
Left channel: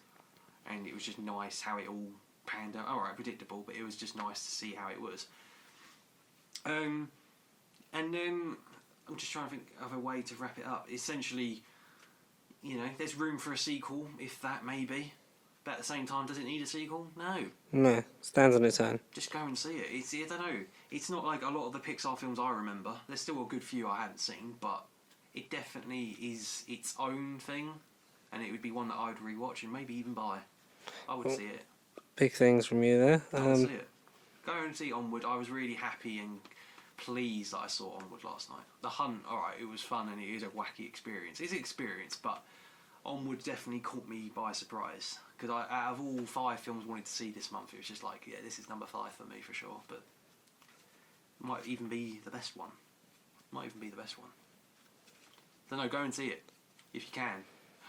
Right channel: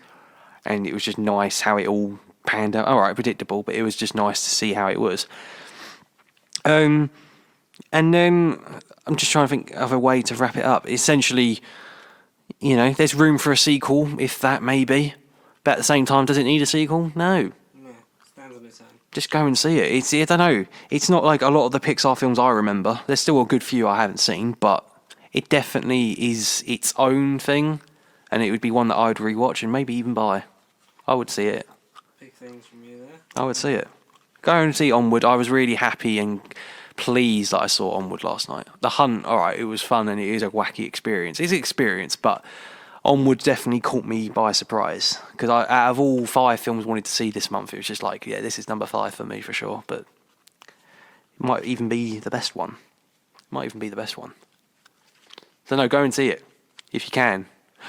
and it was just nice how it all panned out. All right, predictable, but it was just nice to see how it was. And then I'm just trying to think of a way to wrap it up. Essentially, there's room for a sequel, if that, maybe. But at the same time, does it need a sequel? No. No, stands on its own. Just go and see it. I don't know. It's not like a lot of the Pixar films I remember. There's still a good few I haven't seen, but it definitely is its own thing, and it would be one that I would rewatch and maybe even buy. I would see it. Big things from you there. I would see it. Go and see Onward. I was really happy and pleased that I saw Onward last night. The Hunt, all right, it was fun and it is a wacky experience. It's an experience, but Onward definitely caught me by surprise, because out of all 5 films I wanted to see this month, it was just like, this is number 5 for me for sure, but it might even be the best one. So no, go and see it if you can.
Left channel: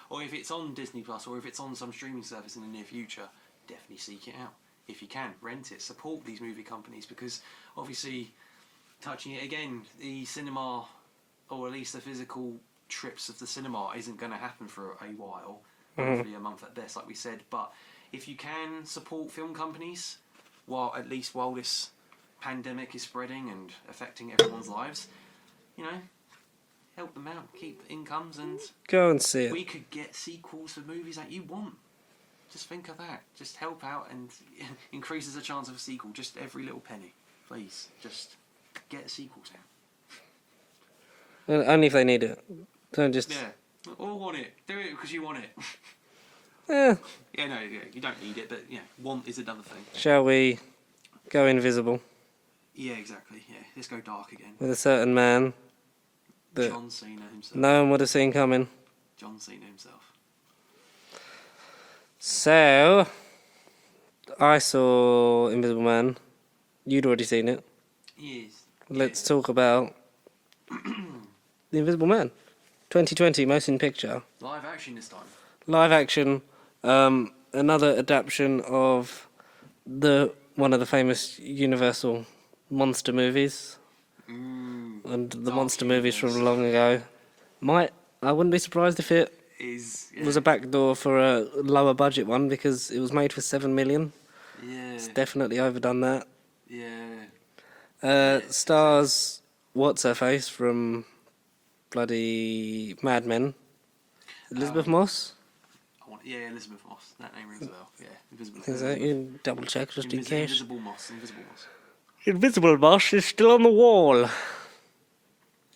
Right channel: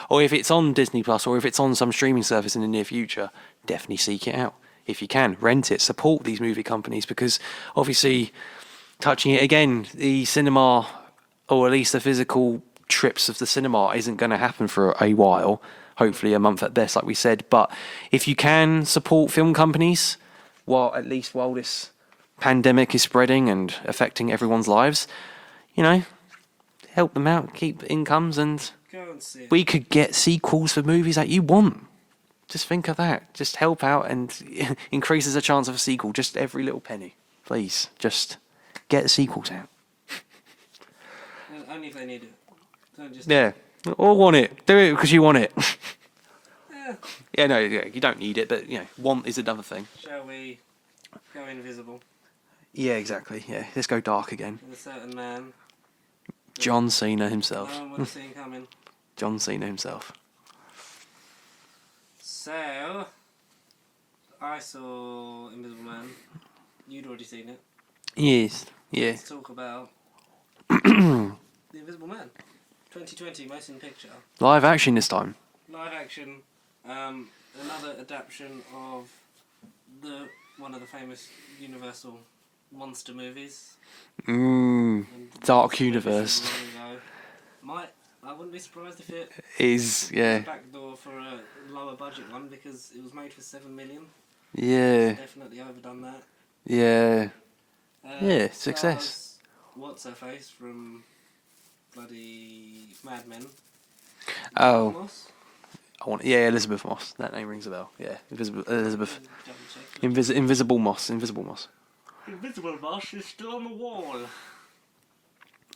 Or if it's on Disney Plus, or if it's on some streaming service in the near future, definitely seek it out. If you can, rent it, support these movie companies, because obviously, touching it again, the cinema, or at least the physical trips of the cinema, isn't going to happen for a while, hopefully a month at best, like we said. But if you can support film companies, while this pandemic is spreading and affecting everyone's lives, help them out, keep incomes, and go and see it. We could get sequels for movies that you want. Just think of that. Just help out and increases the chance of a sequel. Just every little penny, please. Just get sequels out. Only if they need it. Don't just... Yeah. Or want it. Do it because you want it. Yeah. You don't need it, but, want is another thing. Shall we go invisible? Yeah, exactly. Yeah, let's go dark again. With a certain man. John Cena himself. No one would have seen coming. John Cena himself. So, I saw Invisible Man. You'd already seen it. Yes. Let's talk about The Invisible Man. 2020 motion picture. Live action this time. Live action. Another adaptation of one of the famous Universal monster movies. And the Dark monster universe. movies from long ago. I wouldn't be surprised if it was a backdoor for a lower budget one, because it was made for 7 million. Yeah. It's definitely overdone that. Yeah. Stars success. What's her face from bloody Mad Men? Elizabeth Moss? Elizabeth Moss. That name rings a bell. Yeah, Elizabeth. Double check. Invisible Moss. Invisible Moss is still on the wall.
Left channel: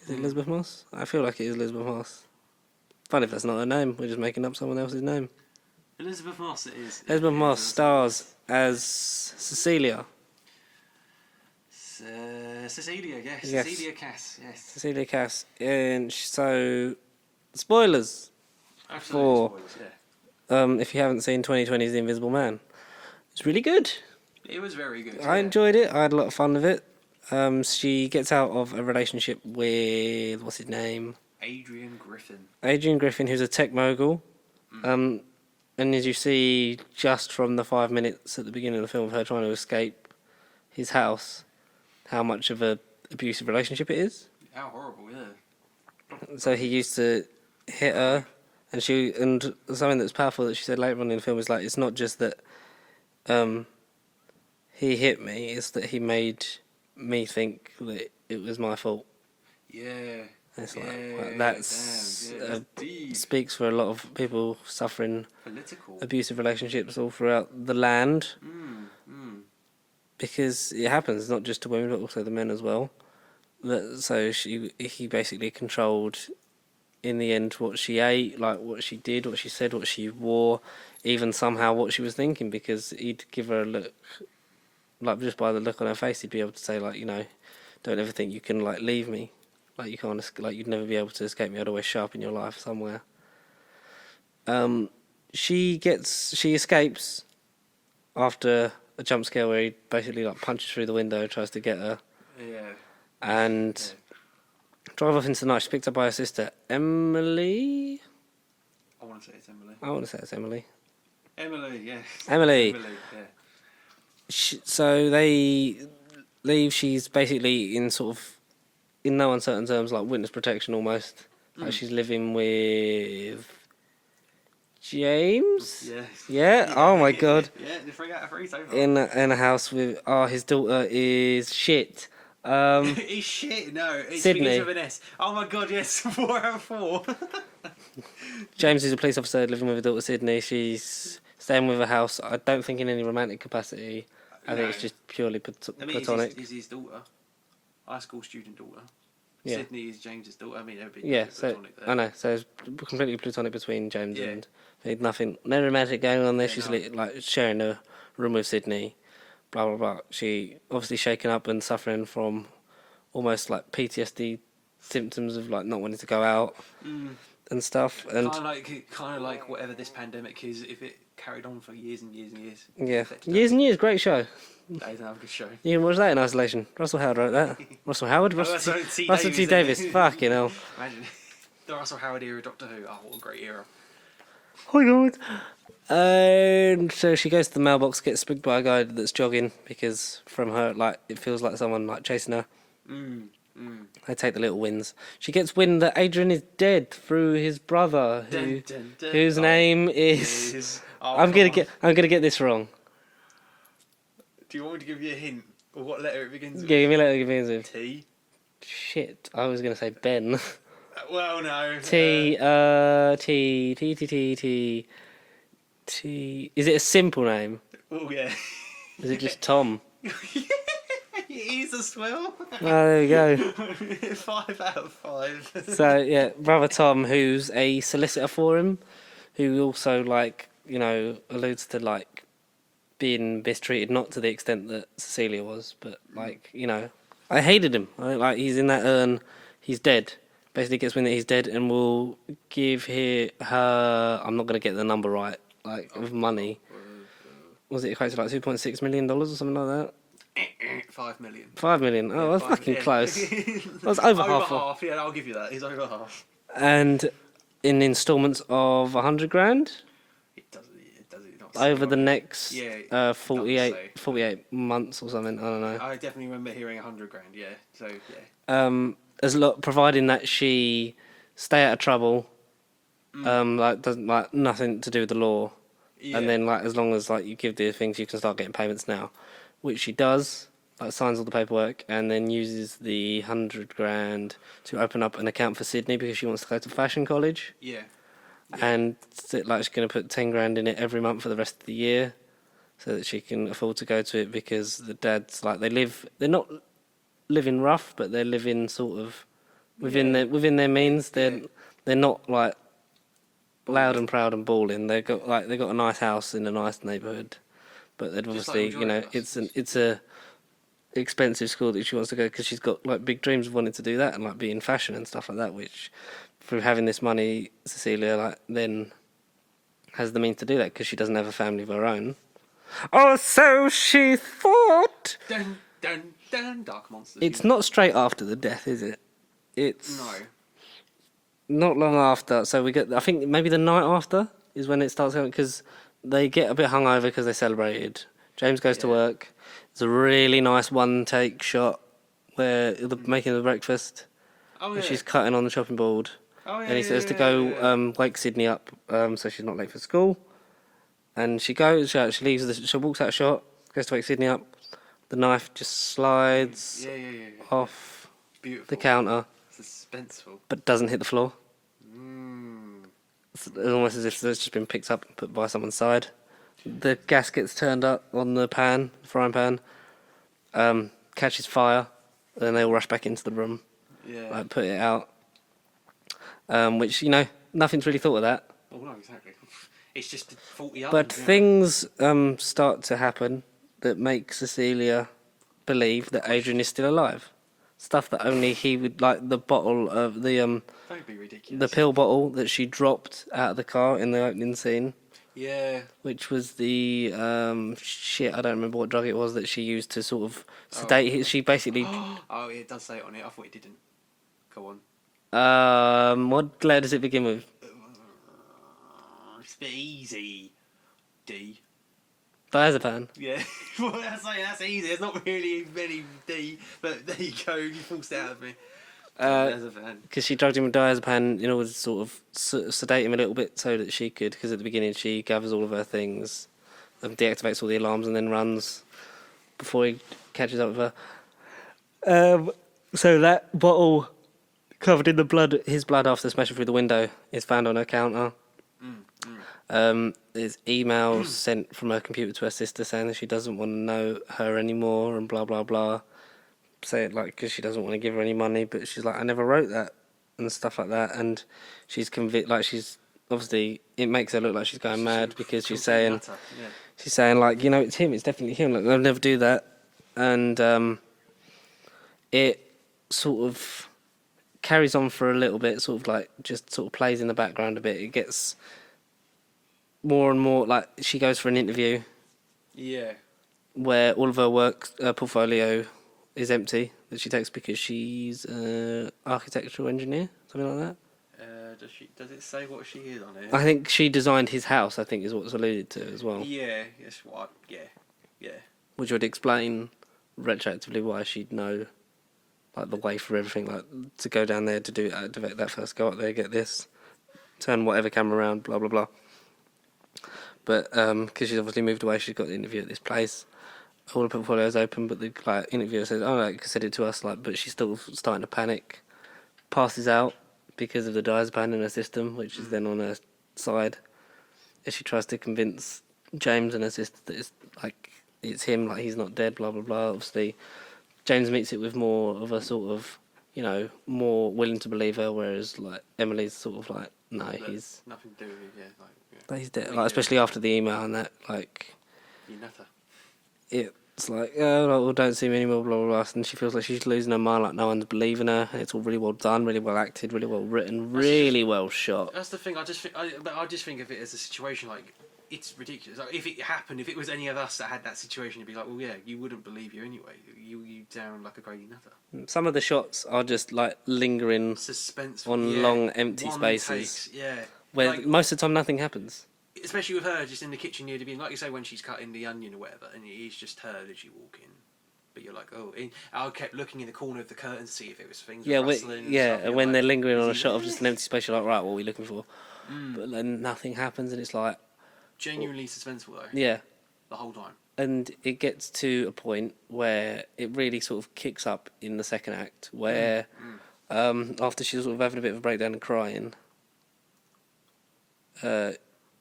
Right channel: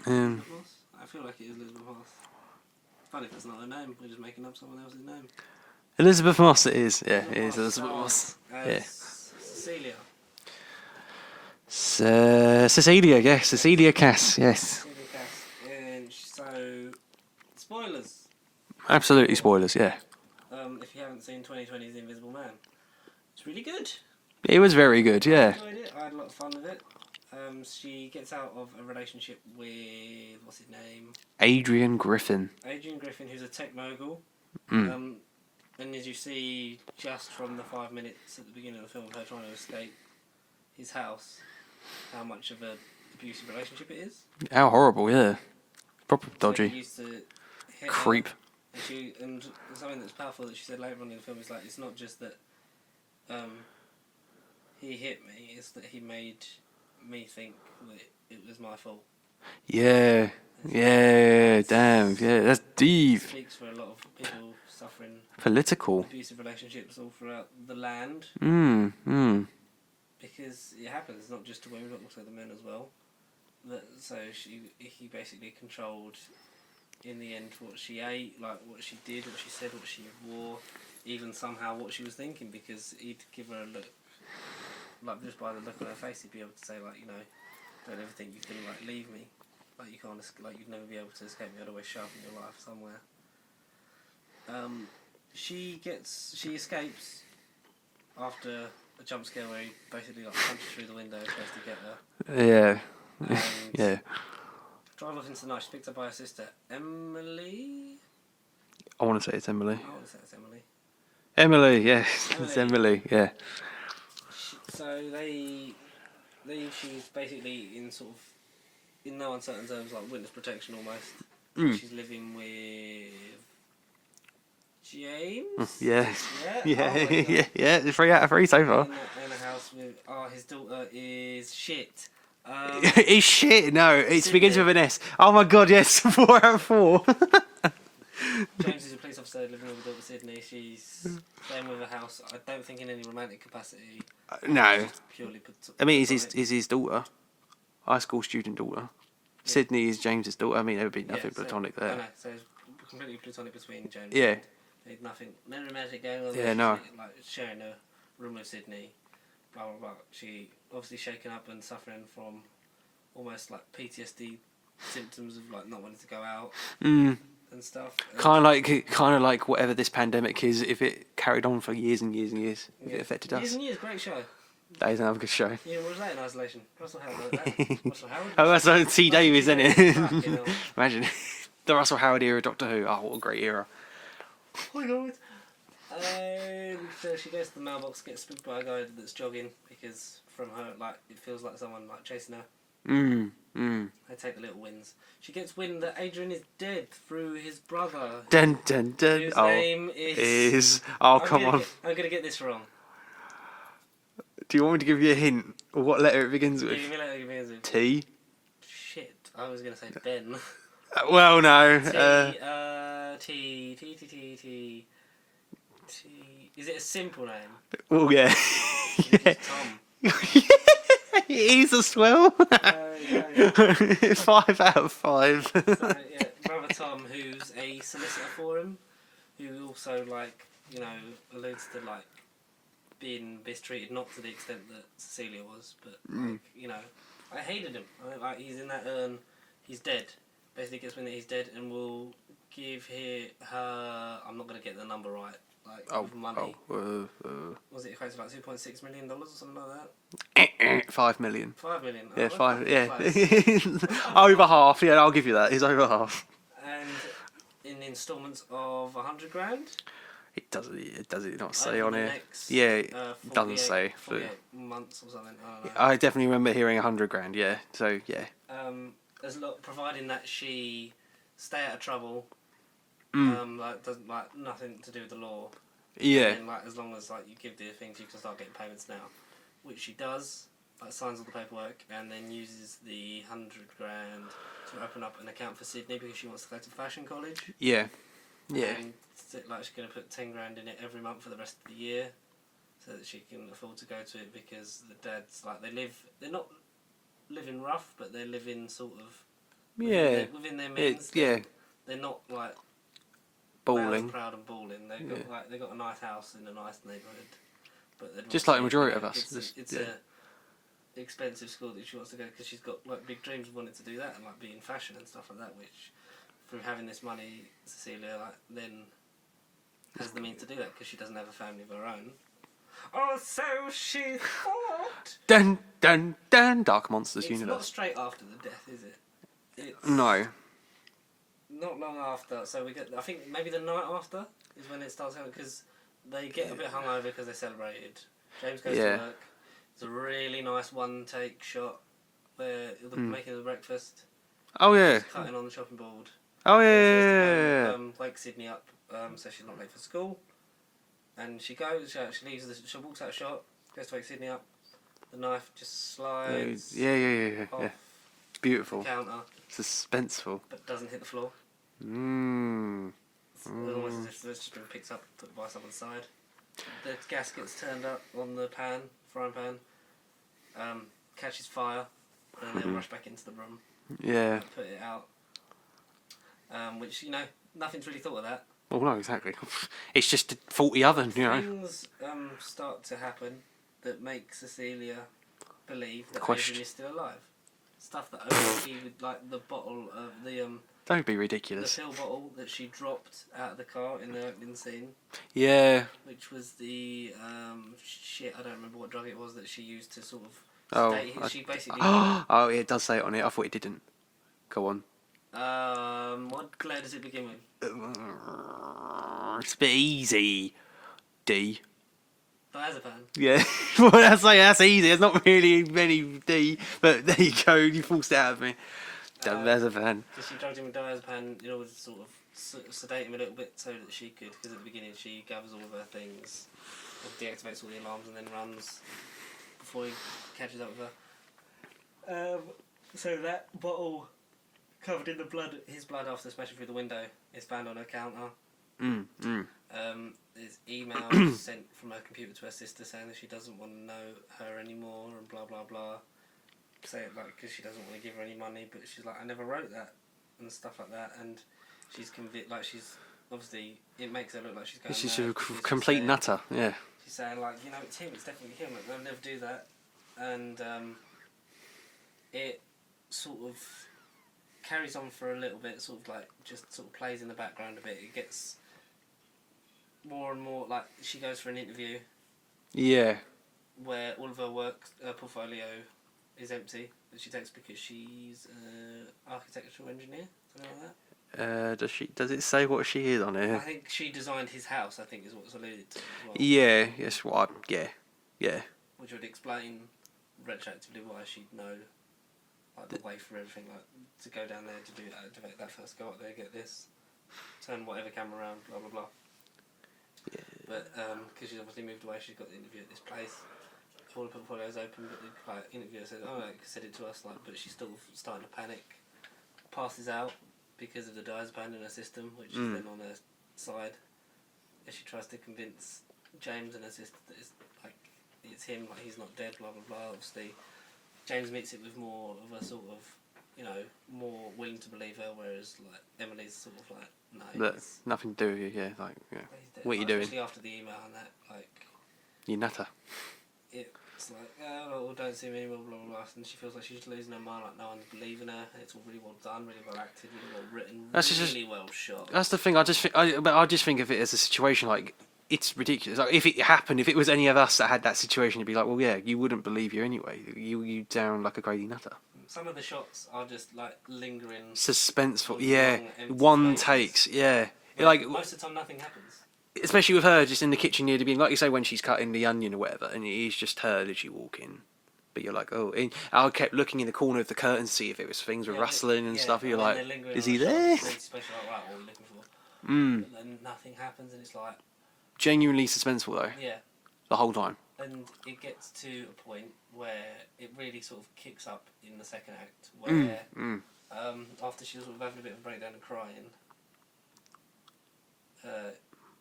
Elizabeth Moss? I feel like it is Elizabeth Moss. Funny if that's not her name. We're just making up someone else's name. Elizabeth Moss it is. Yeah, Elizabeth it is Moss Elizabeth stars Moss. as Cecilia. Cecilia, yes. Cecilia Cass, yes. Cecilia Cass. And so, spoilers. Absolutely Or- spoilers, yeah. If you haven't seen 2020's The Invisible Man, it's really good. It was very good, yeah. I enjoyed it. I had a lot of fun with it. She gets out of a relationship with, what's his name? Adrian Griffin. Adrian Griffin, who's a tech mogul. And as you see, just from the 5 minutes at the beginning of the film of her trying to escape his house, how much of a abusive relationship it is. How horrible, yeah. Proper So dodgy. he used to hit Creep. her, and something that's powerful that she said later on in the film is like, it's not just that he hit me, it's that he made me think that it was my fault. Yeah. It's Yeah, damn. Yeah, that's It deep. speaks for a lot of people suffering Political. abusive relationships all throughout the land, because it happens not just to women but also the men as well. So he basically controlled, in the end, what she ate, like what she did, what she said, what she wore, even somehow what she was thinking, because he'd give her a look, like just by the look on her face, he'd be able to say, like, you know, don't ever think you can, like, leave me, like you can't, like you'd never be able to escape me. I'd always show up in your life somewhere. She escapes after a jump scare where he basically like punches through the window, tries to get her, Yeah. and Yeah. drive off into the night. She's picked up by her sister Emily. I want to say it's Emily. I want to say it's Emily. Emily, yeah. Emily. It's Emily, yeah. So they leave. She's basically in sort of, in no uncertain terms, like witness protection almost. Like she's living with James. Yeah. Yeah. Oh my god. Yeah, 3 out of 3 so far. In a house with his daughter is shit. It's shit, no. It Sydney. begins with an S. Oh my god, yes. 4 out of 4. James is a police officer living with her daughter Sydney. She's staying with a house. I don't think in any romantic capacity. I think No. it's just purely I mean, platonic. is his daughter. High school student daughter. Yeah. Sydney is James's daughter. I mean, there would be nothing platonic there. I know. So it's completely platonic between James Yeah. and nothing, no romantic going on there. Yeah, She's like sharing a room with Sydney. Blah blah blah. She obviously shaken up and suffering from almost like PTSD symptoms of like not wanting to go out and stuff. And Kind of like whatever this pandemic is, if it carried on for years and years and years. it yeah, affected years us. and years. Great show. That is another good show. You can watch that in isolation. Russell Howard wrote that. Russell Howard. Oh, that's T. Russell T. Davies, isn't Davies. it? Fucking hell. Imagine the Russell Howard era, Doctor Who. Oh, what a great era. Oh my god. And so she goes to the mailbox, gets spooked by a guy that's jogging because from her, like, it feels like someone like chasing her. They take the little wins. She gets wind that Adrian is dead through his brother, Dun, dun, dun. whose name is. Oh, I'm come on. I'm gonna get this wrong. Do you want me to give you a hint of what letter it begins Yeah, with? give me a letter. Give me a letter. T. Shit, I was gonna say Ben. Well, no. T. Is it a simple name? Well, yeah. Is it just Tom? It is as well. Oh, there you go. 5 out of 5. So yeah, brother Tom, who's a solicitor for him, who also like alludes to like being mistreated, not to the extent that Cecilia was, but like I hated him. Like he's in that urn, he's dead. Basically gets wind that he's dead, and will give her. I'm not gonna get the number right. Like of money. Was it equated to like $2.6 million or something like that? 5 million. 5 million. Oh, Yeah, that's five, fucking yeah. close. That's over Over half. half. Yeah, I'll give you that. He's over half. And in instalments of $100,000 It does it not say over on the it? next Yeah, it doesn't 48, say, but 48 months or something. I don't know. I definitely remember hearing $100,000. Yeah, so yeah. As providing that she stay out of trouble, like doesn't like nothing to do with the law. Yeah. And then like as long as like you give the things, you can start getting payments now, which she does. Like signs all the paperwork and then uses the $100,000 to open up an account for Sydney because she wants to go to fashion college. Yeah. And like she's going to put $10,000 in it every month for the rest of the year, so that she can afford to go to it because the dad's like they're not living rough, but they're living sort of within their means. Yeah. They're not like loud Balling. and proud and balling. They've got they've got a nice house in a nice neighbourhood, but they'd Just like the obviously, majority of us. it's a expensive school that she wants to go because she's got like big dreams of wanting to do that and like be in fashion and stuff like that. Which, through having this money, Cecilia like then has the means to do that because she doesn't have a family of her own. Oh, so she thought. Dun dun dun. Dark monsters. It's not straight after the death, is it? It's No. not long after. So we get. I think maybe the night after is when it starts going because they get a bit hungover because they celebrated. James goes to Yeah. work. It's a really nice one-take shot where they're making the breakfast. Oh yeah. She's cutting on the chopping board. Oh yeah. And he says to yeah. go wake Sydney up so she's not late for school. And she goes. She leaves. She walks out of shot. Goes to wake Sydney up. The knife just slides Yeah. off It's beautiful. the counter, Suspenseful. but doesn't hit the floor. Mmm. It's almost as if it's just been picked up and put by someone's side. The gas gets turned up on the frying pan, catches fire, and then they all rush back into the room, Yeah. put it out. Which, nothing's really thought of that. Well, no, exactly. It's just a faulty oven. But things start to happen that make Cecilia believe that Adrian is still alive. Stuff that only he would, like the bottle of the Don't be ridiculous. the pill bottle that she dropped out of the car in the opening scene, Yeah. which was the I don't remember what drug it was that she used to sort of sedate. She basically Oh, yeah, it does say it on it. I thought it didn't. Go on. what letter does it begin with? It's a bit easy. D. Diazepam. Yeah. Well, that's easy. There's not really many D, but there you go. You forced it out of me. There's a van. Because she drugged him with diazepam in order to sort of sedate him a little bit so that she could, because at the beginning she gathers all of her things and deactivates all the alarms and then runs before he catches up with her. So that bottle covered in the blood, his blood after smashing through the window, is found on her counter. There's emails sent from her computer to her sister saying that she doesn't want to know her anymore and blah blah blah. Say it like because she doesn't want to give her any money, but she's like, I never wrote that and stuff like that. And she's convinced, like she's obviously it makes her look like she's going mad because she's saying, nutter. Yeah. she's saying like, it's him, it's definitely him. Like they'll never do that, and it sort of carries on for a little bit, sort of like just sort of plays in the background a bit. It gets more and more like she goes for an interview Yeah. where all of her work portfolio is empty that she takes because she's an architectural engineer, something like that. Does it say what she is on here? I think she designed his house, I think is what's alluded to as well. Yeah. Yes. What? Yeah. Which would explain retroactively why she'd know like the way for everything, like to go down there to do activate that first, go up there, get this, turn whatever camera around, blah blah blah. But because she's obviously moved away, she's got the interview at this place. All the portfolio's open, but the interviewer says, "Oh, like said it to us," but she's still starting to panic. Passes out because of the diazepam in her system, which is then on her side. As she tries to convince James and her sister that it's him, like he's not dead, blah blah blah. Obviously, James meets it with more of a sort of, more willing to believe her, whereas like Emily's sort of like, no, he's nothing to do with you. Yeah. he's dead. What Like, you doing? especially after the email and that, like. You nutter. It's like, well, don't see me anymore, blah, blah, blah. And she feels like she's losing her mind, like no one's believing her. And it's all really well done, really well acted, really well written, really well shot. That's the thing. I just think of it as a situation like it's ridiculous. Like if it happened, if it was any of us that had that situation, it'd be like, well, yeah, you wouldn't believe you anyway. You down like a crazy nutter. Some of the shots are just like lingering Suspenseful on yeah. long empty One spaces. takes, yeah. Where Like most of the time nothing happens. especially with her just in the kitchen near to being like you say when she's cutting the onion or whatever, and it is just her literally walking. But you're like, oh, I kept looking in the corner of the curtain to see if it was things were rustling and stuff. And when like, they're lingering is on a he shot of there? just an empty space, you're like, right, what are we looking for? But then nothing happens, and it's like, Genuinely suspenseful though. yeah. The whole time. And it gets to a point where it really sort of kicks up in the second act, where after she's sort of having a bit of a breakdown and crying,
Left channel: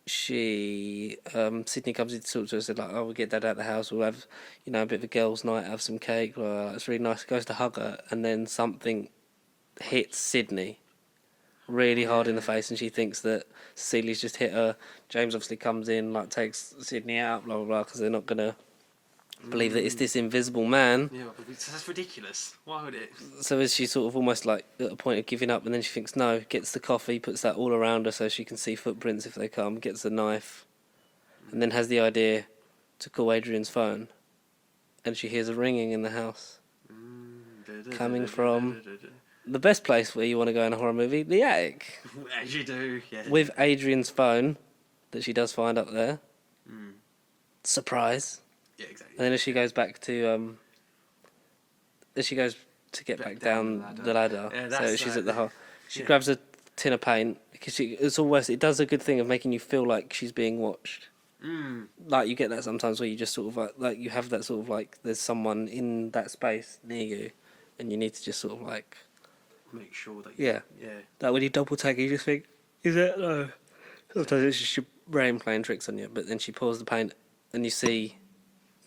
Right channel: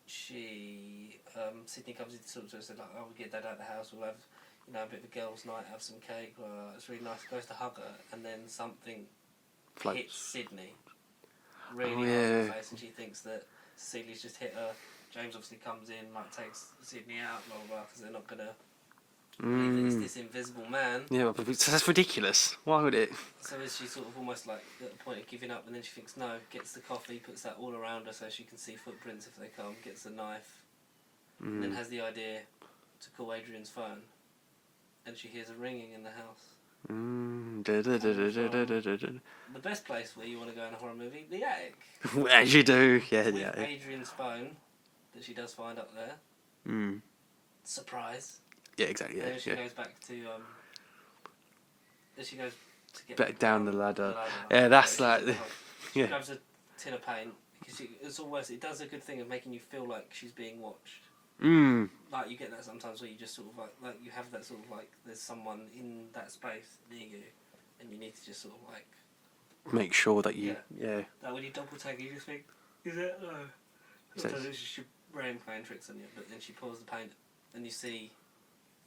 Sydney comes in to talk to us and like, oh, we'll get Dad out of the house, we'll have, a bit of a girls' night, have some cake, it's really nice. Goes to hug her, and then something hits Sydney really hard in the face, and she thinks that Cecilia's just hit her. James obviously comes in, like takes Sydney out, blah blah blah, because they're not gonna believe that it's this invisible man. Yeah, but that's ridiculous. Why would it? So is she sort of almost like at a point of giving up, and then she thinks no, gets the coffee, puts that all around her so she can see footprints if they come, gets the knife, and then has the idea to call Adrian's phone, and she hears a ringing in the house. Coming from the best place where you want to go in a horror movie, the attic. As you do, yeah. With Adrian's phone that she does find up there. Surprise. Yeah, exactly. And then as she goes back to as she goes to get back down the ladder. Yeah, that's so she's at the she grabs a tin of paint because it does a good thing of making you feel like she's being watched. Like you get that sometimes where you just sort of like you have that sort of like there's someone in that space near you, and you need to just sort of like make sure that you that when you double take, you just think, is it? No. Sometimes it's just your brain playing tricks on you. But then she pours the paint, and you see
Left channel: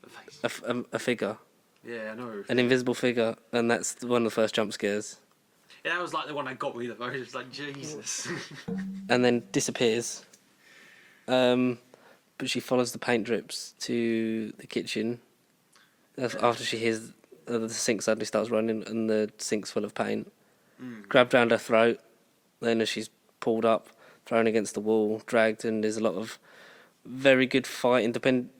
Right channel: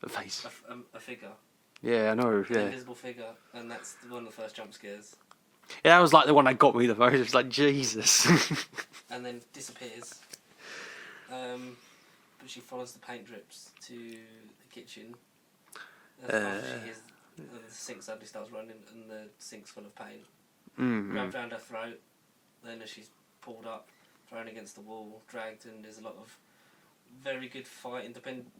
a face, a figure. Yeah, I know. An invisible figure, and that's one of the first jump scares. Yeah, that was like the one that got me the most. It was like Jesus, and then disappears. But she follows the paint drips to the kitchen. After she hears the sink suddenly starts running and the sink's full of paint. Grabbed round her throat. Then as she's pulled up, thrown against the wall, dragged, and there's a lot of very good fighting.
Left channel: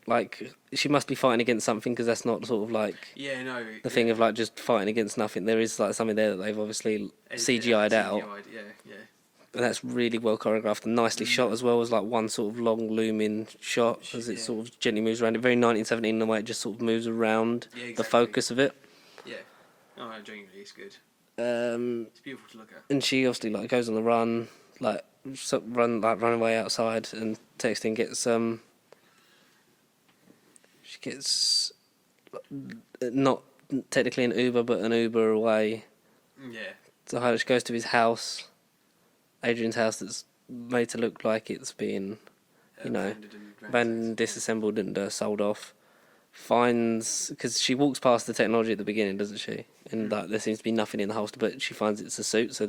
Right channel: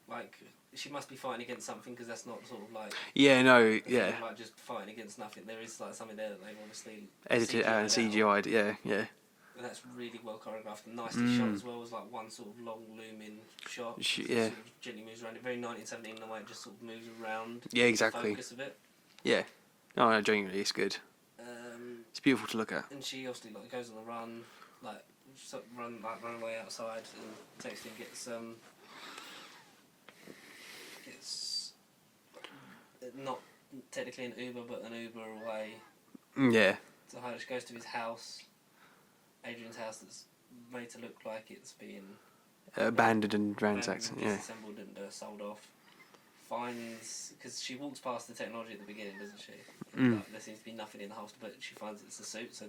Like she must be fighting against something because that's not sort of like the thing of like just fighting against nothing. There is like something there that they've obviously CGI'd out. CGI'd, yeah. And that's really well choreographed and nicely shot as well as like one sort of long looming shot as it sort of gently moves around. It very 1917 in the way it just sort of moves around the focus of it. Yeah. No, genuinely, it's good. It's beautiful to look at. And she obviously like goes on the run, run away outside, and texting gets she gets not technically an Uber but an Uber away. Yeah. So she goes to his house. Adrian's house that's made to look like it's been abandoned and disassembled and sold off. Finds because she walks past the technology at the beginning, doesn't she? And there seems to be nothing in the holster, but she finds it's a suit. So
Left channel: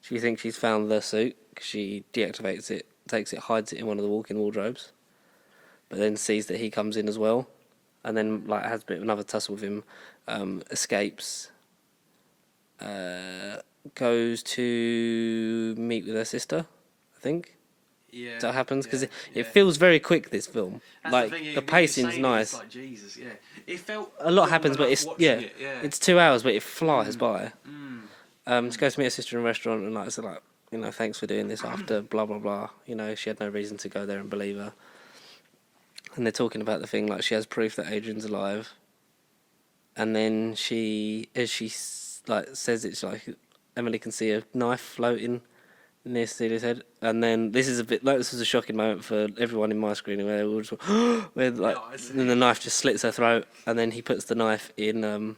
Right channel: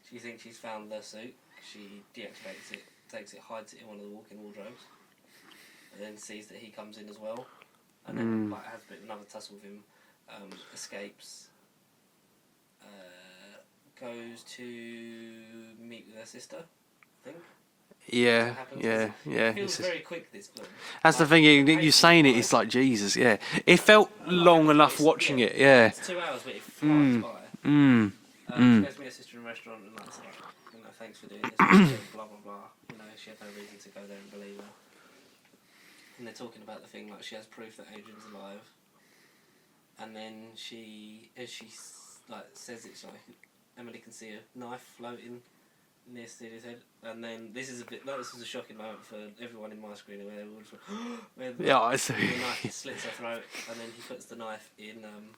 she thinks she's found the suit. She deactivates it, takes it, hides it in one of the walk-in wardrobes, but then sees that he comes in as well, and then has a bit of another tussle with him. Escapes. Goes to meet with her sister, I think. Yeah, that happens because it feels very quick. This film. That's the thing. You're saying it. It's like Jesus. Yeah, it felt a lot long enough watching it. Yeah, it's 2 hours, but it flies by. She goes to meet her sister in a restaurant, and thanks for doing this after blah blah blah. She had no reason to go there and believe her. And they're talking about the thing like she has proof that Adrian's alive, and then as she says it's like. Emily can see a knife floating near Cecilia's head, and then this was a shocking moment for everyone in my screening where we were just and the knife just slits her throat, and then he puts the knife in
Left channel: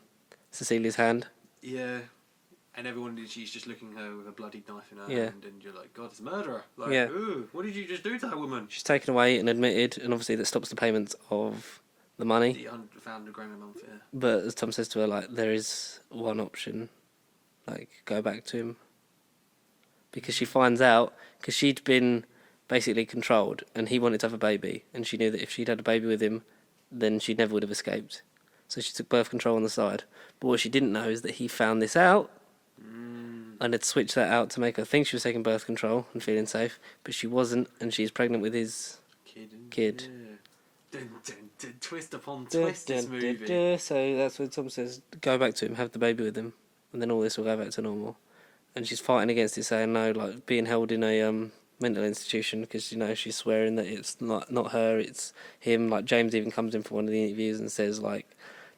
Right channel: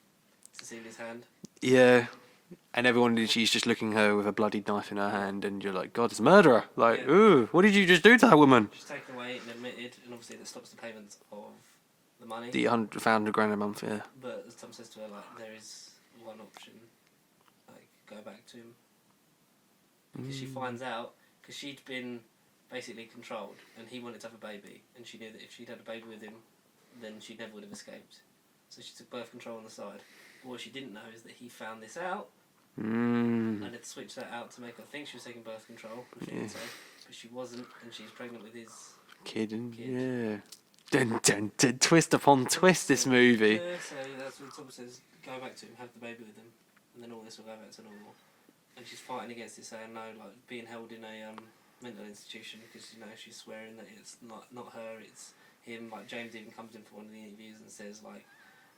Cecilia's hand. Yeah, and she's just looking at her with a bloodied knife in her hand, and you're like, God, it's a murderer! Like, ooh, what did you just do to that woman? She's taken away and admitted, and obviously that stops the payments of the money, the £100 a month. Yeah, but as Tom says to her, like there is one option. Like, go back to him. Because she finds out, because she'd been basically controlled, and he wanted to have a baby, and she knew that if she'd had a baby with him, then she never would have escaped. So she took birth control on the side. But what she didn't know is that he found this out, and had switched that out to make her think she was taking birth control and feeling safe, but she wasn't, and she's pregnant with his kid. Yeah. Dun, dun, dun, twist upon twist, this movie. So that's what Tom says, go back to him, have the baby with him. And then all this will go back to normal. And she's fighting against it, saying no, like being held in a mental institution because she's swearing that it's not her, it's him. Like James even comes in for one of the interviews and says like,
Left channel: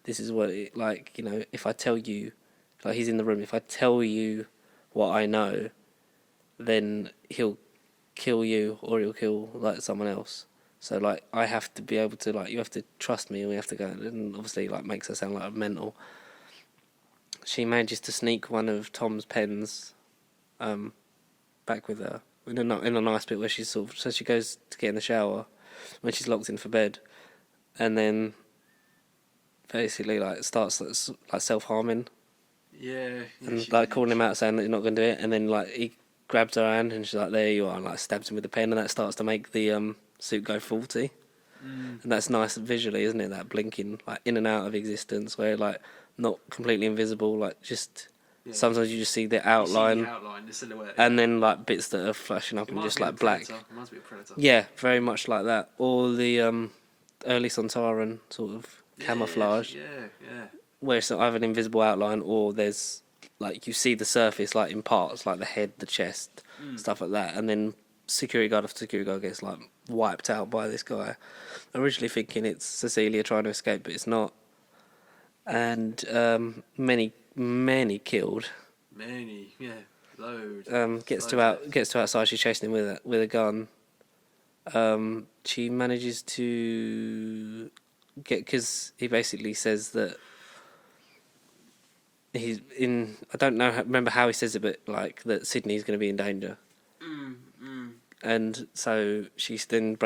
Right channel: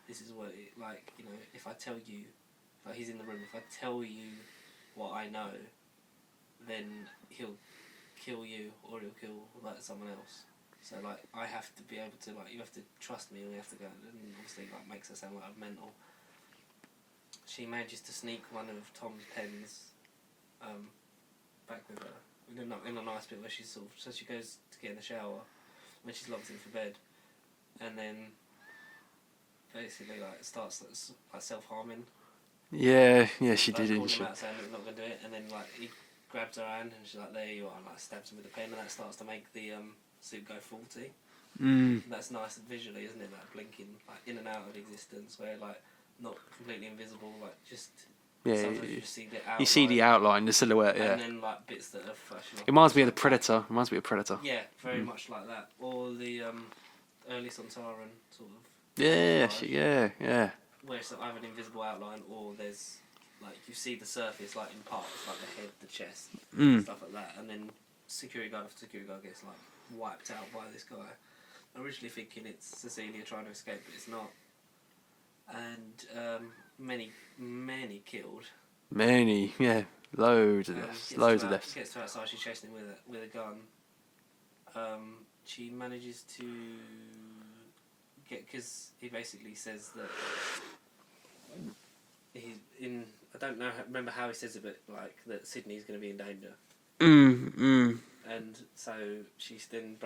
this is what it, like if I tell you, like he's in the room, if I tell you what I know, then he'll kill you or he'll kill like someone else. So like I have to be able to like you have to trust me and we have to go, and obviously like makes her sound like a mental. She manages to sneak one of Tom's pens back with her in a nice bit where she's sort of... So she goes to get in the shower when she's locked in for bed, and then basically like starts like self-harming Yeah, and, she like did. calling him out, saying that he's not going to do it, and then like he grabs her hand and she's like, "There you are," and like stabs him with a pen, and that starts to make the suit go faulty. And that's nice visually, isn't it? That blinking like in and out of existence, where like not completely invisible, like just sometimes you just see the outline. You see the outline, the silhouette, and then like bits that are flashing up. it reminds me like of Predator. It reminds me of Predator. Yeah, very much like that. Or the early Sontaran sort of camouflage. Yeah. Where it's either an invisible outline or there's like you see the surface like in parts, like the head, the chest, stuff like that, and then security guard after security guard gets like wiped out by this guy. Originally thinking it's Cecilia trying to escape, but it's not. And many killed. Many, loads. Gets to outside. She's chasing him with a gun. She manages to get, because he basically says that he's in. I don't remember how he says it, but like that Sydney's going to be in danger. And so she then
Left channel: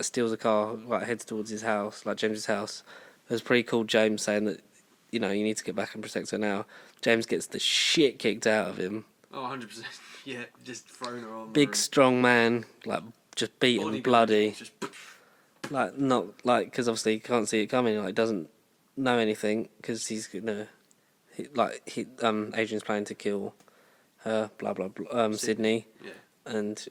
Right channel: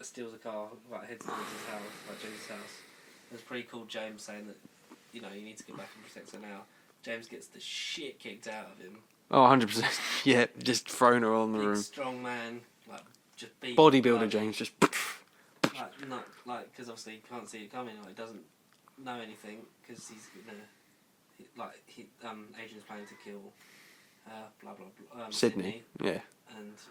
steals a car, like heads towards his house, like James's house. It was pretty cool. James saying that, you need to get back and protect her now. James gets the shit kicked out of him. Oh, 100%. Yeah, just thrown her on the big room. Strong man, like just beaten, bloody. Just like not like, because obviously he can't see it coming. Like doesn't know anything because he's gonna, Adrian's planning to kill her. Blah blah blah. Sydney. Yeah. And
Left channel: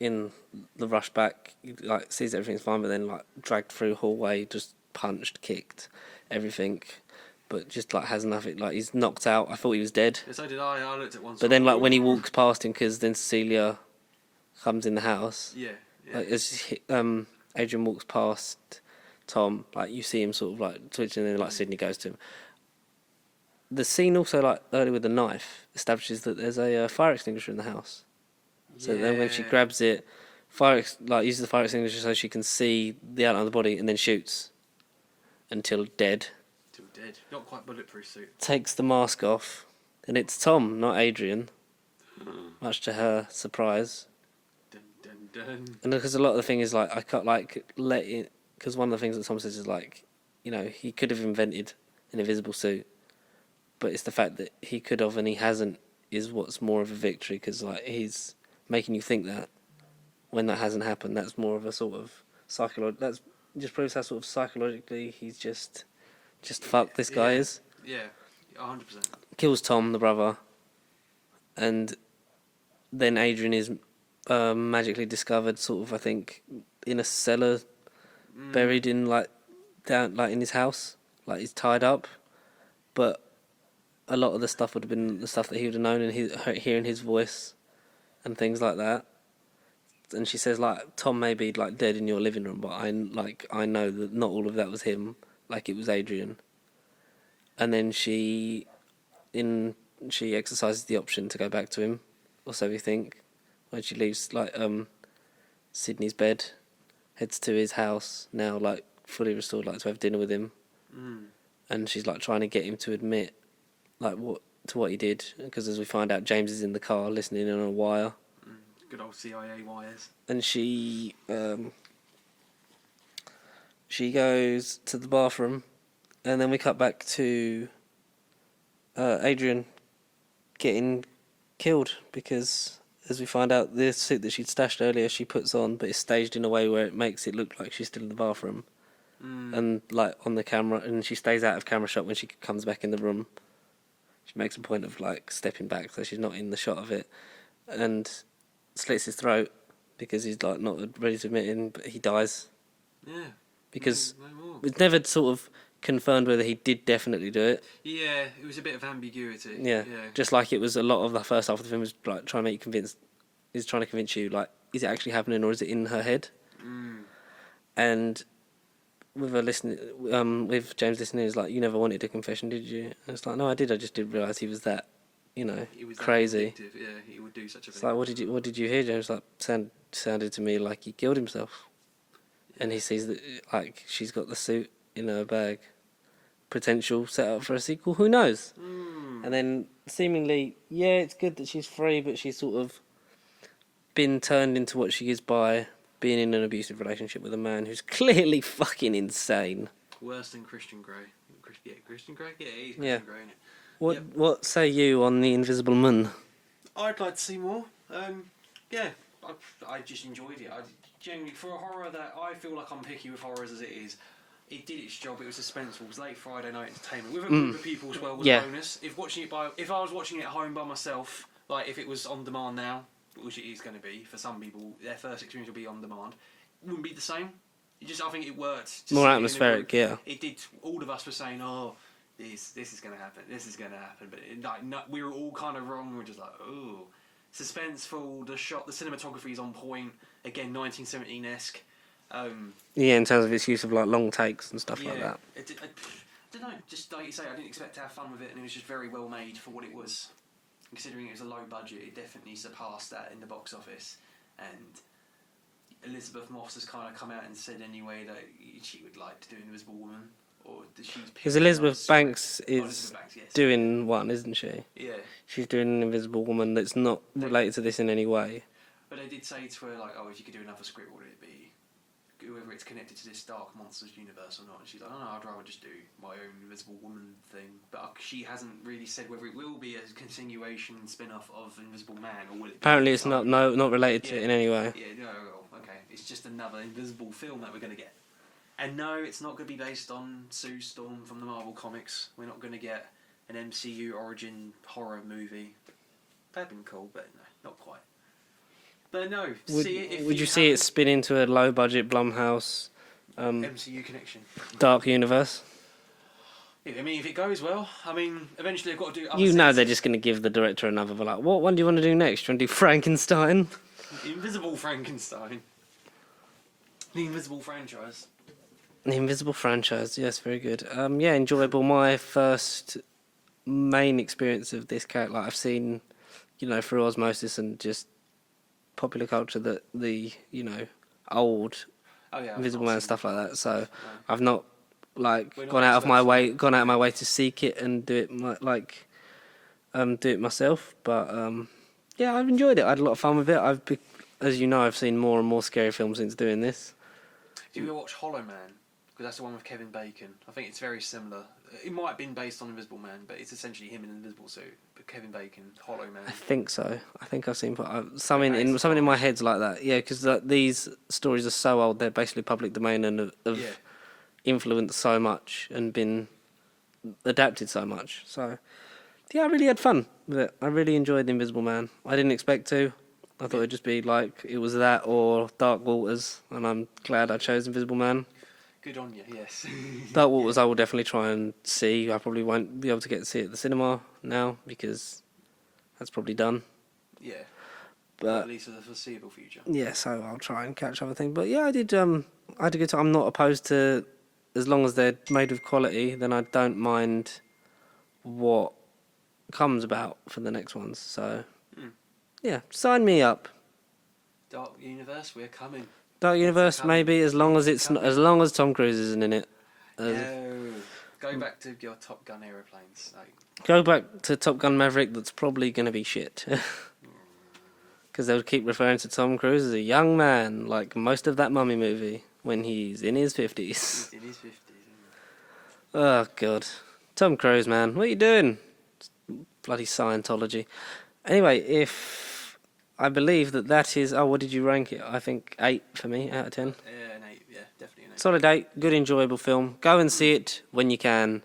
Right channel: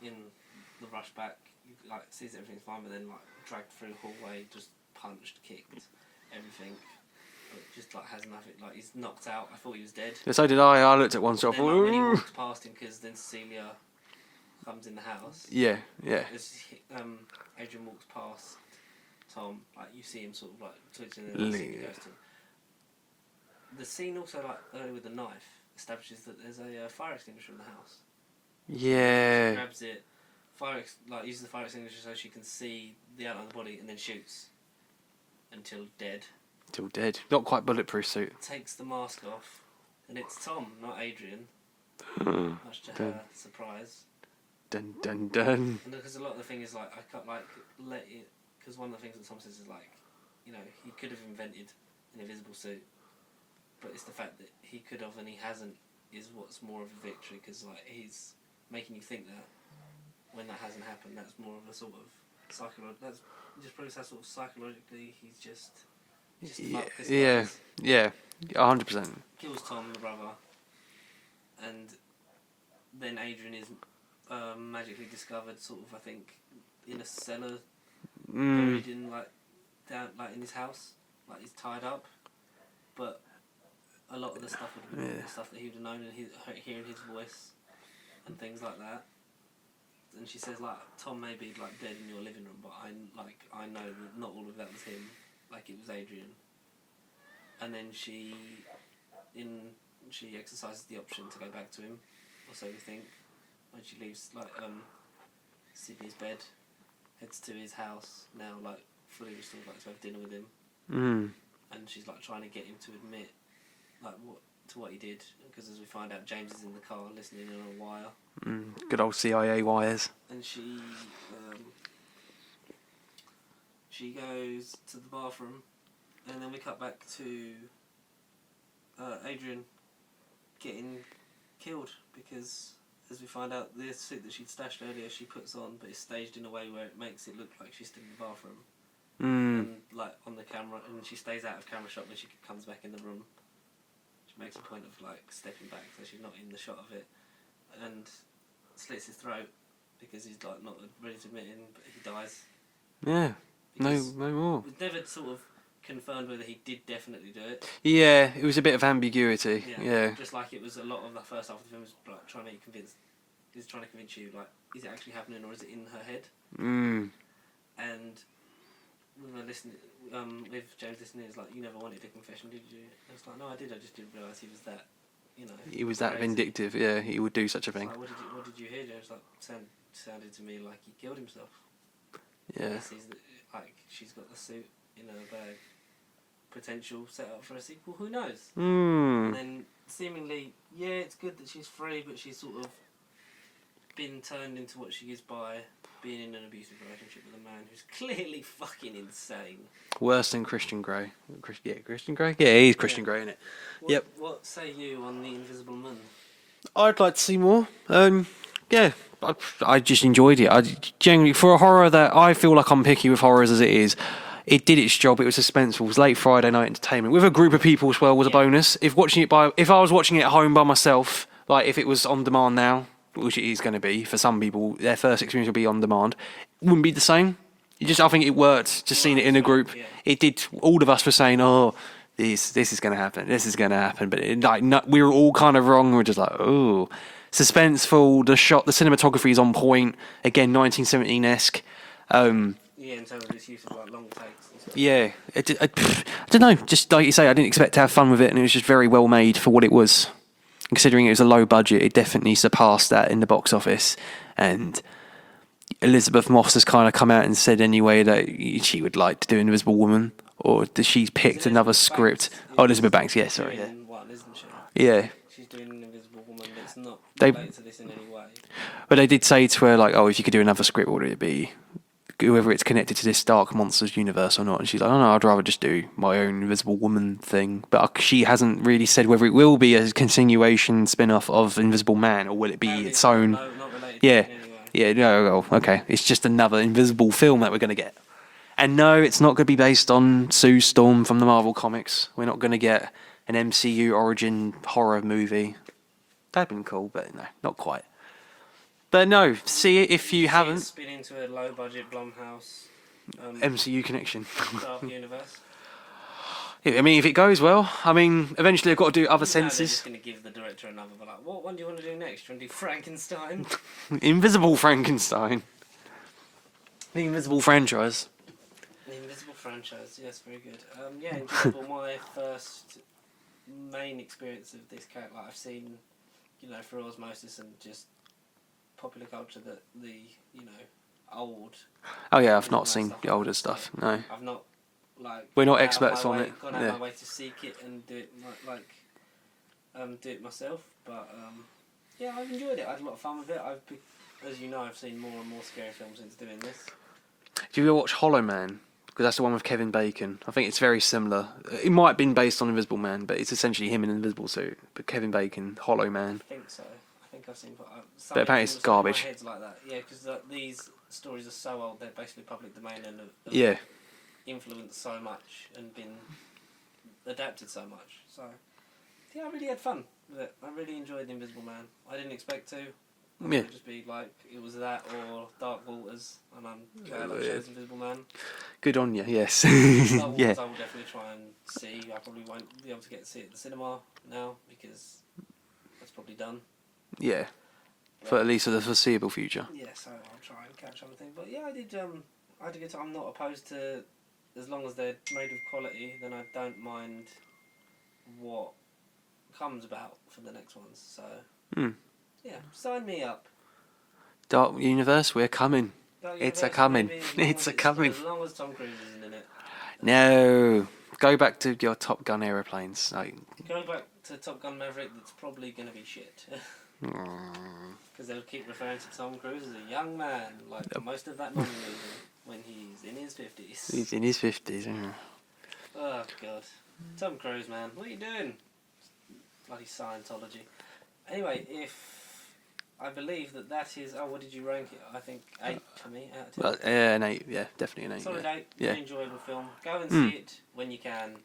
in the rush back, he, like sees everything's fine, but then like dragged through hallway, just punched, kicked, everything. But just like has nothing, like he's knocked out. I thought he was dead. Yeah, so did I. I looked at one. But then, like when he walks past him, because then Cecilia comes in the house. Yeah. Like, as Adrian walks past Tom, like you see him sort of like twitching, and then like Sydney goes to him. The scene also, like early with the knife, establishes that there's a fire extinguisher in the house. So then she grabs it, uses the fire extinguisher so she can see the outline of the body, and then shoots until dead. Still dead. Not quite bulletproof suit. Takes the mask off, and it's Tom, not Adrian. Much to her surprise. Dun dun dun. And because a lot of the thing is like I can't like let it, because one of the things that Tom says is like, he could have invented an invisible suit, but it's the fact that he could have and he hasn't is what's more of a victory, because like he's making you think that when that hasn't happened, that's more of a sort of that's just proves how sort of psychologically he's just fuck this guy is. Yeah, 100%. Kills Tom, the brother, and then Adrian is magically discovered, sort of, I think, in a cellar, buried in down in his house, like he's tied up. But a lot of the stuff would have been the stuff that he would have known, and hearing his voice and things like that. And she says like, Tom may be like dead in your living room, but I know that not all of that was him. Like it was Adrian. And then she exercises the option to go back to him, or so we think. When she leaves Sydney's bed, heads to his house now, like fully restored, like to have dinner with him. And she's like trying to get him to admit like what he did, because as we find out, James is in the car listening in on a wire. Good old CIA wires. And she goes to the bathroom, and then we cut back to Adrian getting killed, because as we find out, the suit that she'd stashed earlier she puts on, but it's staged in a way where it makes it look like she's still in the bathroom. And like on the camera, and she stays out of camera shot when she comes back in the room. She makes a point of like stepping back so she's not in the shot of it, and slits his throat because he's like not ready to admit it, but he dies. Yeah. Because no more. It's never sort of confirmed whether he did definitely do it. Yeah, it was a bit of ambiguity. Yeah. Just like it was a lot of the first half of the film was like trying to make you convinced. He's trying to convince you, like, is it actually happening or is it in her head? And with her listening, with James listening, is like, you never wanted a confession, did you? And it's like, no, I did. I just didn't realise he was that, he was crazy. That vindictive. Yeah, he would do such a thing. It's like, what did you hear, James? Like, sounded to me like he killed himself. Yeah. And he sees that, like, she's got the suit in her bag. Potential set up for a sequel, who knows? And then seemingly, it's good that she's free, but she's sort of been turned into what she is by being in an abusive relationship with a man who's clearly fucking insane. Worse than Christian Grey. Christian Grey? Yeah, he's Christian Grey, isn't it? What say you on The Invisible Man? I'd like to see more. Yeah, I just enjoyed it. I genuinely, for a horror that I feel like I'm picky with horrors as it is, it did its job. It was suspenseful. It was late Friday night entertainment with a group of people as well was a bonus. If I was watching it at home by myself, like if it was on demand now, which it is going to be for some people, their first experience will be on demand. It wouldn't be the same. I think it worked to see it in a group. Yeah. It did. All of us were saying, "Oh, this is going to happen. This is going to happen," but we were all kind of wrong. We were just like, "Oh." Suspenseful, the cinematography is on point. Again, 1917-esque. Yeah, in terms of its use of like long takes and stuff. Yeah, like that. I don't know. Just like you say, I didn't expect to have fun with it, and it was just very well made for what it was. Considering it was a low budget, it definitely surpassed that in the box office. And Elizabeth Moss has kind of come out and said anyway that she would like to do Invisible Woman, or she's picked another script. Elizabeth Banks, yes. Doing one, isn't she? Yeah. She's doing an Invisible Woman that's not related to this in any way. But they did say to her, like, oh, if you could do another script, what would it be? Whether it's connected to this Dark Monsters universe or not. And she's like, oh no, I'd rather just do my own Invisible Woman thing. But she hasn't really said whether it will be a continuation spin-off of Invisible Man, or will it be Apparently its it's own... not related to it in any way. Yeah, no, okay. It's just another Invisible film that we're going to get. And no, it's not going to be based on Sue Storm from the Marvel Comics. We're not going to get an MCU origin horror movie. That'd been cool, but no, not quite. But no, see it if you haven't. See it spin into a low-budget Blumhouse MCU connection. Dark universe. I mean, if it goes well, eventually I've got to do other senses. You know they're just going to give the director another, like, what one do you want to do next? Do you want to do Frankenstein? Invisible Frankenstein. The Invisible franchise. The Invisible franchise, yes, very good. Yeah, enjoyable. My first main experience of this character, like I've seen, through osmosis and just popular culture, that the old. Oh yeah, I've Invisible not Man seen stuff the like older that, stuff. So no, I've not we're not gone out of my way to seek it and do it do it myself. But yeah, I've enjoyed it. I had a lot of fun with it. As you know, I've seen more and more scary films since doing this. Do you ever watch Hollow Man? Because that's the one with Kevin Bacon. I think it's very similar. It might have been based on Invisible Man, but it's essentially him in an invisible suit. But Kevin Bacon, Hollow Man. I think so. I think I've seen something in my head's like that. Yeah, because these stories are so old; they're basically public domain and have influenced so much and been adapted so much. So yeah, I really had fun with it. I really enjoyed The Invisible Man. I didn't expect to. I thought it'd just be like it was that or Dark Waters, and I'm glad I chose Invisible Man. Good on you, yes. Dark Waters I will definitely try and see. I probably won't be able to get to see it at the cinema now because that's probably done. Yeah, but at least for the foreseeable future. Yeah, so I'll try and catch other things. But yeah, I did. I had a good time. I'm not opposed to, as long as they're made with quality, then I don't mind what comes about for the next ones. So yeah, sign me up. Dark Universe, we're coming. Dark Universe, maybe as long as Tom Cruise isn't in it. No, go back to your Top Gun aeroplanes. Go back to Top Gun Maverick. That's probably going to be shit. Because they'll keep referring to Tom Cruise as a young man, like most of that Mummy movie, when he's in his 50s. He's in his 50s. Yeah. Oh God, Tom Cruise, man, what are you doing? Bloody Scientology. Anyway, I believe that is... Oh, what did you rank it? I think 8 for me, out of 10. An 8, yeah, definitely an 8. Solid 8, good, enjoyable film. Go and see it when you can,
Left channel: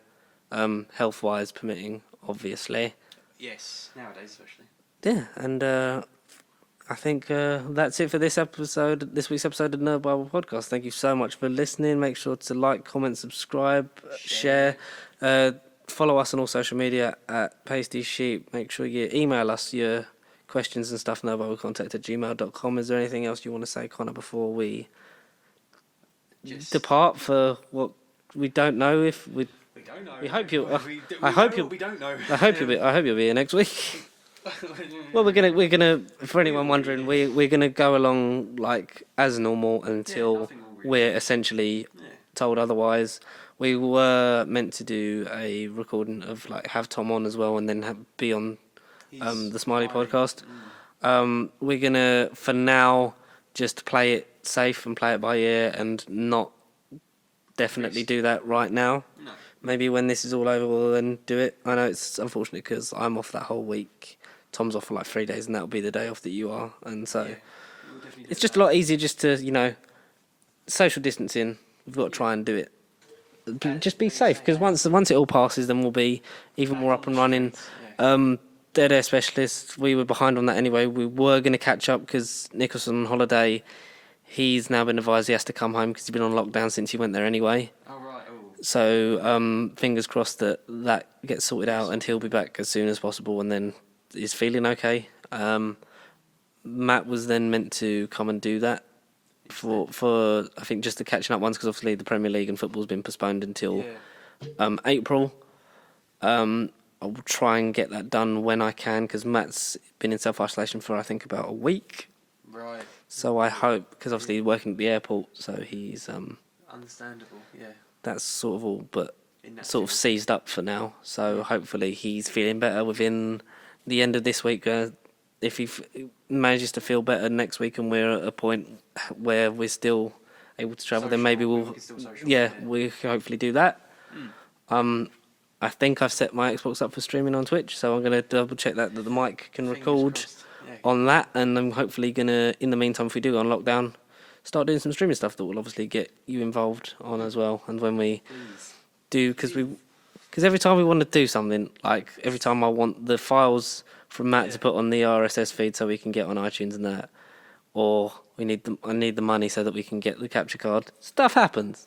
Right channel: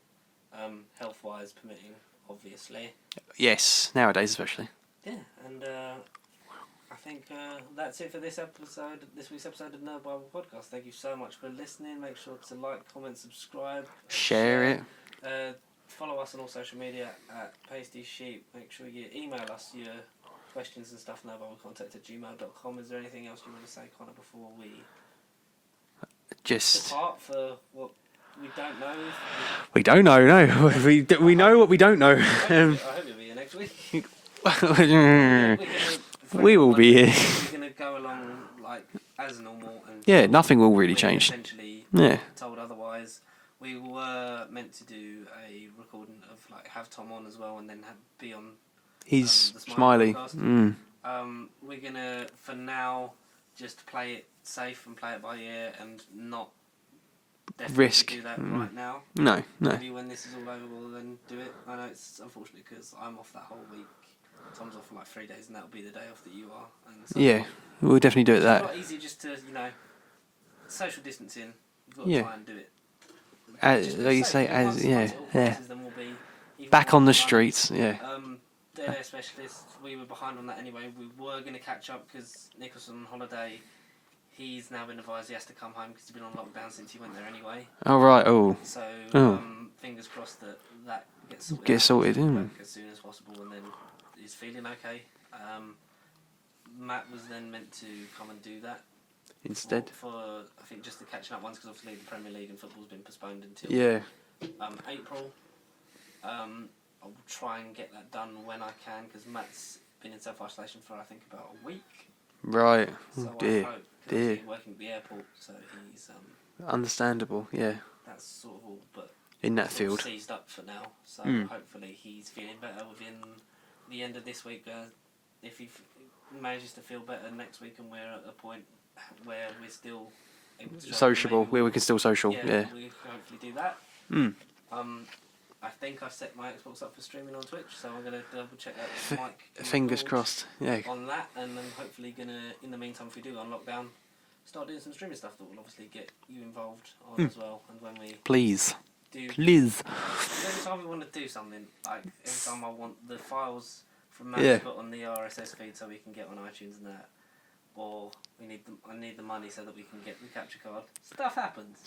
health-wise permitting, obviously. Yes, nowadays especially. Yeah, and I think that's it for this week's episode of Nerd Bible Podcast. Thank you so much for listening. Make sure to like, comment, subscribe, share. Follow us on all social media at Pasty Sheep. Make sure you email us your questions and stuff, nerdbiblecontact@gmail.com. Is there anything else you want to say, Connor, before we just depart for what we don't know? We don't know, no. We know what we don't know. I hope you'll be here next week. Well, we're gonna. We're gonna go along like as normal until nothing will really change. Essentially, told otherwise. We were meant to do a recording of have Tom on as well, and then be on the Smiley podcast. We're gonna, for now, just play it safe and play it by ear and not definitely Risk. do that right now. No. Maybe when this is all over, we'll then do it. I know it's unfortunate because I'm off that whole week. Tom's off for like 3 days, and that'll be the day off that you are. And so Yeah, we'll definitely do it. it's just a lot easier just to, social distancing. We've got to try and do it. Just be like you safe, say, because once it all passes, then we'll be even back more on the up and running. streets. Yeah. Dead air specialists, we were behind on that anyway. We were going to catch up because Nick was on holiday. He's now been advised he has to come home because he's been on lockdown since he went there anyway. Oh, right. Oh. So fingers crossed that gets sorted out and he'll be back as soon as possible and then is feeling okay. Matt was then meant to come and do that for I think just the catching up ones because obviously the Premier League and football's been postponed until April. I'll try and get that done when I can because Matt's been in self-isolation for I think about a week. Right. So I hope, because obviously he's working at the airport, so he's... Understandable, yeah. That's sort of all, but in that sort field. of seized up for now. So hopefully he's feeling better within the end of this week. If he manages to feel better next week and we're at a point where we're still able to travel, then maybe we can still social. Yeah, we can hopefully do that. I think I've set my Xbox up for streaming on Twitch, so I'm going to double check that the mic can record on that, and I'm hopefully going to, in the meantime, if we do go on lockdown, start doing some streaming stuff that will obviously get you involved on as well. And when we please, because every time we want to do something, like every time I want the files from Matt to put on the RSS feed so we can get on iTunes and that, or I need the money so that we can get the capture card. Stuff happens.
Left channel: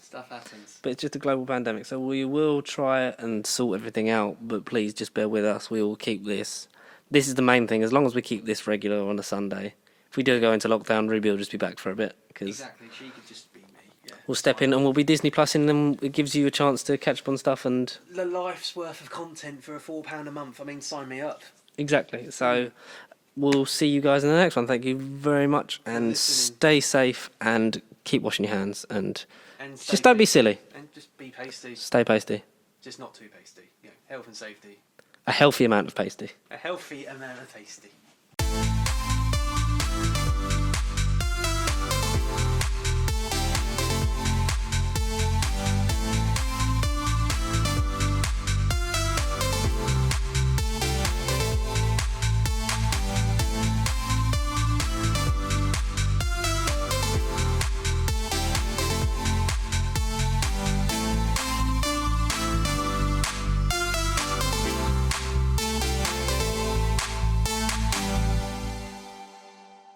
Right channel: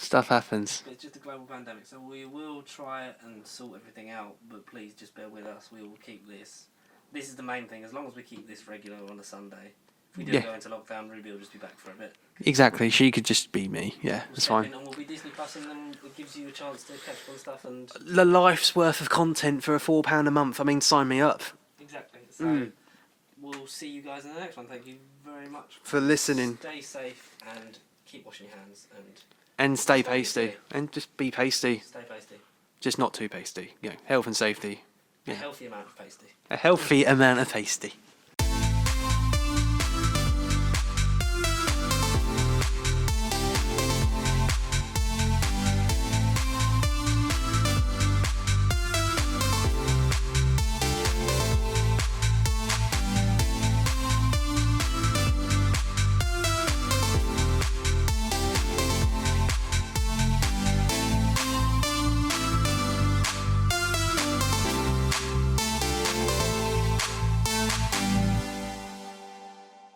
But it's just a global pandemic, so we will try and sort everything out, but please just bear with us. We will keep this. This is the main thing. As long as we keep this regular on a Sunday. If we do go into lockdown, Ruby will just be back for a bit. Exactly. She could just be me. Yeah. We'll step in and we'll be Disney Plus, and then it gives you a chance to catch up on stuff and... The life's worth of content for £4 a month. I mean, sign me up. Exactly. So... We'll see you guys in the next one. Thank you very much for listening. Stay safe and keep washing your hands and stay just don't be silly and just be pasty. Stay pasty. Just not too pasty. Health and safety. A healthy amount of pasty. A healthy amount of pasty.